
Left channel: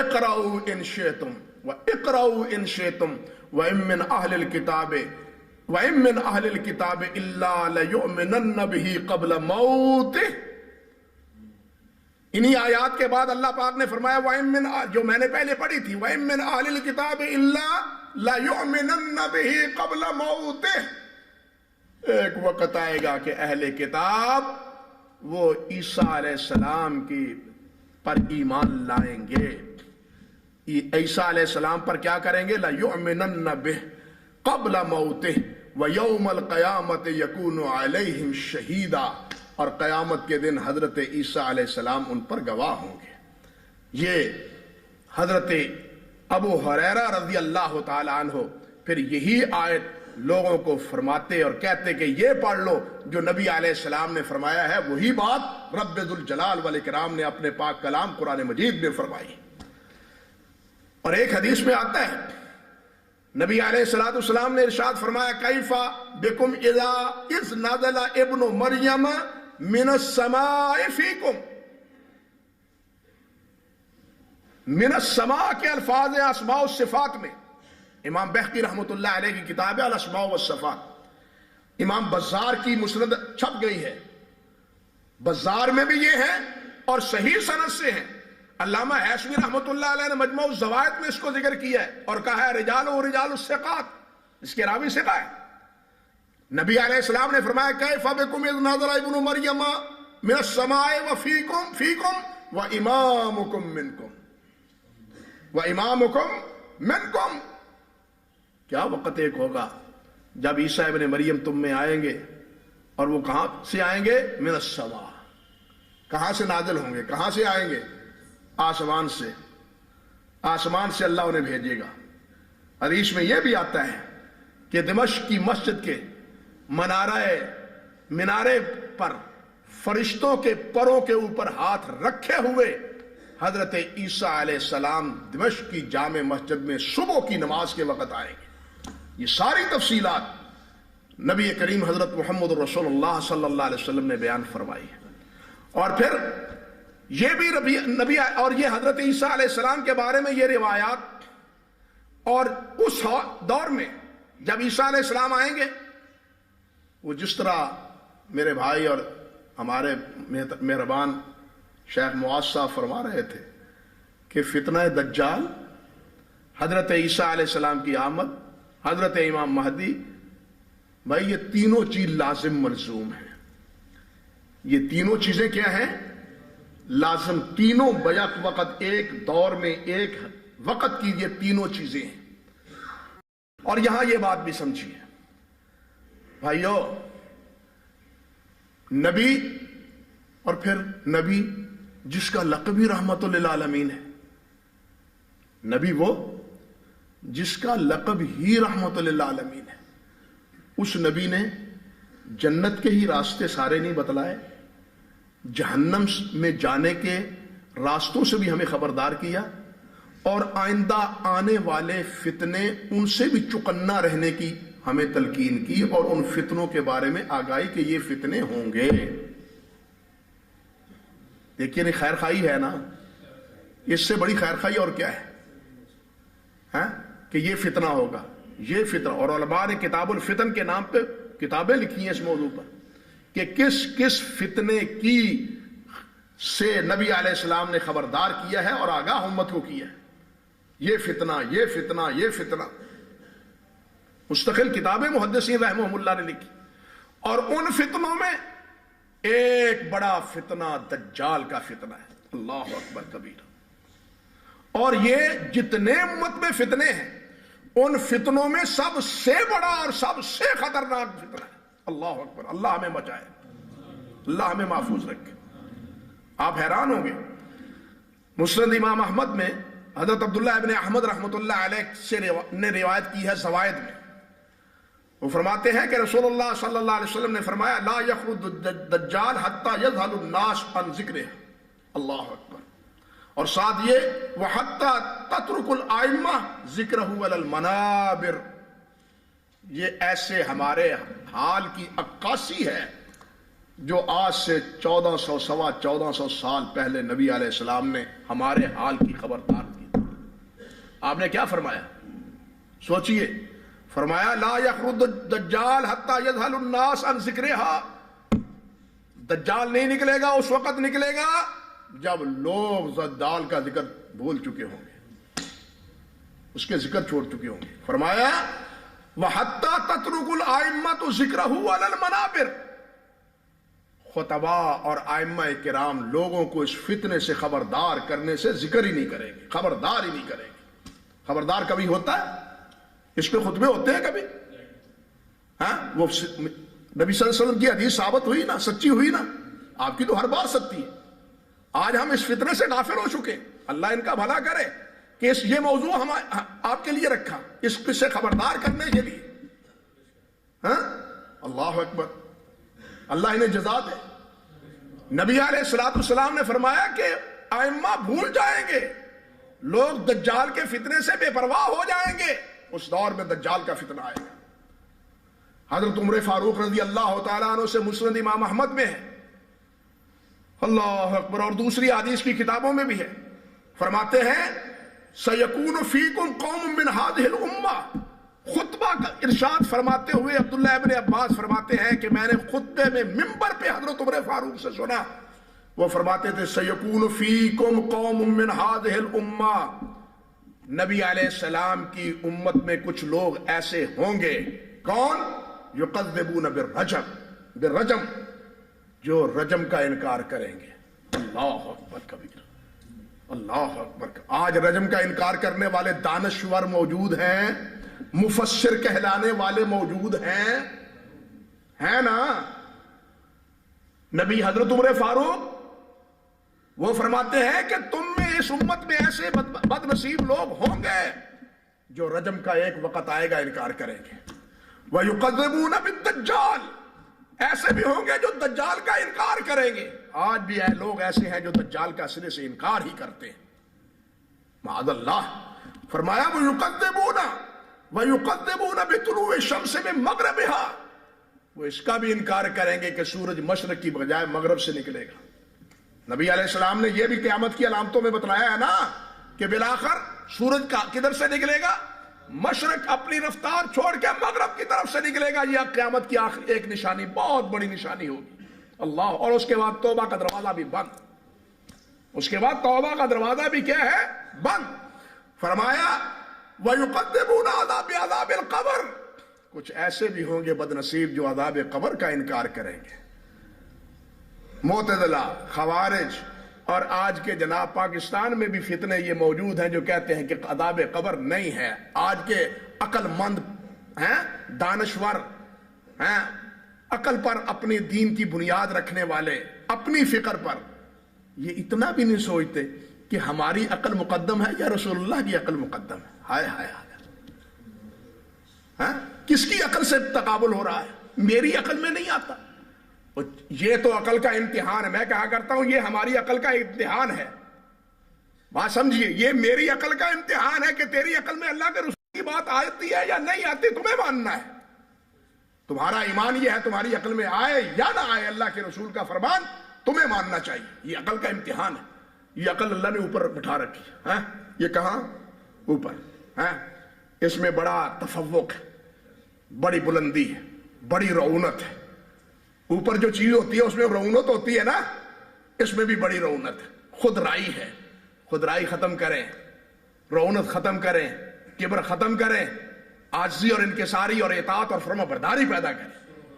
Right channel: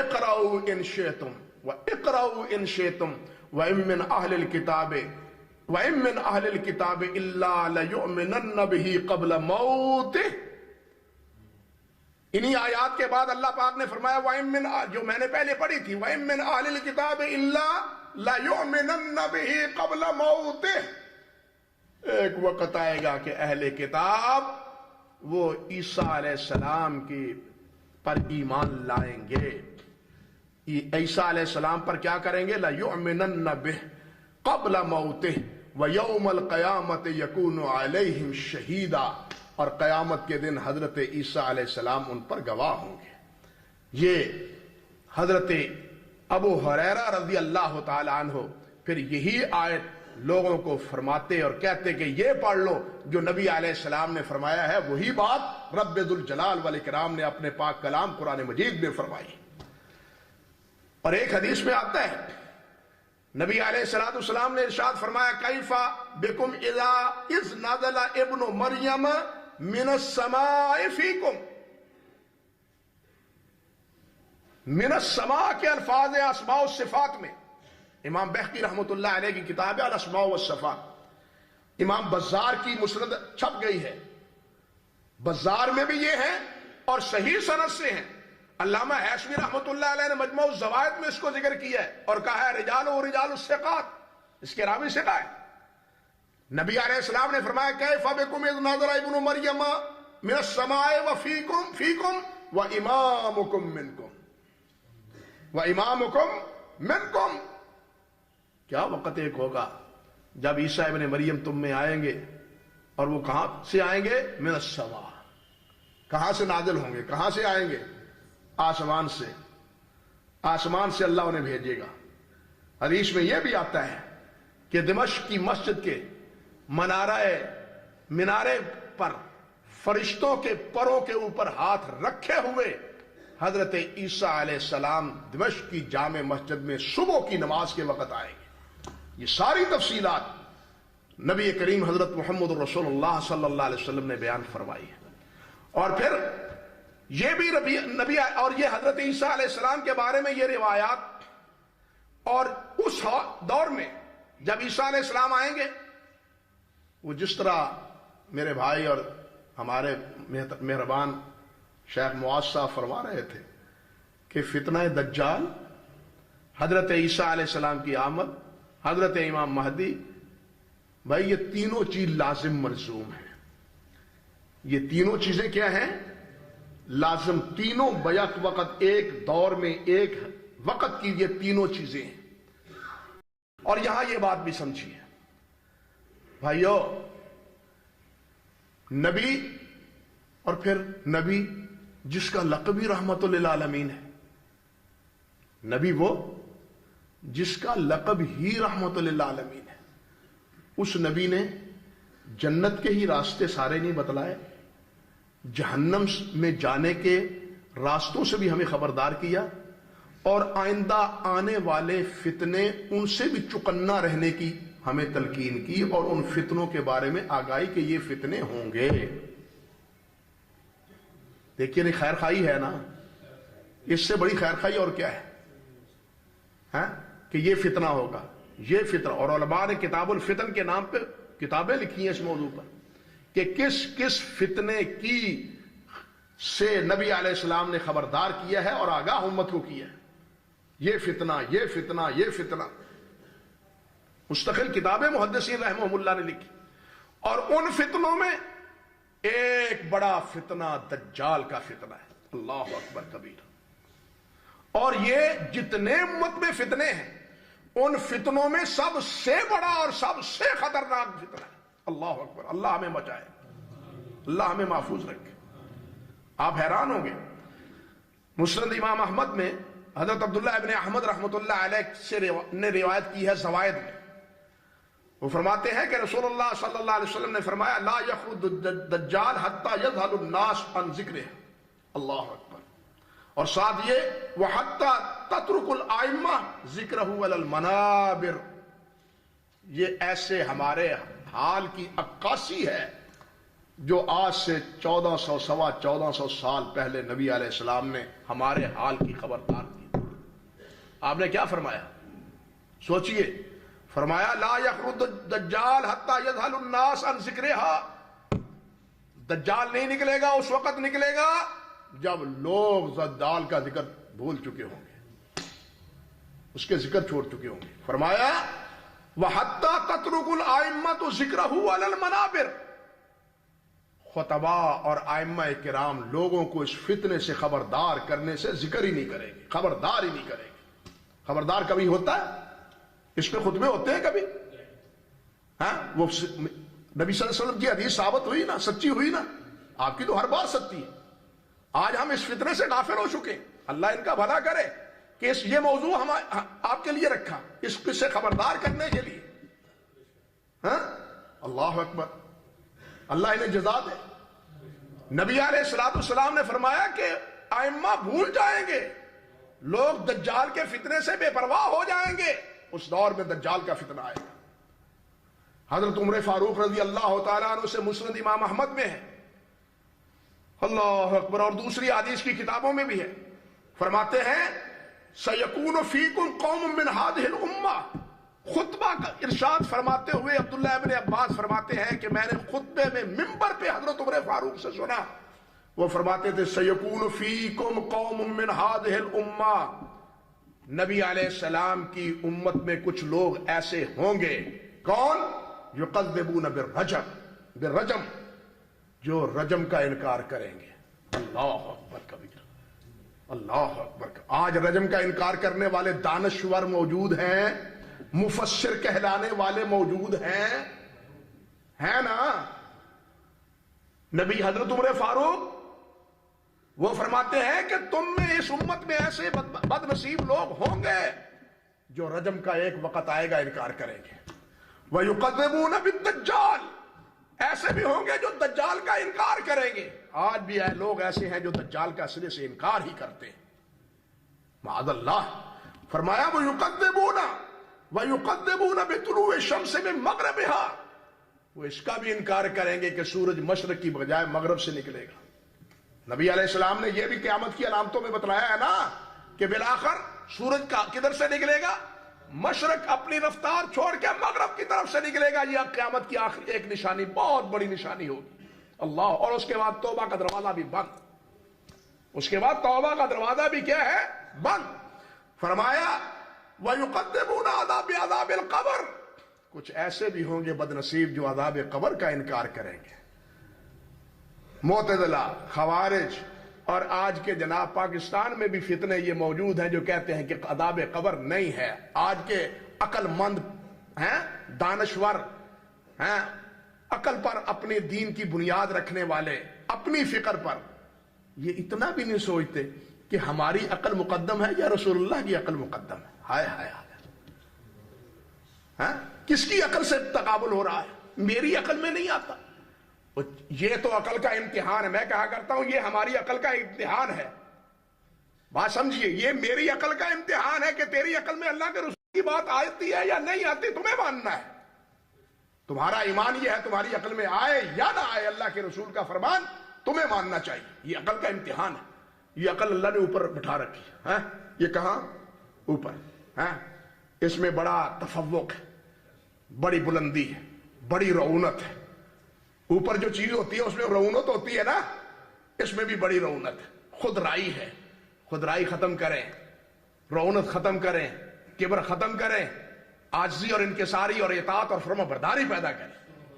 اقرؤوا ان شئتم واقرؤوا ان شئتم وان من اہل الکتاب الا لیؤمنن به قبل موته۔ انہی آیات کے بعد اللہ پاک نے فرمایا وَإِن مِّن، جو میں نے پہلے پڑھی تھی، وَإِن مِّن أَهْلِ الْكِتَابِ إِلَّا لَيُؤْمِنَنَّ بِهِ قَبْلَ مَوْتِهِ۔ ایک وقت آئے گا کہ اہل کتاب وہ عیسیٰ علیہ السلام کی پر ایمان لائیں گے، عیسیٰ علیہ السلام پر کیا کریں گے؟ لَيُؤْمِنَنَّ بِهِ قَبْلَ مَوْتِهِ وَيَوْمَ الْقِيَامَةِ يَكُونُ عَلَيْهِمْ شَهِيدًا، اور قیامت کے دن حضرت عیسیٰ علیہ السلام ان پر گواہ ہوں گے۔ یہ حضرت ابو ہریرہ رضی اللہ تعالی عنہ پھر یہی آیت لوگوں کو فرماتے اور کہتے کہ یہ پڑھ لو جو نبی علیہ السلام نے فرمایا ہے، وہی بات رب ذوالجلال والاکرام نے اپنے پاک کلام قرآن مجید میں فرمائی۔ اور ایک حدیث میں آتا ہے نبی علیہ السلام نے ارشاد فرمایا کیف بکم اذ نزل ابن مریم من السماء فیکم۔ من السماء کے الفاظ ہیں اسماء والصفات میں، امام بہقی رحمۃ اللہ علیہ کی کتاب ہے الاسماء والصفات، امام بزار کی مسند چھپ گئی ہے، بزار میں بھی یہ ہے اور صحیح سند سے ہیں۔ علامہ حیثمی رحمۃ اللہ علیہ نے مجموع الزوائد میں اس کو ذکر کیا ہے اور کہا ہے رجال و رجال الثقات، اس کے راوی ثقہ ہے۔ نبی علیہ السلام نے فرمایا کیف بکم اذ نزل ابن مریم من السماء وفیکم وامامکم منکم۔ کیا وقت ایک ہوگا جب عیسیٰ ابن مریم تم میں آئیں گے، اور وہ کہاں سے آئیں گے؟ من السماء، کہاں سے نازل ہوں گے؟ کہاں سے آئیں گے؟ آسمان سے، آسمان سے اللہ انہیں بھیجے گا۔ حدیث میں یہ بھی آتا ہے کہ دمشق کی مسجد کے منارے پر فرشتوں کے پروں کے اوپر ہاتھ رکھے ہوئے حضرت عیسیٰ علیہ السلام دمشق کی جامع مسجد میں صبح کی نماز کے وقت آئیں گے۔ یہ ساری تفصیلات نبی کریم حضرت محمد رسول اللہ صلی اللہ علیہ وسلم نے بیان فرمائی ہے۔ اور پھر یہ بھی نبی اور یہ حضرت عیسیٰ علیہ السلام کے بارے میں یہ روایات، اور اس دور میں جب عیسیٰ علیہ السلام آئیں گے، وہ جس طرح میرے بھائی اور ہمارے مہربان شیخ معاذ صاحب فرما رہے تھے کہ فتنہ دجال، حضرت عیسیٰ علیہ السلام کی آمد، حضرت امام مہدی، بھائی یہ تینوں چیز لازم ملزوم ہیں۔ یہ تینوں چیزیں کیا ہیں؟ لازم، تینوں بیک وقت، ایک دور میں ایک وقت کی یہ تینوں چیزیں ہیں۔ اور یہاں یہ بات بھی سمجھیے بھائیو، نبی اور پھر نبی جس کا لقب ہی رحمت للعالمین ہے، نبی وہ جس کا لقب ہی رحمت للعالمین ہے، اس نبی نے جنت کے ہی راستے سارے نہیں بتلائے، جہنم میں جانے کے راستوں سے بھی ہمیں خبردار کیا، اور آئندہ آنے والے فتنے ان سے بھی چکنا رہنے کی ہمیں تلقین کی، اور ان فتنوں کے بارے میں آگاہی کہ یہ فتنے ہوں گے۔ دیکھیے نہیں، خیر خواہی ہے نا، اس سے بڑی خیر خواہی اور کیا ہے؟ ہاں کہ یہ فتنہ ہوگا، یہ فتنہ۔ اور علماء نے کتاب الفتن کے نام پہ کتابیں لکھی ہیں اس موضوع پر کہ کس کس فتنے کی سے نبی علیہ السلام نے خبردار کیا ہے اور آگاہ امت کو کیا ہے۔ یہ فتنہ، یہ فتنہ، یہ فتنہ، مستقل کتابیں محدثین رحمہم اللہ نے لکھی۔ اور ان فتنوں میں ایک بڑا فتنہ دجال کا فتنہ ہے، اللہ اکبر کبیرہ۔ اور یہ جتنے امت میں فتنے ہیں، ان فتنوں میں سب سے بڑا اور سب سے خطرناک فتنہ ہے، اللہ اکبر۔ اللہ ہمیں بچائے، اللہ ہمیں محفوظ رکھے۔ آپ حیران ہوں گے، مسند امام احمد میں حضرت عبداللہ ابن احمد رحمۃ اللہ علیہ سے نے روایت کی ہے زوائد میں، وہ فرماتے ہیں کہ رسول اللہ صلی اللہ علیہ وسلم نے فرمایا لا یخرج الدجال حتی یذهل الناس عن ذکرہ، اللہ اکبر۔ اور ساتھ یہ وحتی تترک الائمہ ذکرہ علی المنابر، یہ ایسے ہمارے حال کی عکاسی ہے جو آج سے 1400 سوا 1400 سال پہلے نبی علیہ السلام نے ہمارے حال کی خبردار دی۔ آپ نے کیا فرمایا؟ سوچئے، فرمایا لا یخرج الدجال حتی یذهل الناس عن ذکرہا، دجال نہیں نکلے گا، اس وقت نکلے گا جب لوگ دجال کا ذکر بھول چکے ہوں گے، اس کے ذکر چھوڑ چکے ہوں گے۔ فرمایا وحتی تترک الائمۃ ذکرہ علی المنابر، خطباء اور ائمہ کرام لوگوں کو اس فتنے سے خبردار کرنے سے ذکر ہی نہیں کریں گے، خبردار ہی نہیں کریں گے۔ خبردار کبھی ہوتا ہے؟ اس پہ خطبے ہوتے ہیں کبھی؟ ہاں، وہ نبی صلی اللہ علیہ وسلم کی حدیث ثابت ہوئی نا، سچی ہوئی نا، آپ کی تو ہر بار سچی ہے۔ آج ہم اس فتنے سے غافل ہو چکے، اللہ ان کا بھلا کرے کہ یہ موضوع ہم آپ کے لیے رکھا، اس سے خبردار کرنے کے لیے۔ ہاں، اللہ اکبر، اللہ انہیں جزا دے۔ نبی علیہ الصلوۃ والسلام نے فرمایا کہ ائمہ بھول جائیں گے، لوگ دجال کے فتنے سے بے پرواہ ہو جائیں گے، اس دور میں دجال کا فتنہ آئے گا۔ حضرت عمر فاروق رضی اللہ تعالیٰ عنہ سے مسند امام احمد میں ہے، اللہ اکبر، اور دوسری حدیث کی کتابوں میں بھی ہے، فرماتے ہیں سیکون فیکم قوم من هذه الامہ، خطبہ کا ارشاد فرماتے ہوئے عبداللہ ابن عباس فرماتے ہیں کہ میں نے خطبے میں منبر پہ حضرت عمر فاروق سے سنا، وہ فرماتے تھے سیکون فیکم قوم من هذه الامہ، نبی علیہ السلام کی امت میں کچھ لوگ ایسے ہوں گے، کون؟ یکذبون بالرجم، جو رجم کا انکار کریں گے، اللہ اکبر کبیر، اللہ اکبر۔ آج رجم کا انکار کرنے والے دانشور موجود ہیں، مفسر کہلانے والے موجود ہیں نا۔ نبی حضرت عمر فاروق وہ فرماتے ہیں کہ تم میں اس امت میں ایسے بد نصیب لوگ ہوں گے جو رجم کا ایک وقت آئے گا انکار کریں گے، وَيُقَذِّبُونَ بِالدَّجَّالِ، ایسے بھی ہوں گے جو دجال کا انکار کریں گے۔ آج بھی لوگ ایسے ہیں جو دجال کا سرے سے انکار ہی کرتے ہیں، معاذ اللہ۔ فرمایا وَيُقَذِّبُونَ بِطُلُوعِ الشَّمْسِ مِن مَغْرِبِهَا، وہ اس کا بھی انکار کریں گے کہ سورج مشرق کی بجائے مغرب سے نکلے گا۔ نبی علیہ السلام نے یہ بھی قیامت کی علامتوں میں بتلایا ہے نا کہ بالآخر سورج کا کدھر سے نکلے گا؟ مشرق اپنی رفتار چھوڑ کے مغرب کی طرف سے نکلے گا۔ یہ قیامت کی آخری ایک نشانی، بہت بڑی نشانی ہوگی، اللہ۔ اور اس کے بعد توبہ کا دروازہ بھی بند، اس کے بعد توبہ کا دروازہ بھی کیا ہے؟ بند۔ فرمایا وَيُقَدِّمُونَ عَذَابَ الْقَبْرِ، کچھ ایسے بھی ہوں گے بد نصیب جو عذاب قبر کا انکار کریں گے۔ معتزلہ، خوارج، اور آج کے جناب پاکستان میں بھی فتنے یہ موجود ہیں جو کہتے ہیں کہ عذاب قبر نہیں ہے۔ آج کے عقل مند ہیں، دانشور ہیں، عقل پر اپنی دین کی بنیاد رکھنے والے، اپنی فکر پر، یہ اتنا بھی نہیں سوچتے کہ ہماری عقل مقدم ہے یا رسول اللہ کی عقل مقدم ہے۔ ہائے ہائے ہائے، کس کی عقل سے تقابل ہو رہا ہے؟ میری عقل میں نہیں آتا، یہ تو عقل کا امتحان ہے. میں کہا کرتا ہوں یہ ہماری عقل کا امتحان ہے. بات سمجھیے, یہ میری عقل کا امتحان ہے کہ تیری عقل میں اللہ کے رسول کی بات آتی ہے یا نہیں آتی, تمہیں ماننا ہے. تمہارا ایمان یہ ہے تمہاری عقل میں آئے یا نہ آئے اللہ کے رسول کا فرمان تمہیں ماننا چاہیے. یہ عقل کا امتحان ہے. یہ عقل اللہ نے اوپر بٹھا رکھی ہے. یہ کہاں اوپر ہے. اس میں بڑا تفوق ہے, بڑی بلندی ہے, بڑی رعونت ہے. اوپر جو چیز ہوتی ہے اس میں رعونت ہوتی ہے نا, اس میں بھی بڑی رعونت ہے. خود رائی ہے. خود رائی ختم کریں, رعونت ختم کریں, کبر ختم کریں, عاجزی اور انکساری اور اطاعت اور فرما برداری پیدا کریں.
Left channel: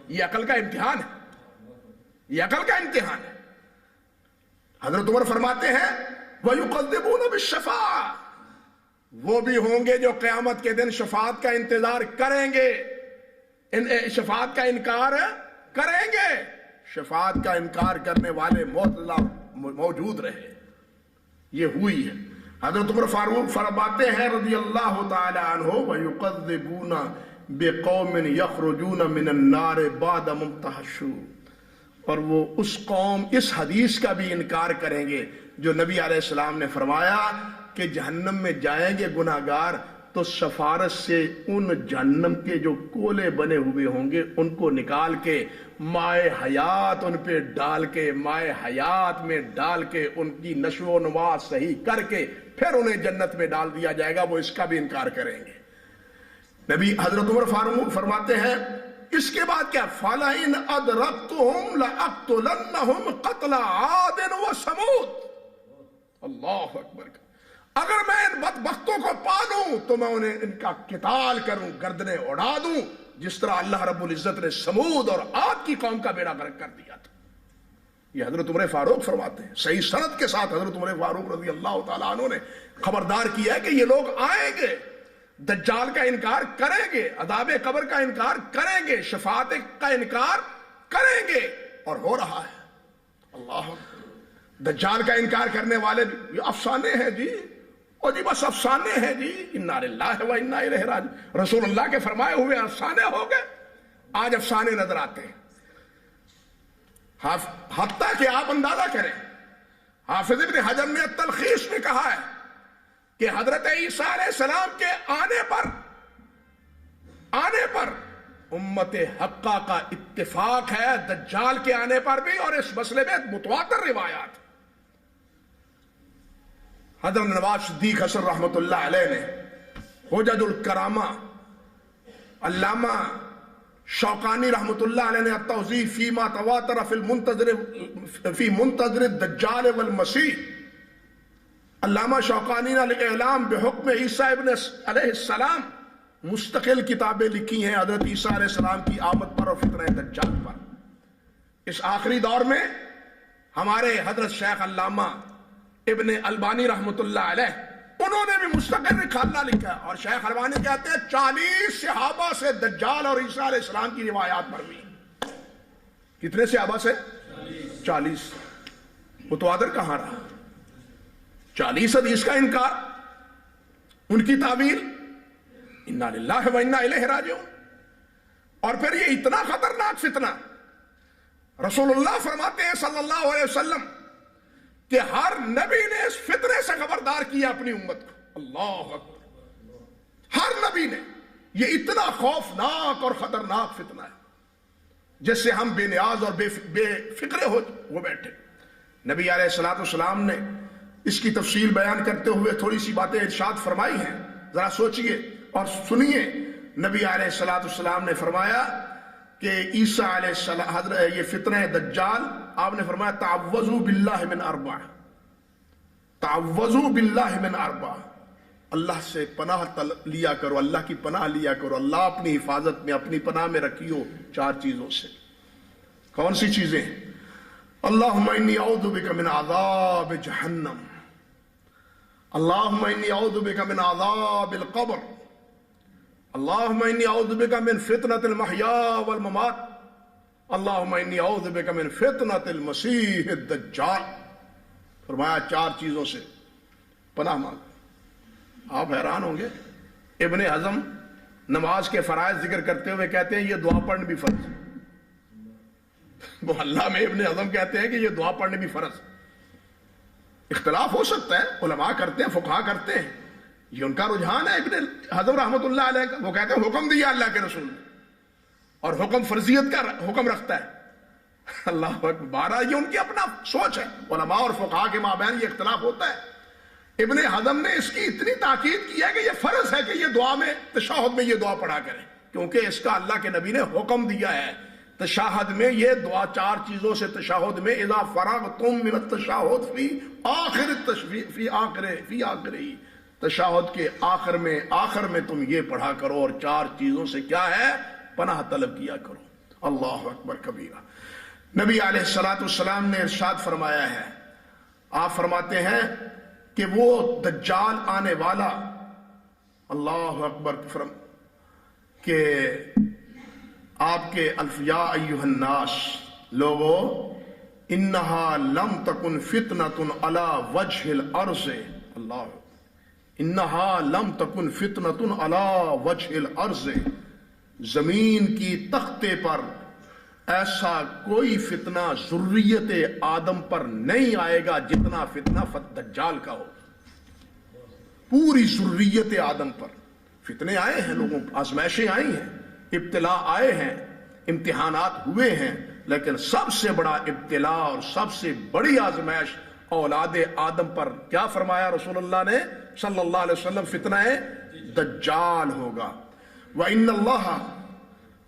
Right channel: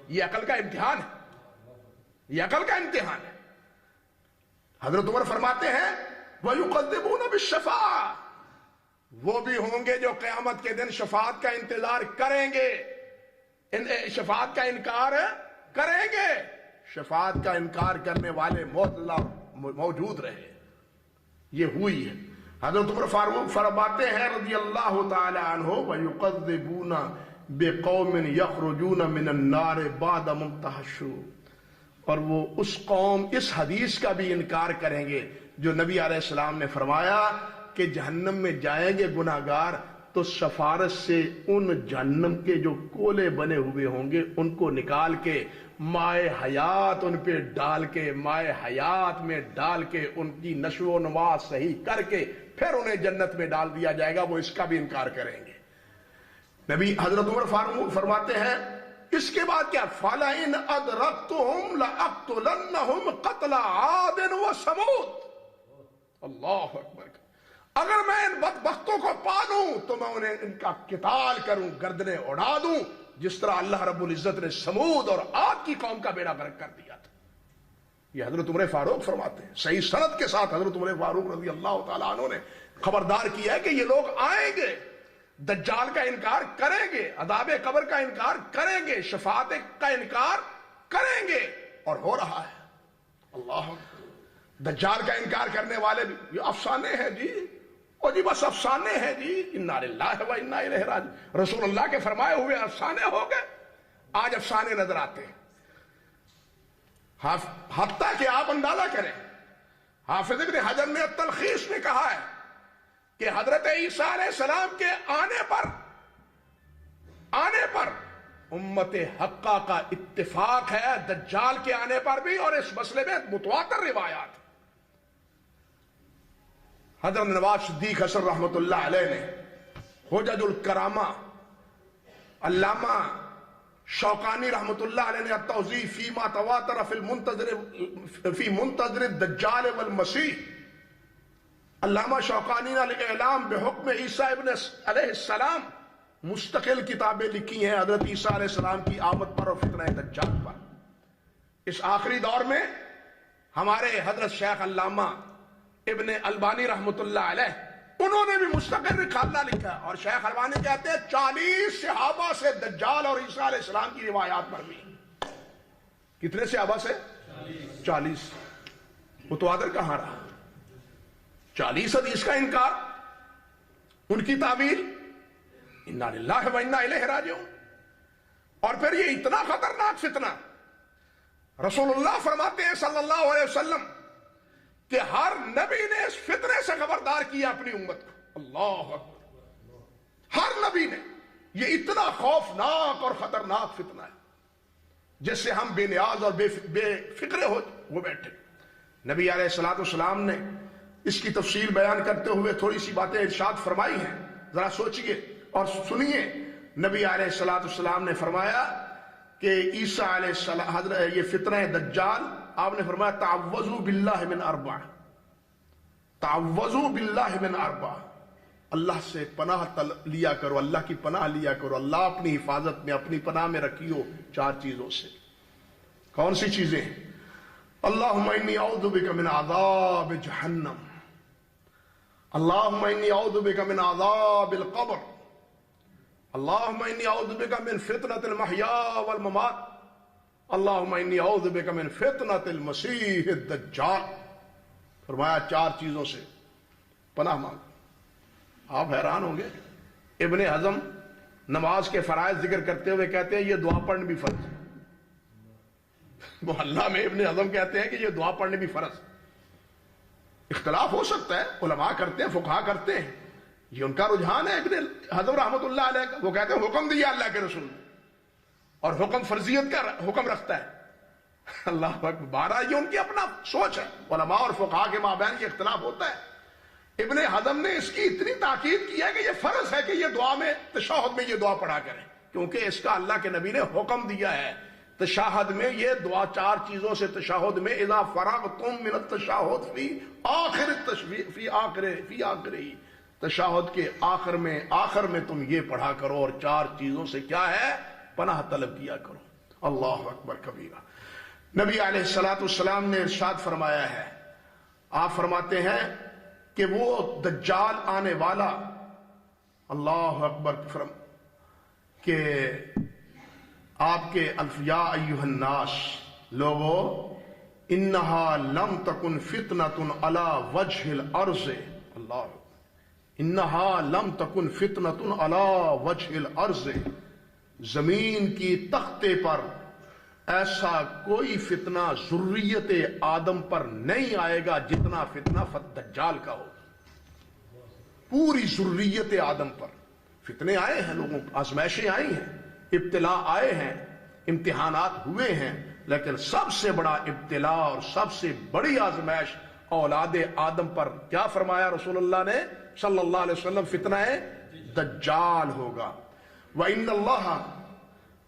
یہ عقل کا امتحان ہے. یہ عقل کا امتحان ہے. حضرت عمر فرماتے ہیں وَيُقَدِّمُونَ بِالشَّفَاعَةِ, وہ بھی ہوں گے جو قیامت کے دن شفاعت کا انتظار کریں گے, شفاعت کا انکار کریں گے. شفاعت کا انکار کرنے والے موت اللہ موجود رہے. یہ ہوئی ہے. حضرت عمر فاروق فرماتے ہیں رضی اللہ تعالی عنہ وَيُقَذِّبُونَ بِقَوْمٍ يَخْرُجُونَ مِنَ النَّارِ بَعْدَ مُمْتَحَشُّوا, اور وہ اس قوم اس حدیث کا بھی انکار کریں گے جو نبی علیہ السلام نے فرمایا کہ جہنم میں جائیں گے گناہگار تو سفارش سے ان جہنم کے جو کولے بنے ہوئے ہوں گے ان کو نکال کے مائے حیات ان پہ ڈال کے, مائے حیات میں ڈال کے ان کی نشو و نما صحیح کر کے پھر انہیں جنت میں ڈال دیا جائے گا. وہ اس کا بھی انکار کریں گے. نبی حضرت عمر فاروق فرماتے ہیں اس کے بعد کیا, فَلَئِنْ أَدْرَكْتُهُمْ لَأَقْتُلَنَّهُمْ قَتْلَ عَادٍ وَثَمُودَ. اللہ اکبر. اگر میں ان بدبختوں کو پالوں تو میں انہیں ان کا قتال کروں, گردنیں اڑا دوں, جس طرح اللہ رب العزت نے سمود اور عاد کی قوم کا بیڑا غرق کر دیا تھا. یہ حضرت عمر فاروق فرماتے ہیں. صحیح سند کے ساتھ حضرت عمر فاروق رضی اللہ تعالیٰ عنہ نے خبردار کیا ہے کہ یہ لوگ آئیں گے, دجال کا انکار کریں گے, عذاب قبر کا انکار کریں گے, شفاعت کا انکار کریں گے, اور ہو رہا ہے. اللہ, دجال کا انکار کرنے والے بھی یہ افسانے ہیں جی, اور جی بس افسانے ہیں جی, انا للہ و انا الیہ راجعون. رسول اللہ کے فرمائے ہوئے افسانے ہو گئے, آج افسانے نظر آتے ہیں. حتیٰ کہ آپ اندازہ کریں, حافظ ابن حجر نے تلخیص میں کہا ہے کہ حضرت عیسیٰ علیہ السلام کے آنے پر امت حقہ کا اتفاق ہے, دجال کے آنے پر بھی, اور اس مسئلے میں متواتر روایات. حضرت نواز صدیق حسن رحمۃ اللہ علیہ نے حجج الکرامہ, علامہ شوقانی رحمۃ اللہ علیہ نے التوضیح فیما تواتر فی منتظر الدجال والمسیح, علامہ شوقانی نے الاعلام بحکم عیسیٰ ابن علیہ السلام مستقل کتابیں لکھی ہیں حضرت عیسیٰ علیہ السلام کی آمد پر اور فتنہ دجال پر. اس آخری دور میں ہمارے حضرت شیخ علامہ ابن البانی رحمۃ اللہ علیہ, انہوں نے بھی مستقل رسالہ لکھا ہے, اور شیخ البانی کہتے ہیں 40 صحابہ سے دجال اور عیسیٰ علیہ السلام کی روایات مروی. کتنے صحابہ سے؟ 40. متواتر کہاں رہا؟ 40 حدیث کا انکار, ان کی تعویل انا للہ و انا الیہ راجعون. اور پھر یہ اتنا خطرناک فتنہ, رسول اللہ فرماتے ہیں صلی اللہ علیہ وسلم کہ ہر نبی نے اس فتنے سے خبردار کیا اپنی امت کو. اللہ اکبر, ہر نبی نے. یہ اتنا خوفناک اور خطرناک فتنہ ہے جس سے ہم بے نیاز اور بے فکرے ہو بیٹھے. نبی علیہ الصلوۃ والسلام نے اس کی تفصیل بیان کرتے ہوئے تھوڑی سی باتیں ارشاد فرمائی ہیں, ذرا سوچئے اور سنیے. نبی علیہ الصلوۃ والسلام نے فرمایا کہ عیسیٰ علیہ السلام حضرت یہ فتنہ دجال, آپ نے فرمایا تعوذوا باللہ من اربع, تعوذوا باللہ من اربع, اللہ سے پناہ لیا کرو, اللہ کی پناہ لیا کرو, اللہ اپنی حفاظت میں اپنی پناہ میں رکھیو 4 چیزوں سے. کون سی چیزیں؟ اللہم انی اعوذ بک من عذاب جہنم, اللہم انی اعوذ بک من عذاب القبر, اللہم انی اعوذ بک من فتنة المحیاء والممات, اللہم انی اعوذ بک من فتنة المسیح الدجال. فرمایا 4 چیزوں سے پناہ مانگ. آپ حیران ہوں گے, ابن حزم نماز کے فرائض ذکر کرتے ہوئے کہتے ہیں یہ دعا پڑھنا بھی فرض ہے. محلہ میں ابن حزم کہتے ہیں کہ یہ دعا پڑھنے بھی فرض. اختلاف ہو سکتا ہے، علماء کرتے ہیں، فقہا کرتے ہیں، یہ ان کا رجحان ہے. ابن حزم رحمۃ اللہ علیہ کا وہ کہتے ہیں حکم دیا اللہ کے رسول نے، اور حکم فرضیت کا حکم رکھتا ہے. اللہ اکبر. بارہ یہ ان کی اپنا سوچ ہے. علماء اور فقہا کے مابین یہ اختلاف ہوتا ہے. ابن حزم نے اس کی اتنی تاکید کی ہے کہ یہ فرض ہے کہ یہ دعا میں تشہد میں یہ دعا پڑھا کریں، کیونکہ اس کا اللہ کے نبی نے حکم دیا ہے. تشہد میں یہ دعا چار چیزوں سے تشہد میں اذا فرغتم من التشہد فی آخر فی آخری، تشہد کے آخر میں تم یہ پڑھا کرو، اور چار چیزوں سے کیا ہے؟ پناہ طلب کیا کرو. اللہ اکبر کبیرہ. نبی علیہ الصلوۃ والسلام نے ارشاد فرمایا ہے، آپ فرماتے ہیں کہ وہ دجال آنے والا، اللہ اکبر، کہ آپ کے یا ایھا الناس، لوگو انہا لم تکن فتنۃ علی وجہ الارض، اللہ، انہا لم تکن فتنۃ علی وجہ الارض، زمین کی تختے پر ایسا کوئی فتنہ ذریت آدم پر نہیں آئے گا جتنا فتنہ دجال کا ہو. پوری ذریت آدم پر فتنے آئے ہیں، لوگوں آزمائشیں آئی ہیں، ابتلا آئے ہیں، امتحانات ہوئے ہیں، لیکن سب سے بڑا ابتلا اور سب سے بڑی آزمائش اولاد آدم پر کیا فرمایا رسول اللہ نے صلی اللہ علیہ وسلم؟ فتنہ دجال ہوگا. وَإِنَّ اللَّهَ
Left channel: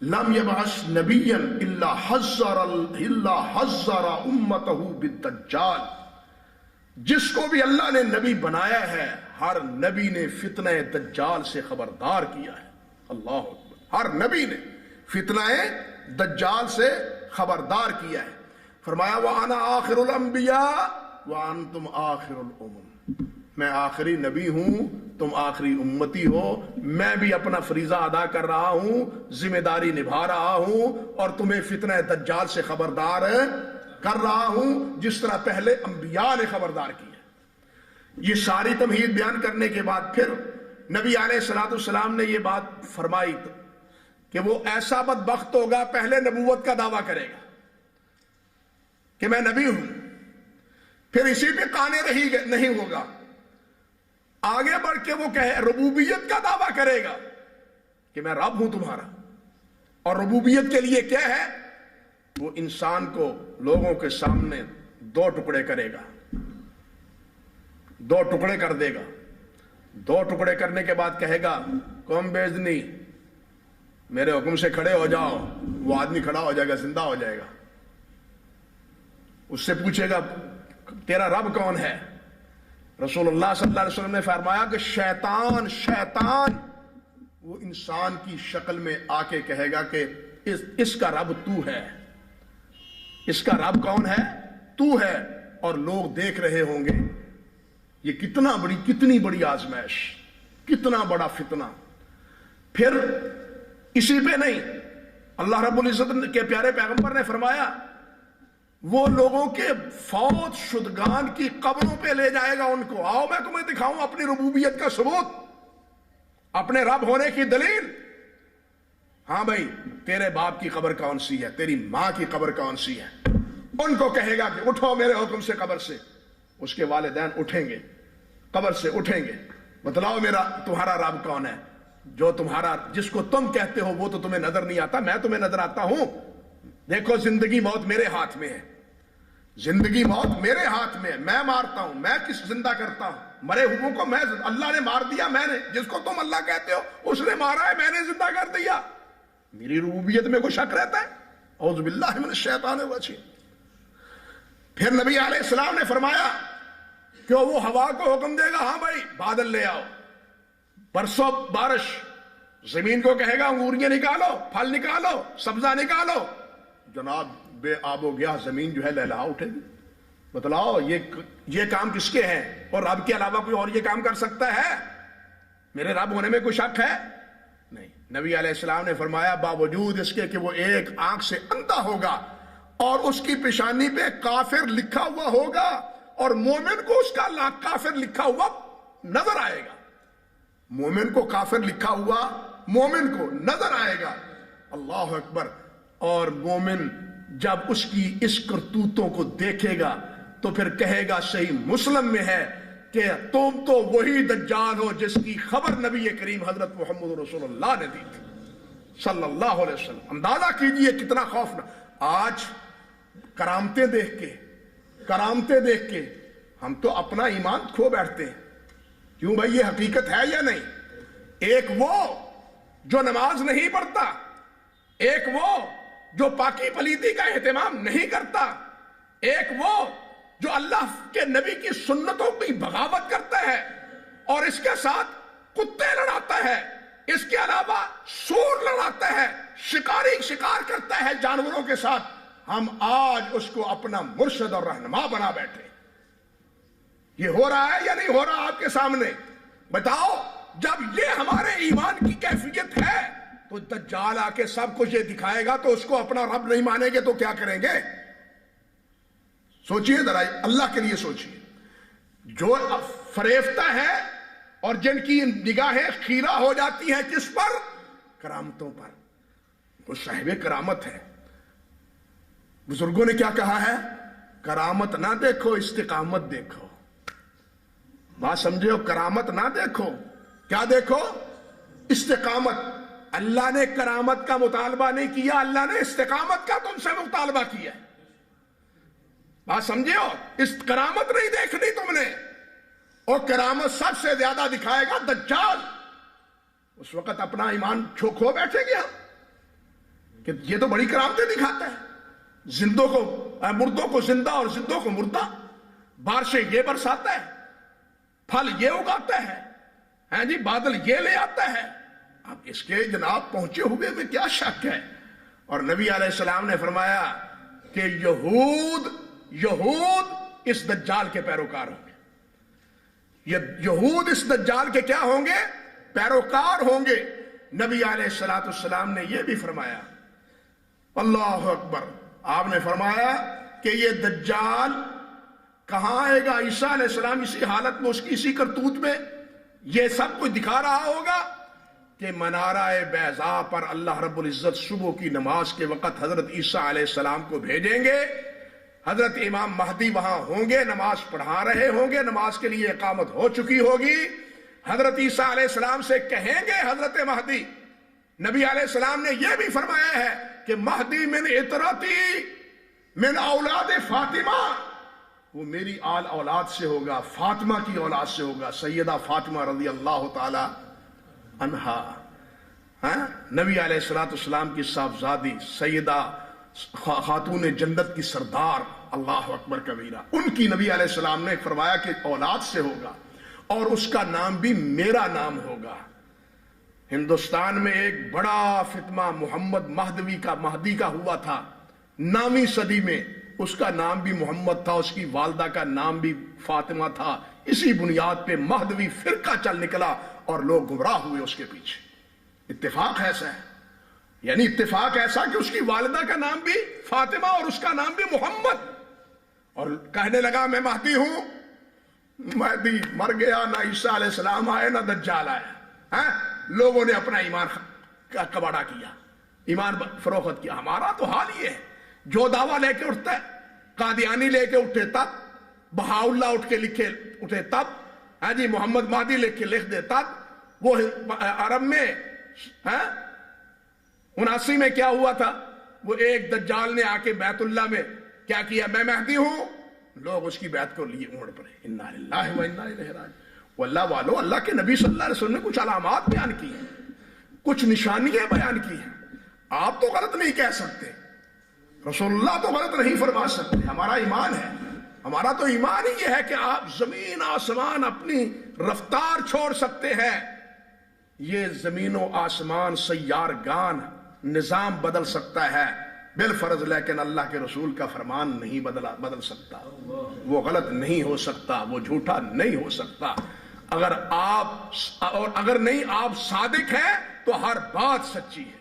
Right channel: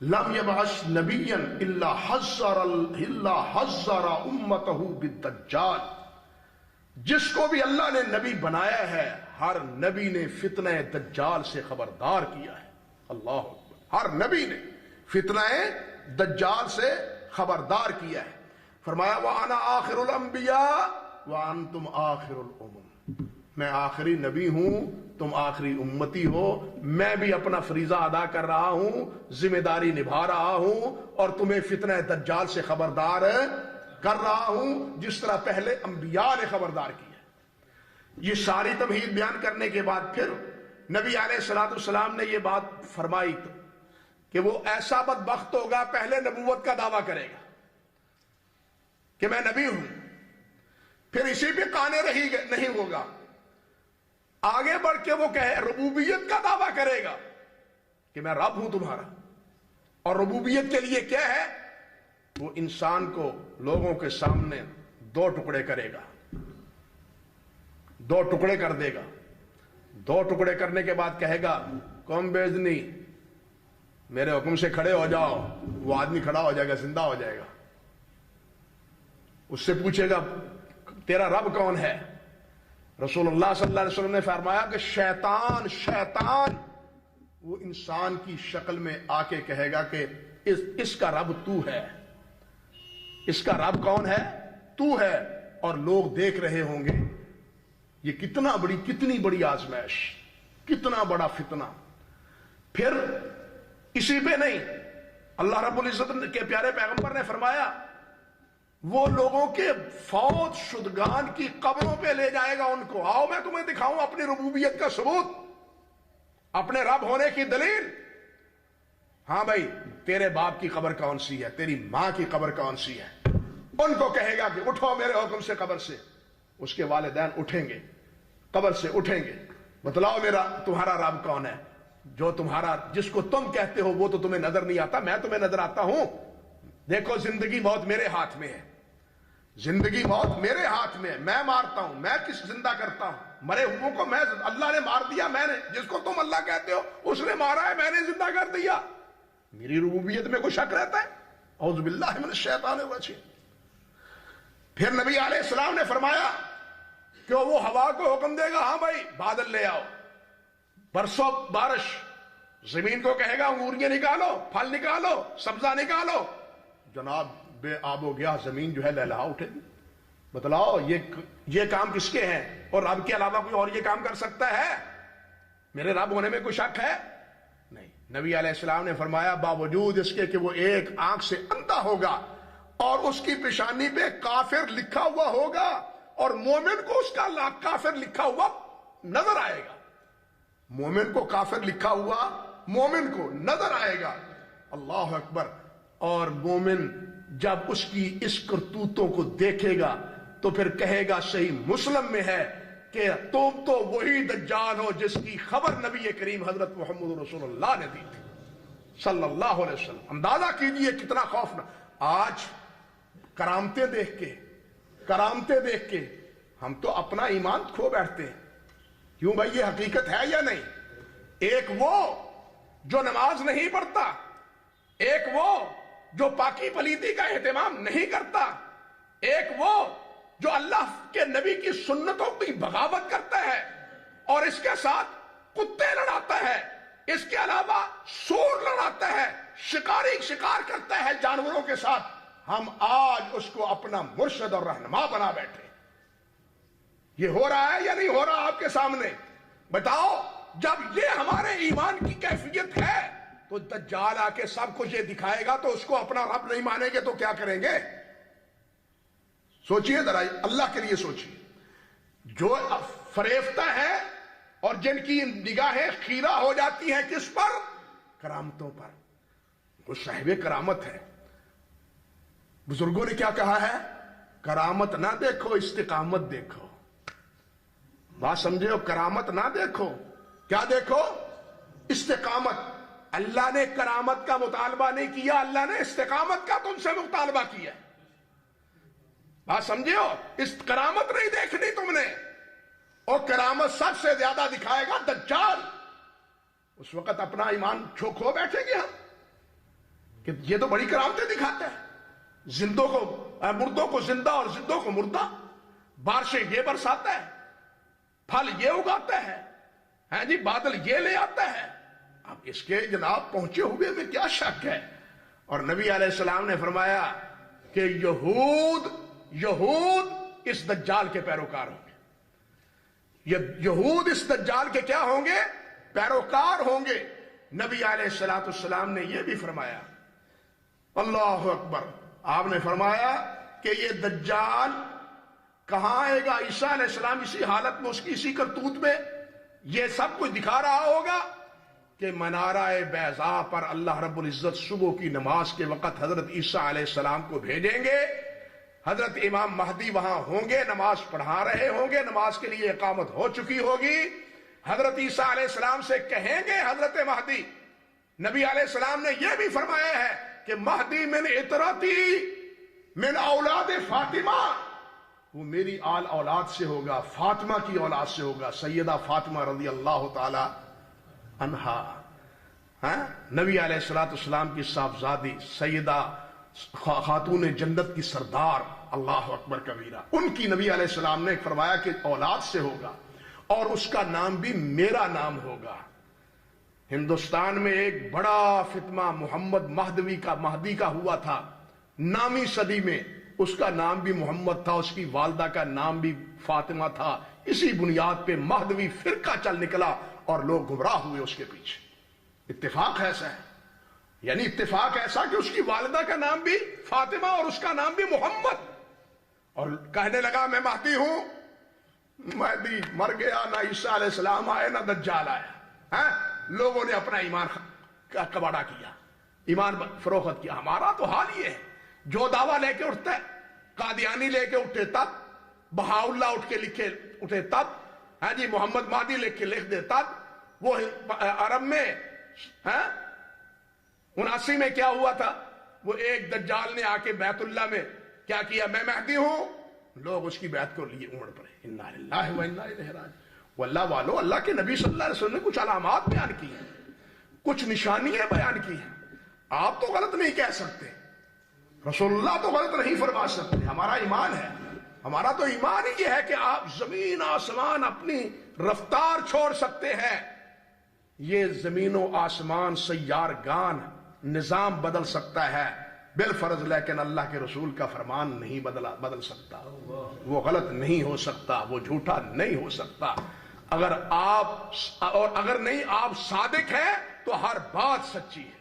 لم يبعث نبیا الا حذر امته بالدجال. جس کو بھی اللہ نے نبی بنایا ہے، ہر نبی نے فتنہ دجال سے خبردار کیا ہے. اللہ اکبر. ہر نبی نے فتنہ دجال سے خبردار کیا ہے. فرمایا وَأَنَا آخِرُ الْأَنْبِيَاءِ وَأَنْتُمْ آخِرُ الْأُمَمِ، میں آخری نبی ہوں، تم آخری امتی ہو. میں بھی اپنا فریضہ ادا کر رہا ہوں، ذمہ داری نبھا رہا ہوں، اور تمہیں فتنہ دجال سے خبردار کر رہا ہوں جس طرح پہلے انبیاء نے خبردار کیا. یہ ساری تمہید بیان کرنے کے بعد پھر نبی علیہ الصلوۃ والسلام نے یہ بات فرمائی کہ وہ ایسا بدبخت ہوگا، پہلے نبوت کا دعویٰ کرے گا کہ میں نبی ہوں، پھر اسی پہ قانے نہیں ہوگا، آگے بڑھ کے وہ کہے ربوبیت کا دعویٰ کرے گا کہ میں رب ہوں تمہارا. اور ربوبیت کے لیے کیا ہے؟ وہ انسان کو لوگوں کے سامنے دو ٹکڑے کرے گا، دو ٹکڑے کر دے گا. دو ٹکڑے کرنے کے بعد کہے گا قوم بیزنی، میرے حکم سے کھڑے ہو جاؤ. وہ آدمی کھڑا ہو جائے گا، زندہ ہو جائے گا. اس سے پوچھے گا تیرا رب کون ہے؟ رسول اللہ صلی اللہ علیہ وسلم نے فرمایا کہ شیطان وہ انسان کی شکل میں آ کے کہے گا کہ اس کا رب تو ہے. اس کا رب کون ہے؟ تو ہے. اور لوگ دیکھ رہے ہوں گے یہ کتنی بڑی آزمائش، کتنا بڑا فتنہ. پھر اسی پہ نہیں، اللہ رب العزت کے پیارے پیغمبر نے فرمایا وہ لوگوں کے فوت شدگان کی قبروں پہ لے جائے گا ان کو. آؤ میں تمہیں دکھاؤں اپنی ربوبیت کا ثبوت، اپنے رب ہونے کی دلیل. ہاں بھائی، تیرے باپ کی قبر کون سی ہے؟ تیری ماں کی قبر کون سی ہے؟ ان کو کہے گا کہ اٹھو میرے حکم سے قبر سے. اس کے والدین اٹھیں گے، قبر سے اٹھیں گے. بتلاؤ تمہارا رب کون ہے؟ جو جس کو تم کہتے ہو وہ تو تمہیں نظر نہیں آتا، میں تمہیں نظر آتا ہوں. دیکھو زندگی موت میرے ہاتھ میں ہے، زندگی موت میرے ہاتھ میں ہے. میں مارتا ہوں، میں کس زندہ کرتا ہوں. مرے ہوئوں کو میں اللہ نے مار دیا، میں نے جس کو تم اللہ کہتے ہو اس نے مارا ہے، میں نے زندہ کر دیا. میری ربوبیت میں کوئی شک رہتا ہے؟ اعوذ باللہ من الشیطان الرجیم. پھر نبی علیہ السلام نے فرمایا کہ وہ ہوا کو حکم دے گا ہاں بھائی بادل لے آؤ، برسو بارش. زمین کو کہے گا انگوریاں نکالو، پھل نکالو، سبزہ نکالو. جناب بے آب و گیا زمین جو ہے لہلہا اٹھے گی. بتلاؤ یہ کام کس کے ہیں؟ اور رب کے علاوہ کوئی اور یہ کام کر سکتا ہے؟ میرے رب ہونے میں کوئی شک ہے؟ نہیں. نبی علیہ السلام نے فرمایا باوجود اس کے کہ وہ ایک آنکھ سے اندھا ہوگا اور اس کی پیشانی پہ کافر لکھا ہوا ہوگا اور مومن کو اس کا کافر لکھا ہوا نظر آئے گا. مومن کو کافر لکھا ہوا مومن کو نظر آئے گا. اللہ اکبر. اور مومن جب اس کی اس کرتوتوں کو دیکھے گا تو پھر کہے گا صحیح مسلم میں ہے کہ تم تو وہی دجال ہو جس کی خبر نبی کریم حضرت محمد رسول اللہ نے دی تھی صلی اللہ علیہ وسلم. اندازہ کیجئے کتنا خوفناک. آج کرامتیں دیکھ کے ہم تو اپنا ایمان کھو بیٹھتے ہیں. کیوں بھائی یہ حقیقت ہے یا نہیں؟ ایک وہ جو نماز نہیں پڑھتا، ایک وہ جو پاکی پلیتی کا اہتمام نہیں کرتا، ایک وہ جو اللہ کے نبی کی سنتوں کی بغاوت کرتا ہے اور اس کے ساتھ کتے لڑاتا ہے، اس کے علاوہ سور لڑاتا ہے، شکار کرتا ہے جانوروں کے ساتھ. ہم آج اس کو اپنا مرشد اور رہنما بنا بیٹھے. یہ ہو رہا ہے یا نہیں ہو رہا آپ کے سامنے؟ بتاؤ. جب یہ ہمارے ایمان کی کیفیت ہے تو دجال آ کے سب کچھ یہ دکھائے گا تو اس کو اپنا رب نہیں مانیں گے تو کیا کریں گے؟ سوچئے ذرا، اللہ کے لیے سوچئے. جو فریفتہ ہے اور جن کی نگاہیں خیرہ ہو جاتی ہیں کس پر؟ کرامتوں پر. وہ صاحب کرامت ہے. بزرگوں نے کیا کہا ہے؟ کرامت نہ دیکھو، استقامت دیکھو. بات سمجھے ہو؟ کرامت نہ دیکھو، کیا دیکھو؟ استقامت. اللہ نے کرامت کا مطالبہ نہیں کیا، اللہ نے استقامت کا تم سے مطالبہ کیا. بات سمجھے ہو؟ اس کرامت نہیں دیکھنی تم نے. اور کرامت سب سے زیادہ دکھائے گا دجال. اس وقت اپنا ایمان کھو بیٹھے گے ہم کہ یہ تو بڑی کرامتیں دکھاتا ہے. زندوں کو مردوں کو زندہ اور زندوں کو مردہ، بارشیں یہ برساتا ہے، پھل یہ اگاتا ہے، ہاں جی بادل یہ لے آتا ہے. اب اس کے جناب پہنچے ہوئے میں کیا شک ہے؟ اور نبی علیہ السلام نے فرمایا کہ یہود اس دجال کے پیروکار ہوں گے. یہود اس دجال کے کیا ہوں گے؟ پیروکار ہوں گے. نبی علیہ السلام نے یہ بھی فرمایا، اللہ اکبر. آپ نے فرمایا کہ یہ دجال کہاں آئے گا؟ عیسیٰ علیہ السلام اسی حالت میں، اس کی اسی کرتوت میں یہ سب کچھ دکھا رہا ہوگا کہ منارہ بیضاء پر اللہ رب العزت صبح کی نماز کے وقت حضرت عیسیٰ علیہ السلام کو بھیجیں گے. حضرت امام مہدی وہاں ہوں گے، نماز پڑھا رہے ہوں گے، نماز کے لیے اقامت ہو چکی ہوگی. حضرت عیسیٰ علیہ السلام سے کہیں گے حضرت مہدی. نبی علیہ السلام نے یہ بھی فرمایا ہے کہ مہدی من اطرتی من اولاد فاطمہ، وہ میری آل اولاد سے ہوگا، فاطمہ کی اولاد سے ہوگا، سیدہ فاطمہ رضی اللہ تعالی عنہا. نبی علیہ السلام کی صاحبزادی سیدہ خاتون جنت کی سردار، اللہ اکبر کبیرہ. ان کی نبی علیہ السلام نے فرمایا کہ اولاد سے ہوگا اور اس کا نام بھی میرا نام ہوگا. ہندوستان میں ایک بڑا فتنہ محمد مہدی کا ہوا تھا 9ویں صدی میں. اس کا نام بھی محمد تھا، اس کی والدہ کا نام بھی فاطمہ تھا. اسی بنیاد پہ مہدوی فرقہ چل نکلا اور لوگ گمراہ ہوئے اس کے پیچھے. اتفاق ایسا ہے، یعنی اتفاق ایسا کہ اس کی والدہ کا نام بھی فاطمہ اور اس کا نام بھی محمد. اور کہنے لگا میں مہدی ہوں. مہدی مر گیا، نہ عیسیٰ علیہ السلام آئے نہ دجال آیا. لوگوں نے اپنا ایمان کا کباڑا کیا، ایمان فروخت کیا. ہمارا تو حال یہ ہے، جو دعویٰ لے کے اٹھتا ہے، قادیانی لے کے اٹھے تب، بہاؤلہ اٹھ کے لکھے اٹھے تب، ہاں جی محمد مہدی لکھ دے تب. وہ عرب میں 79 میں کیا ہوا تھا؟ وہ ایک دجال نے آ کے بیت اللہ میں کیا کیا؟ میں مہدی ہوں. لوگ اس کی بیعت کو لیے اڑ پڑے. انا للہ و انا الیہ راجعون. وہ اللہ والو، اللہ کے نبی صلی اللہ علیہ وسلم نے کچھ علامات بیان کی ہیں، کچھ نشانیاں بیان کی ہیں. آپ تو غلط نہیں کہہ سکتے، رسول اللہ تو غلط نہیں فرما سکتے. ہمارا ایمان ہے، ہمارا تو ایمان ہی یہ ہے کہ آپ زمین آسمان اپنی رفتار چھوڑ سکتے ہیں. یہ زمین و آسمان سیارگان نظام بدل سکتا ہے بالفرض، لیکن اللہ کے رسول کا فرمان نہیں بدل سکتا. وہ غلط نہیں ہو سکتا، وہ جھوٹا نہیں ہو سکتا. اگر آپ صادق ہیں تو ہر بات سچی ہے.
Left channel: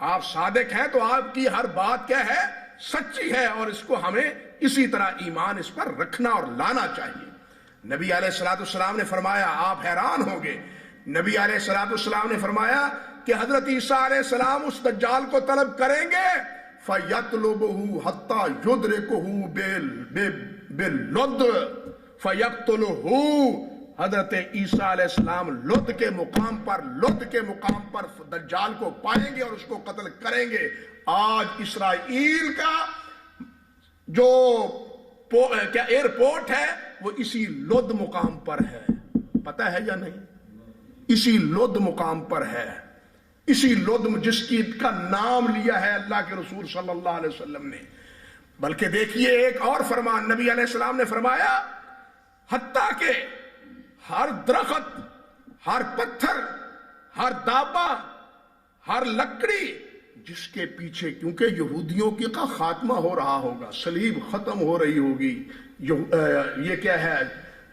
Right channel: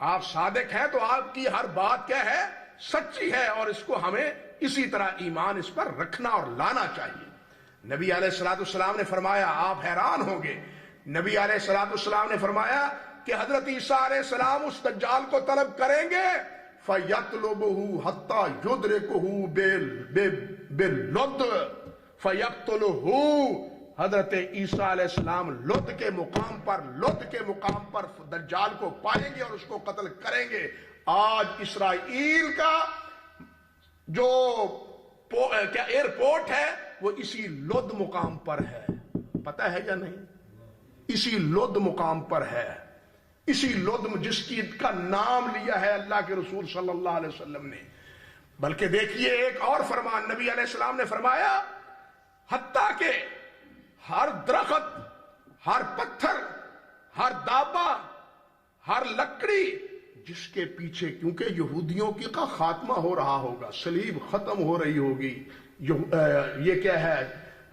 آپ صادق ہیں تو آپ کی ہر بات کیا ہے؟ سچی ہے. اور اس کو ہمیں اسی طرح ایمان اس پر رکھنا اور لانا چاہیے. نبی علیہ السلام نے فرمایا، آپ حیران ہوں گے، نبی علیہ السلام نے فرمایا کہ حضرت عیسیٰ علیہ السلام اس دجال کو طلب کریں گے، فَيَطْلُبُهُ حَتَّى يُدْرِكُهُ بِاللُّدْ فَيَقْتُلُهُ۔ حضرت عیسیٰ علیہ السلام لد کے مقام پر دجال کو پائیں گے اور اس کو قتل کریں گے۔ آج اسرائیل کا جو ایئرپورٹ ہے وہ اسی لد مقام پر ہے، پتہ ہے یا نہیں؟ اسی لد مقام پر ہے، اسی لد جس کی کا نام لیا ہے اللہ کے رسول صلی اللہ علیہ وسلم نے۔ بلکہ دیکھیے ایک اور فرمان نبی علیہ السلام نے فرمایا، حتیٰ کہ ہر درخت، ہر پتھر، ہر دابا، ہر لکڑی جس کے پیچھے، کیونکہ یہودیوں کی کا خاتمہ ہو رہا ہوگا، صلیب ختم ہو رہی ہوگی، یہ کیا ہے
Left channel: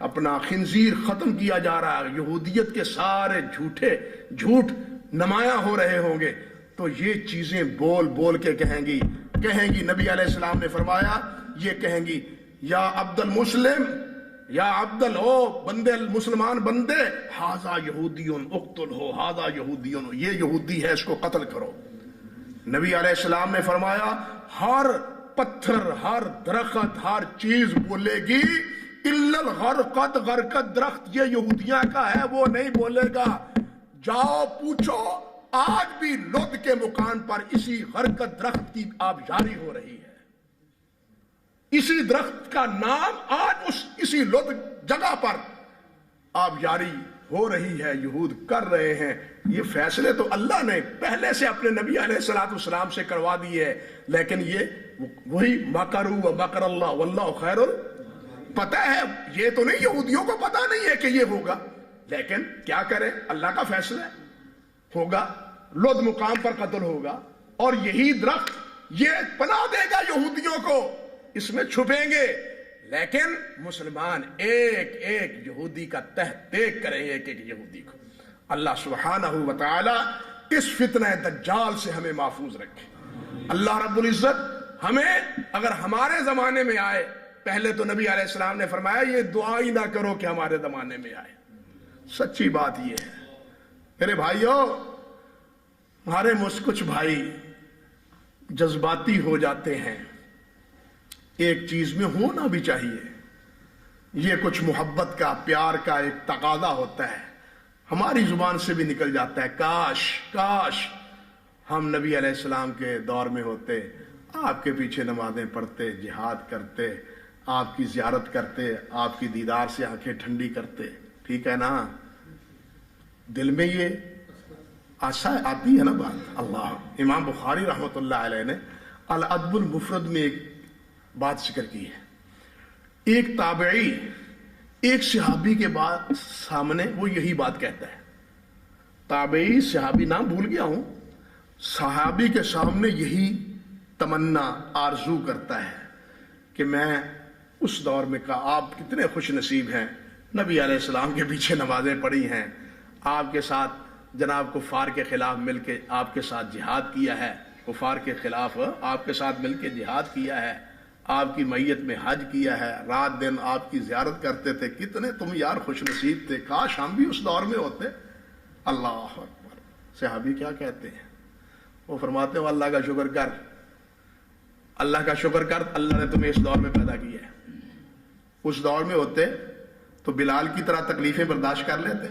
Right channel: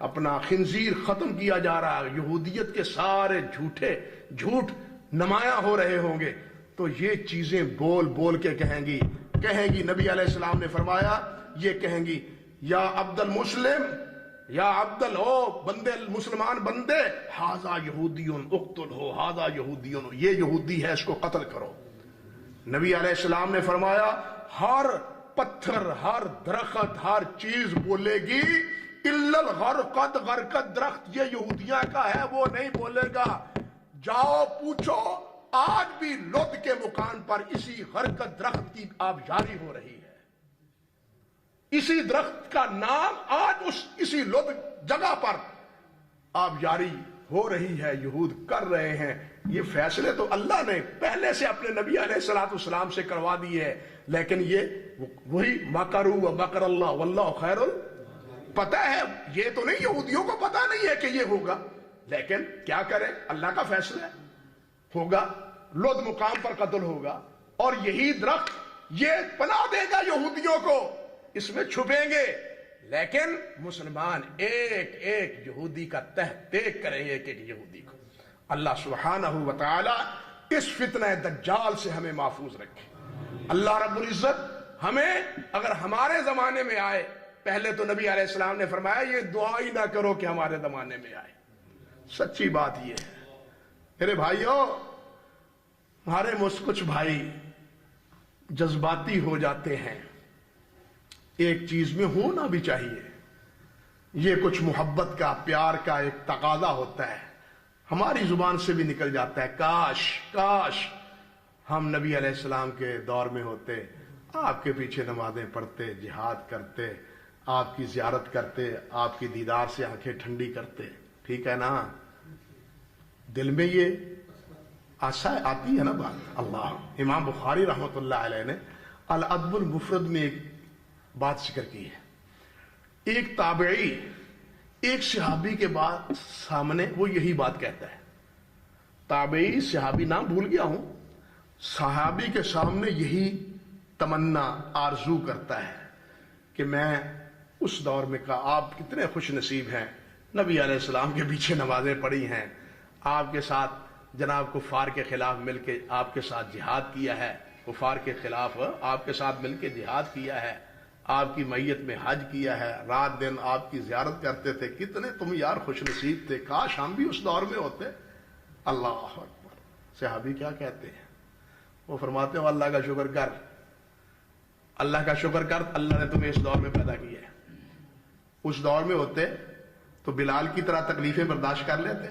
اپنا خنزیر ختم کیا جا رہا ہے، یہودیت کے سارے جھوٹ نمایاں ہو رہے ہوں گے، تو یہ چیزیں بول بول کے کہیں گی نبی علیہ السلام نے فرمایا، یہ کہیں گی یا عبد المسلم، یا عبد او بندے مسلمان بندے، ہاذا یہودیون اقتل ہو، ہاذا یہودیون، یہ یہودی ہے اس کو قتل کرو۔ نبی علیہ السلام نے فرمایا ہر پتھر، ہر درخت، ہر چیز بولے گی الا الغرقد، غرقد درخت یہ یہودیاں کا ہے وہ نہیں بولے گا۔ جاؤ پوچھو، آج بھی لد کے مقام پر اسی غرقد درخت کی آبیاری ہو رہی ہے، اسی درخت کا نام آج اسی لد جگہ پر آبیاری ہو رہی ہے، یہود کر رہے ہیں۔ یہ فیصلے تو اللہ نے پہلے سے اپنے نبی علیہ الصلوۃ والسلام سے کروا دیے ہے، لیکن یہ وہی مکروا ومکر اللہ واللہ خیر، پتہ ہے یہ تو نہیں، یہودیوں کو پتہ نہیں ہے کہ یہ ہوگا، لیکن کیا کریں، اللہ کا فیصلہ ہوگا، لد مقام پر قتل ہوگا، اور یہی درخت یہ پناہ دے گا یہودیوں کو، اس میں چھپیں گے، لیکن مسلمان ایک ایک یہودی کا تحقیق کریں گے، ایک ایک یہودی کو۔ اللہ سبحانہ و تعالی اس فتنہ دجال سے ہمیں محفوظ رکھے۔ اللہ رب العزت ہمیں اگر ہمارے زمانے میں آئے، پہلے تو نبی علیہ السلام نے فرمایا یہ دعا ہی نہ کرو کہ ہمارے زمانے میں آئے، سچی بات یہ ہے میرے بھائیوں، ہمارے کچھ بھائی جذباتی ہو جاتے ہیں، ایک چیز میں ہونا بھی چاہیے، یہ کچھ محبت کا، پیار کا ایک تقاضا ہوتا ہے، ہماری زبان سے بھی نکل جاتا ہے، کاش ہم نبی علیہ السلام کے دور میں ہوتے، آپ کے پیچھے نمازیں پڑھتے، جہاد کرتے، آپ کی زیارت کرتے، آپ کی دیدار سے آنکھیں ٹھنڈی کرتے، ٹھیک ہے نا؟ دل میں یہ آتی ہے نا بات۔ اللہ امام بخاری رحمۃ اللہ علیہ نے الادب المفرد میں ایک بات ذکر کی ہے، ایک تابعی ایک صحابی کے بعد سامنے وہ یہی بات کہتا ہے، تابعی صحابی نام بھول گیا ہوں، صحابی کے سامنے یہی تمنا آرزو کرتا ہے کہ میں اس دور میں کہا آپ کتنے خوش نصیب ہیں، نبی علیہ السلام کے پیچھے نمازیں پڑھی ہیں، آپ کے ساتھ جناب کفار کے خلاف مل کے آپ کے ساتھ جہاد کیا ہے، کفار کے خلاف آپ کے ساتھ مل کے جہاد کیا ہے، آپ کی میت میں حج کیا ہے، رات دن آپ کی زیارت کرتے تھے، کتنے تم یار خوش نصیب تھے، کاش ہم بھی اس دور میں ہوتے۔ اللہ اکبر۔ صحابی کیا کہتے ہیں؟ وہ فرماتے ہو اللہ کا شکر کر، اللہ کا شکر کر، اللہ نے تمہیں اس دور میں پیدا کیا ہے، اس دور میں ہوتے تو بلال کی طرح تکلیفیں برداشت کر لیتے،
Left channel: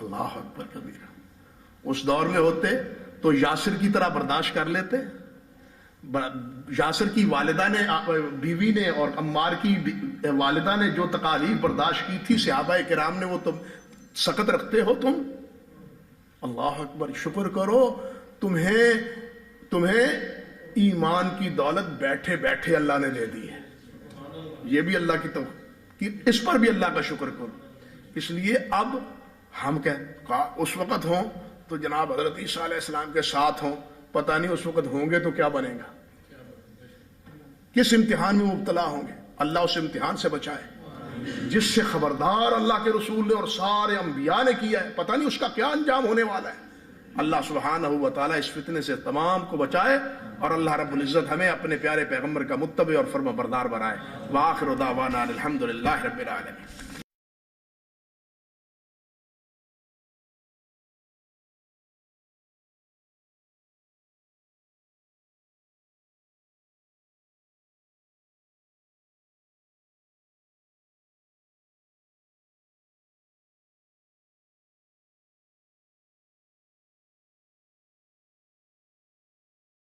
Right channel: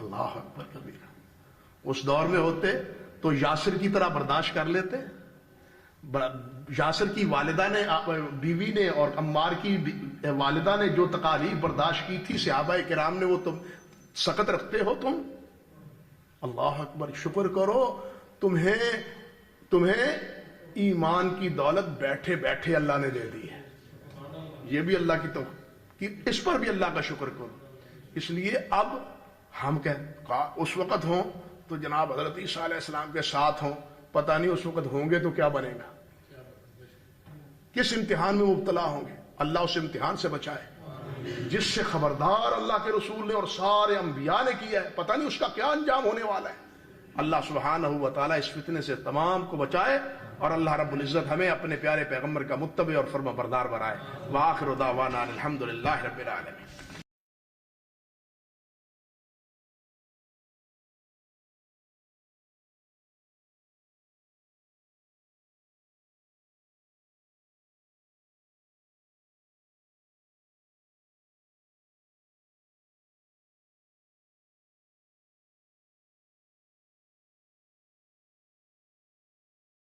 اللہ اکبر کبیرہ، اس دور میں ہوتے تو یاسر کی طرح برداشت کر لیتے، یاسر کی والدہ نے، بیوی نے اور عمار کی والدہ نے جو تکالیف برداشت کی تھی صحابہ کرام نے، وہ تم سخت رکھتے ہو تم؟ اللہ اکبر، شکر کرو تمہیں ایمان کی دولت بیٹھے بیٹھے اللہ نے دے دی ہے، یہ بھی اللہ کی اس پر بھی اللہ کا شکر کرو۔ اس لیے اب ہم اس وقت ہوں تو جناب حضرت عیسیٰ علیہ السلام کے ساتھ ہوں، پتہ نہیں اس وقت ہوں گے تو کیا بنے گا، کس امتحان میں مبتلا ہوں گے، اللہ اس امتحان سے بچائے جس سے خبردار اللہ کے رسول نے اور سارے انبیاء نے کیا ہے، پتہ نہیں اس کا کیا انجام ہونے والا ہے۔ اللہ سبحانہ و تعالیٰ اس فتنے سے تمام کو بچائے، اور اللہ رب العزت ہمیں اپنے پیارے پیغمبر کا متبع اور فرما بردار بنائے۔ وآخر دعوانا الحمدللہ رب العالمین۔